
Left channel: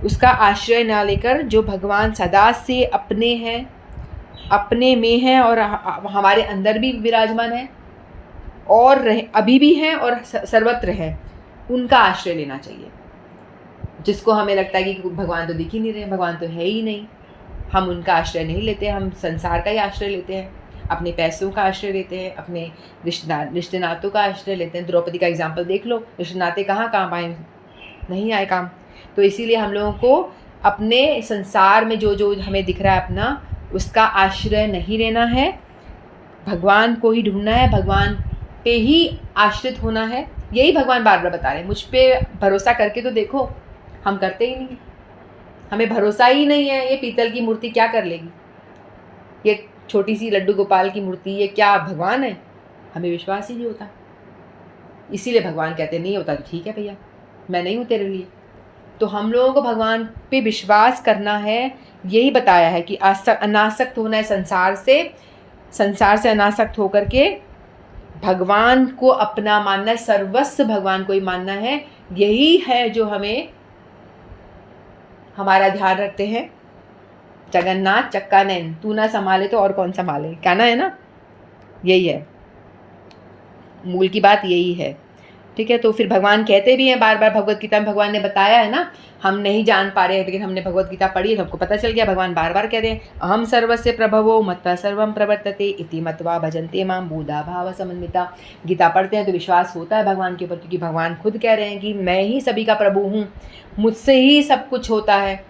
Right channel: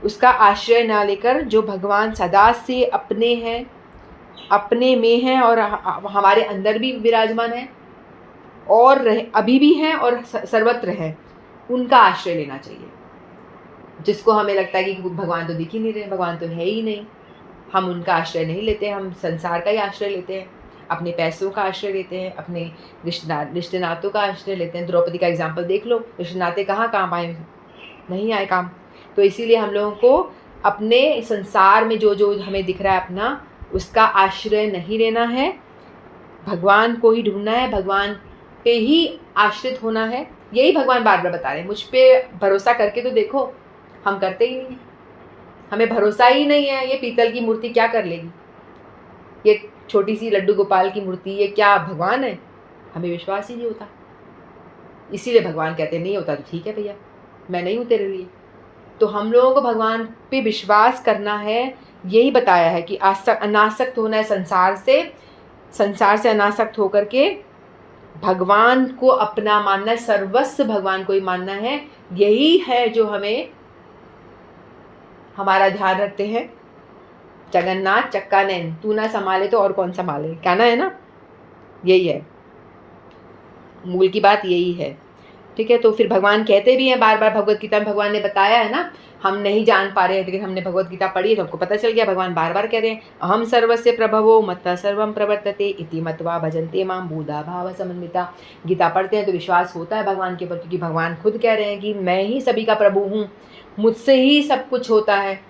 उसका आश्रय ना लेकर, जो भगवान सदा से अपने हैं, अपने में हैं और हमारे अंदर भी विराजमान है और अभी भी हैं और सर्वत्र हैं, उनका आश्रय लेना चाहिए। जिसको हमें लगता है कि भगवान तो दिख ही नहीं रहे, भगवान तो है ही नहीं, हम उनका आश्रय नहीं लेते, हम संसार का ही आश्रय लेते हैं, अपने पैसों का आश्रय लेते हैं, अपने रिश्ते नातों का आश्रय लेते हैं। द्रौपदी का एग्जाम्पल देख लो, रिश्ते नाते कहाँ काम आए, नहीं आए काम। तो इसीलिए हम लोगों को अपने संसार में जो जो हमें दिख रहा है अपना, उसका आश्रय नहीं लेना है, भगवान को ही ढूंढना है, भगवान पे ही आश्रित होना है। यही भगवान बार बार बता रहे हैं, मुझ पे भरोसा करके तो देखो, हम करते ही नहीं, हमें भरोसा ही नहीं है। ये पीतल की मूर्ति क्या कर लेगी, ये छोटी सी लड्डू गोपाल की मूर्ति, ये क्या भगवान है, हमें विश्वास ही नहीं होता। इसीलिए भगवान कहते नहीं होता तो ठीक है भैया, मैं नहीं हूँ तेरे लिए। तो हम लोगों को भगवान पे विश्वास करना है, यही बताया है कि अनासक्त होना है संसार से अनासक्त होकर के भगवान को अपना मानना है, सर्वस्व भगवान को ही मानना है। यही है जो हमें हमारा ध्यान रखते हैं। जगन्नाथ चक्का नैन, तू ना संभाले तो और कौन संभाले, कहना है ना, यही है मूल की बात, यही है। ठीक है, तो फिर भगवान कहते भी हैं बार बार, भगवत गीता में भगवान ने बताया है ना, हम नहीं जान पा रहे हैं, लेकिन हमने भगवत गीता पढ़ी है तो हमको पता चल गया, भगवान बार बार कह रहे हैं, अहम सर्वस्य प्रभवो मत्तः सर्वं प्रवर्तते इति मत्वा भजन्ते मां बुधा भाव समन्विता। गीता पढ़ते हैं तो विश्वास होता है भगवान के ऊपर, क्योंकि भगवान खुद कह रहे हैं कि मैं ही सभी का प्रभु हूँ, मुझसे ही सब कुछ होता है।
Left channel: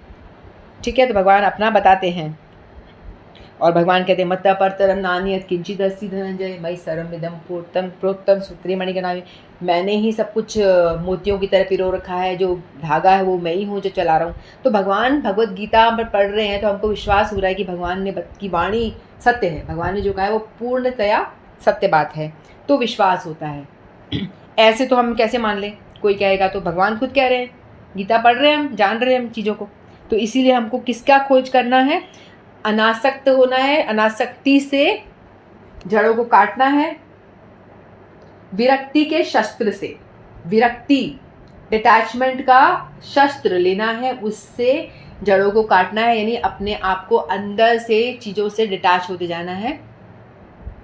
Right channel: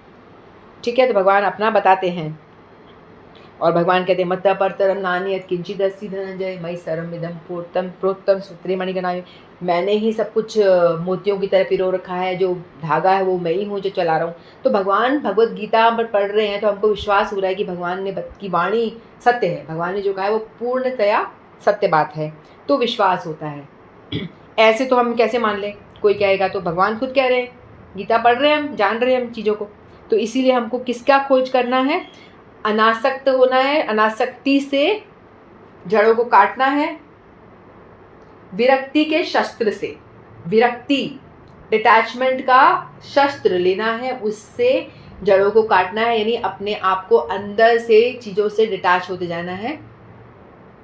ठीक है, तो भगवान अपना बताते हैं, और भगवान कहते हैं मत्तः परतरम नान्यत् किंचिदस्ति धनंजय मयि सर्वमिदं प्रोक्तम सूत्रे मणिगणा। मैंने ही सब कुछ मोतियों की तरह पिरो रखा है, जो धागा है वो मैं ही हूँ जो चला रहा हूँ। तो भगवान भगवत गीता पर पढ़ रहे हैं तो हमको विश्वास हो रहा है कि भगवान ने की वाणी सत्य है, भगवान ने जो कहा है वो पूर्णतया सत्य बात है, तो विश्वास होता है। ऐसे तो हम कैसे मान लें, कोई कहेगा तो भगवान खुद कह रहे हैं, गीता पढ़ रहे हैं, हम जान रहे हैं हम चीज़ों को। तो इसीलिए हमको किसका खोज करना है, अनासक्त होना है, अनासक्ति से जड़ों को काटना है, विरक्ति के शस्त्र से, विरक्ति डिटैचमेंट का शस्त्र लेना है, उससे जड़ों को काटना है, यानी अपने आप को अंदर से चीज़ों से डिटैच होते जाना है।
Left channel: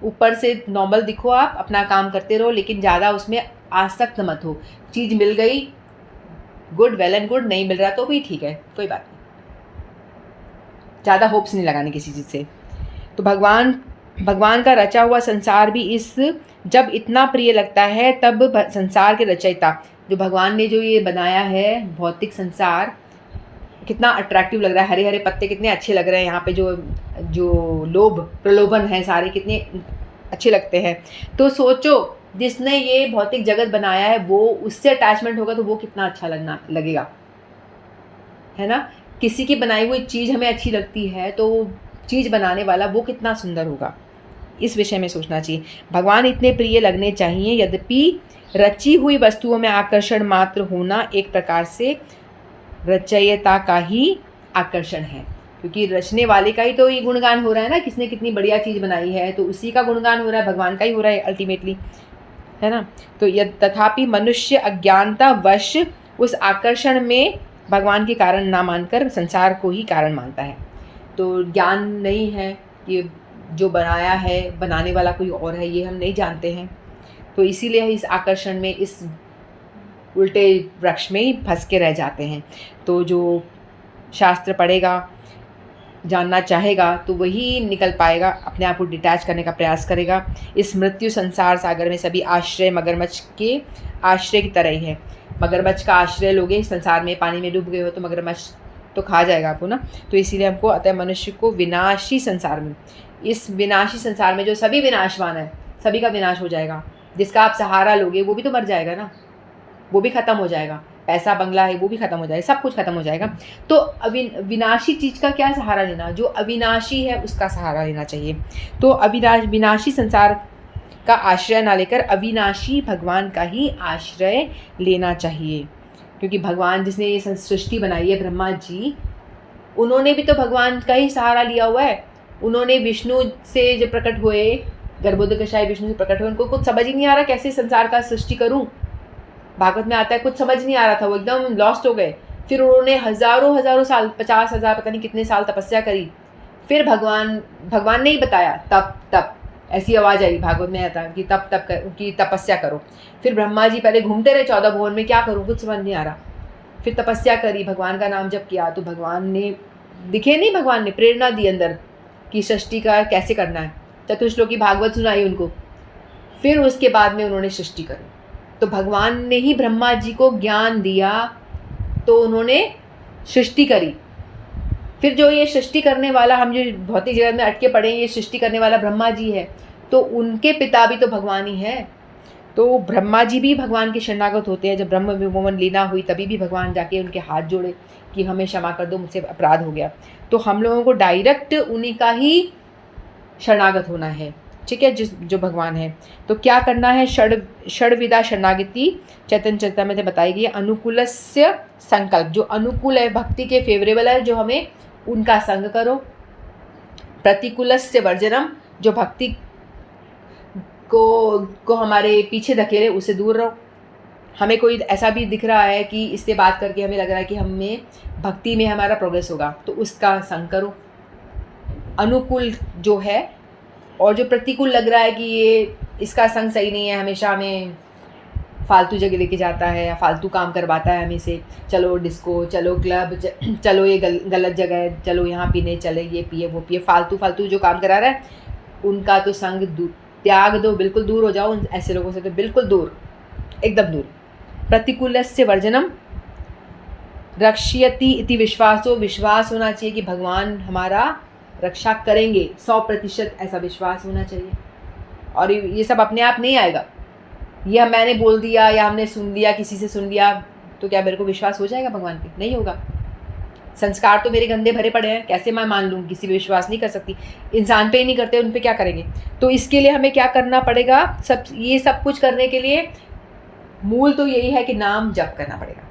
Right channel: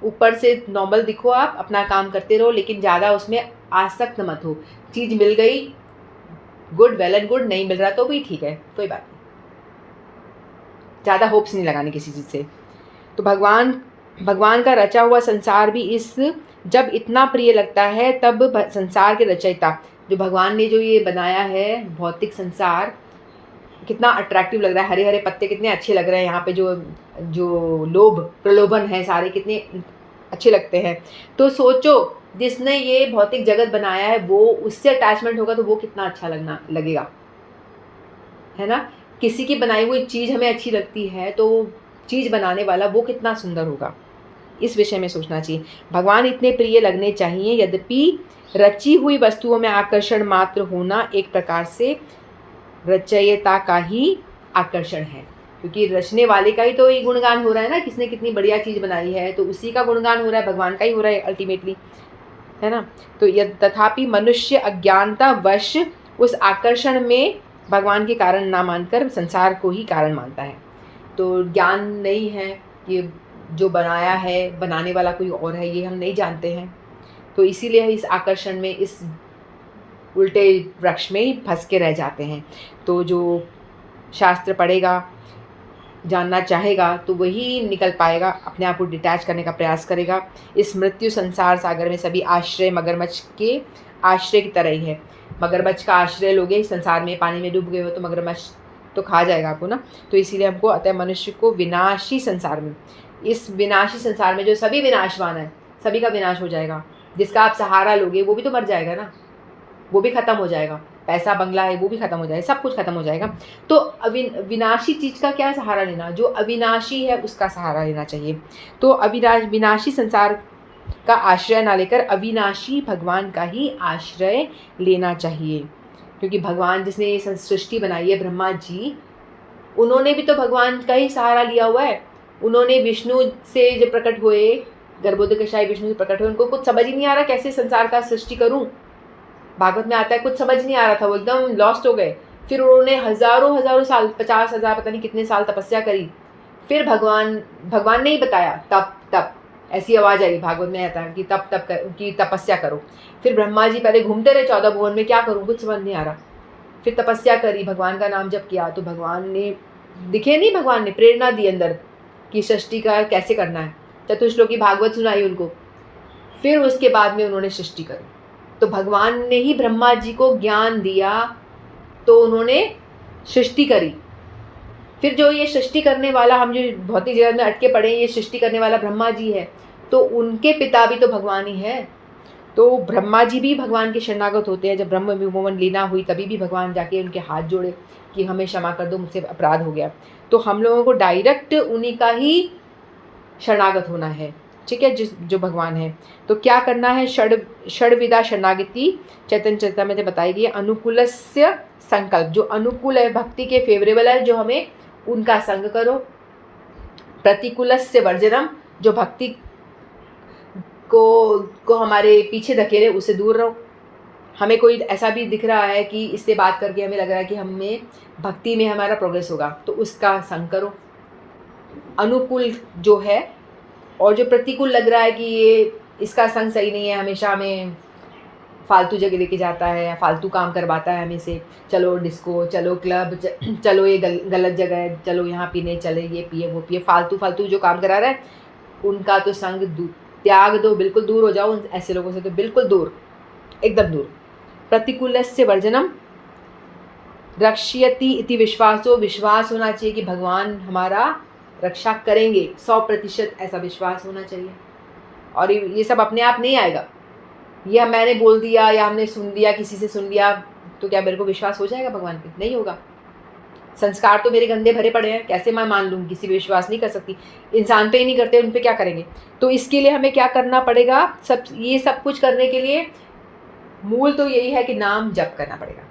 ऊपर से नॉर्मल दिखो, आप अपना काम करते रहो, लेकिन ज़्यादा उसमें आसक्त मत हो। चीज़ मिल गई, गुड, वेल एंड गुड, नहीं मिल रहा तो भी ठीक है, कोई बात नहीं। ज़्यादा होप्स नहीं लगाने किसी चीज़ से। तो भगवान का रचा हुआ संसार भी जब इतना प्रिय लगता है, तब संसार के रचयिता जो भगवान ने जो ये बनाया है भौतिक संसार, कितना अट्रैक्टिव लग रहा है, हरे हरे पत्ते कितने अच्छे लग रहे हैं, यहाँ पे जो जो लोभ प्रलोभन है सारे कितने अच्छे लगते हैं। तो सोचो, जिसने ये भौतिक जगत बनाया है वो उससे अटैचमेंट होगा तो वो कितना अच्छा लगेगा, है ना। किसी की बनाई हुई चीज़ हमें अच्छी लगती है तो चीज़ बनाने वाला वो कितना सुंदर होगा, इस विषय में सोचना चाहिए। भगवान इतने प्रिय लगने चाहिए, यद्यपि रची हुई वस्तुओं में आकर्षण मात्र होना एक प्रकार से रचयिता का ही आकर्षण है, क्योंकि रचने वाले का ही तो ये गुणगान हो रहा है ना, किसने कितनी बढ़िया चीज़ बनाई है, तो उसी का गुणगान हो रहा है, भगवान का ही हो रहा है अल्टीमेटली, है ना। तो यह तथापि मनुष्य अज्ञानता वश उस आकर्षण में भगवान के कारण ना मानकर संसार को ही कारण मानता है। तो ज्ञान नहीं है कि जो बनाया है, बनाने वाला कोई और है, ये हम नहीं जानते हैं। तो इसीलिए इस आकर्षण में, इस उल्टे वृक्ष में ही फंस के रह जाते हैं। तो जो शास्त्र पढ़ेगा, जानना चाहेगा, तो वही निकल पाएगा, अपने आप को डिटैच करने का प्रयास करेगा। इस मृत्यु संसार सागर में सभी आश्रय मगरमच्छ के आश्रय की तरह ही है। मगरमच्छ का आश्रय लोगे, संसार में पानी में डूब गए हो तो मगरमच्छ तो खा जाएगा आपको ना। तो इसीलिए हमको अतः मनुष्य को विनाशी संसार में, इस विनाशी संसार में जो सभी विनाशवान है, सभी का विनाश हो जाएगा। जिसका आप सहारा लोगे वो भी तो मर जाएगा ना, वो भी खत्म हो जाएगा। पैसा बंगला है वो भी खत्म हो जाएगा, सब कुछ खत्म हो जाएगा। तो विनाशी चीज़ का क्या सहारा लेना, जो अविनाशी है उसका सहारा लेना चाहिए। तो विनाशी संसार का आश्रय ना लेकर अविनाशी भगवान का ही आश्रय लेना चाहिए, क्योंकि भगवान जिसने ये सृष्टि बनाई है, ब्रह्मा जी, उन्होंने भी तो भगवान का ही सहारा लिया हुआ है। उन्होंने विष्णु से जब प्रकट हुए, गर्भोदकशाही विष्णु से प्रकट हुए, उनको कुछ समझ ही नहीं आ रहा कैसे संसार का सृष्टि करूं। भागवत में आता है कुछ समझ नहीं आ रहा था, वो एकदम लॉस्ट हो गए। फिर उन्होंने हजारों साल, 50,000 पता नहीं कितने साल तपस्या करी। फिर भगवान ने ही बताया, तप ऐसी आवाज़ आई, भागवत में आता कि कि तपस्या करो। फिर ब्रह्मा जी पहले घूमते रहे 14 भुवन में, क्या करूँ कुछ समझ नहीं आ रहा। फिर तपस्या करी, भगवान का नाम जप किया, तो भगवान ने दिखे नहीं, भगवान ने प्रेरणा दी अंदर कि सृष्टि का कैसे करना है। चतुश्लोकी भागवत सुनाई उनको, फिर उसके बाद में उन्होंने सृष्टि करी। तो भगवान ने ही ब्रह्मा जी को ज्ञान दिया, तो उन्होंने सृष्टि करी। फिर जो ये सृष्टि करने वाला, हम जो भौतिक जगत में अटके पड़े हैं, ये सृष्टि करने वाला ब्रह्मा जी है, तो उनके पिता भी तो भगवान ही है। तो ब्रह्मा जी भी भगवान के शरणागत होते हैं। जब ब्रह्म विमोचन लीला हुई तभी भी भगवान जाके उनके हाथ जोड़े कि हमें क्षमा कर दो, मुझसे अपराध हो गया। तो हम लोगों को डायरेक्ट उन्हीं का ही शरणागत होना है, ठीक है, जो भगवान है। तो क्या करना है, षड्विधा शरणागति चैतन्य चरितामृत में बताई गई है। अनुकूलस्य संकल्प, जो अनुकूल है, भक्ति के फेवरेबल है, जो हमें उनका संग करो। प्रतिकूलस्य वर्जनम, जो भक्ति को हमारे पीछे धकेले, उससे दूर रहो। हमें कोई ऐसा भी दिख रहा है कि इससे बात करके हमें लग रहा है कि हमें भक्ति में हमारा प्रोग्रेस होगा, तो उसका संग करो। अनुकूल जो है, और जो प्रतिकूल लग रहा है कि ये इसका संग सही नहीं है, हमेशा हमें फालतू जगह लेके जाता है, फालतू काम करवाता है हमें से, चलो डिस्को, चलो क्लब, चलो ये गलत जगह है, चलो यहाँ पीने चले, ये पिए वो पिए, फालतू जो काम करा रहा है, उनका तो संग त्याग दो, बिल्कुल दूर हो जाओ ऐसे लोगों से, तो बिल्कुल दूर, एकदम दूर। प्रतिकूलस्य वर्जनम रक्ष्यति इति विश्वासो, विश्वास होना चाहिए कि भगवान हमारा रक्षा करेंगे, 100% ऐसा विश्वास होना चाहिए। और ये सब अपने आप नहीं आएगा, ये मैंने बोल दिया या हमने सुन लिया, किसी से सुन लिया, तो क्या मेरे को विश्वास हो जाएगा भगवान पे? नहीं होगा। संस्कार तो मेरे गंदे भरे पड़े हैं, कैसे मैं मान लूँ? किसी पे विश्वास नहीं कर सकती। इंसान पे ही नहीं करते, उन पे क्या करेंगे? तो इसके लिए हमें क्या करना पड़ेगा? ये सब कुछ करने के लिए मूल तो यही है कि नाम जप करना पड़ेगा,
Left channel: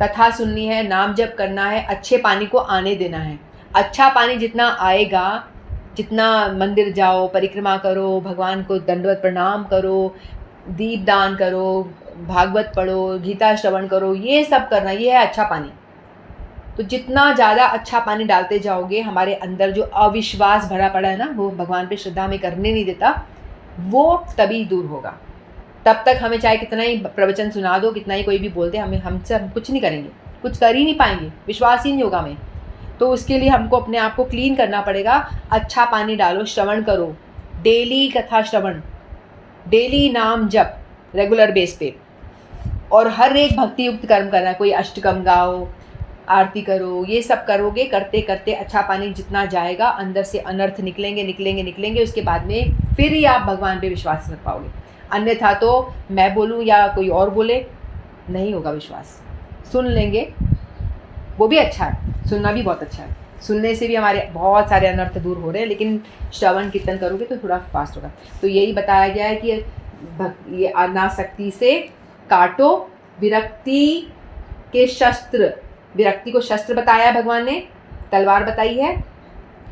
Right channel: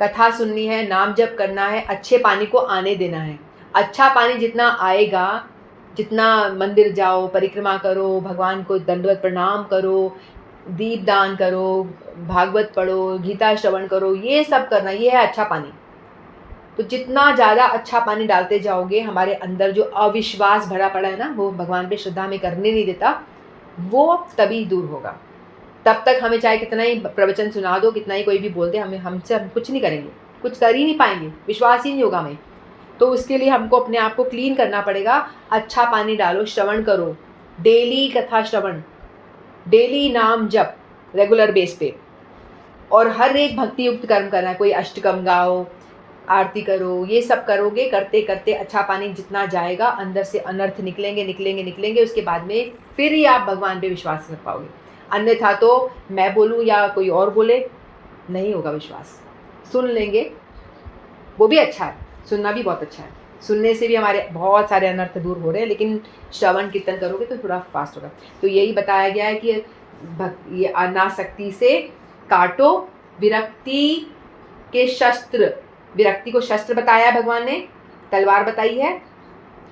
कथा सुननी है, नाम जप करना है, अच्छे पानी को आने देना है। अच्छा पानी जितना आएगा, जितना मंदिर जाओ, परिक्रमा करो, भगवान को दंडवत प्रणाम करो, दीप दान करो, भागवत पढ़ो, गीता श्रवण करो, ये सब करना, ये है अच्छा पानी। तो जितना ज़्यादा अच्छा पानी डालते जाओगे, हमारे अंदर जो अविश्वास भरा पड़ा है ना, वो भगवान पे श्रद्धा में करने नहीं देता, वो तभी दूर होगा। तब तक हमें चाहे कितना ही प्रवचन सुना दो, कितना ही कोई भी बोल दे, हम कुछ नहीं करेंगे, कुछ कर ही नहीं पाएंगे, विश्वास ही नहीं होगा हमें। तो उसके लिए हमको अपने आप को क्लीन करना पड़ेगा। अच्छा पानी डालो, श्रवण करो, डेली कथा श्रवण, डेली नाम जप, रेगुलर बेस पे, और हर एक भक्ति युक्त कर्म करना। कोई अष्टकम गाओ, आरती करो, ये सब करोगे, करते करते अच्छा पानी जितना जाएगा, अंदर से अनर्थ निकलेंगे निकलेंगे निकलेंगे। उसके बाद में फिर ही आप भगवान पे विश्वास कर पाओगे। अन्यथा तो मैं बोलूँ या कोई और बोले, नहीं होगा विश्वास। सुन लेंगे, वो भी अच्छा है, सुनना भी बहुत अच्छा है, सुनने से भी हमारे बहुत सारे अनर्थ दूर हो रहे हैं, लेकिन श्रवण कीर्तन करोगे तो थोड़ा फास्ट होगा। तो यही बताया गया है कि ये अनासक्ति से काटो विरक्ति के शस्त्र। विरक्ति को शस्त्र बताया है भगवान ने, तलवार बताई है।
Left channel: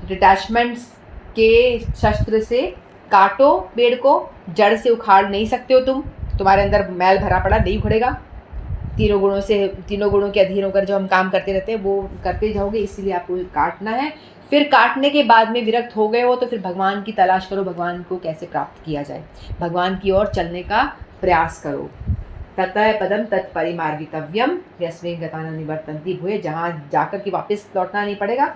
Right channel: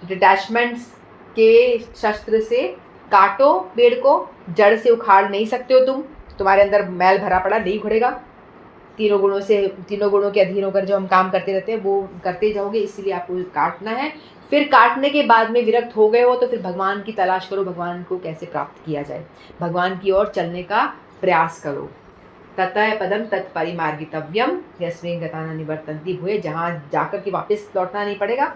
डिटैचमेंट्स के शस्त्र से काटो पेड़ को, जड़ से उखाड़ नहीं सकते हो तुम, तुम्हारे अंदर मैल भरा पड़ा नहीं उखड़ेगा। तीनों गुणों के अधीन होकर जो हम काम करते रहते हैं वो करते जाओगे, इसीलिए आपको काटना है। फिर काटने के बाद में विरक्त हो गए हो तो फिर भगवान की तलाश करो, भगवान को कैसे प्राप्त किया जाए, भगवान की ओर चलने का प्रयास करो। ततः पदम तत्परिमार्गितव्यम यस्मिन् गता न निवर्तन्ति भूय। जहाँ जाकर के वापस लौटना नहीं पड़ेगा,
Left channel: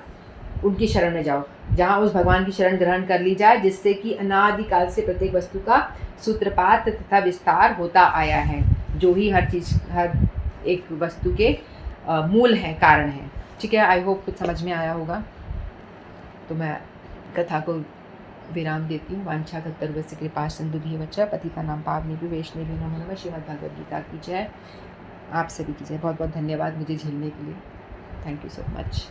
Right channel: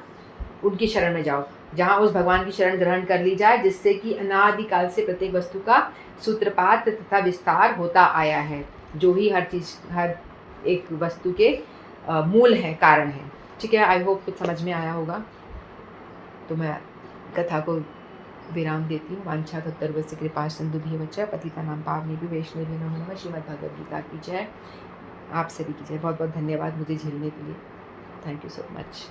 उनकी शरण में जाओ, जहाँ उस भगवान की शरण ग्रहण कर ली जाए, जिससे कि अनादिकाल से प्रत्येक वस्तु का सूत्रपात तथा विस्तार होता आया है, जो ही हर एक वस्तु के मूल है, कारण है। ठीक है, आई होप कुछ समझ में आया होगा। तो मैं कथा को विराम देती हूँ। वांछा तत्परवस्य कृपा सिंधु भीवच पतितानां पावनेभ्यो वैष्णवेभ्यो नमो नमः। श्रीमद् भगवद गीता की जय। आप सभी की जय। बहुत बहुत धन्यवाद मुझे झेलने के लिए। Thank you so much.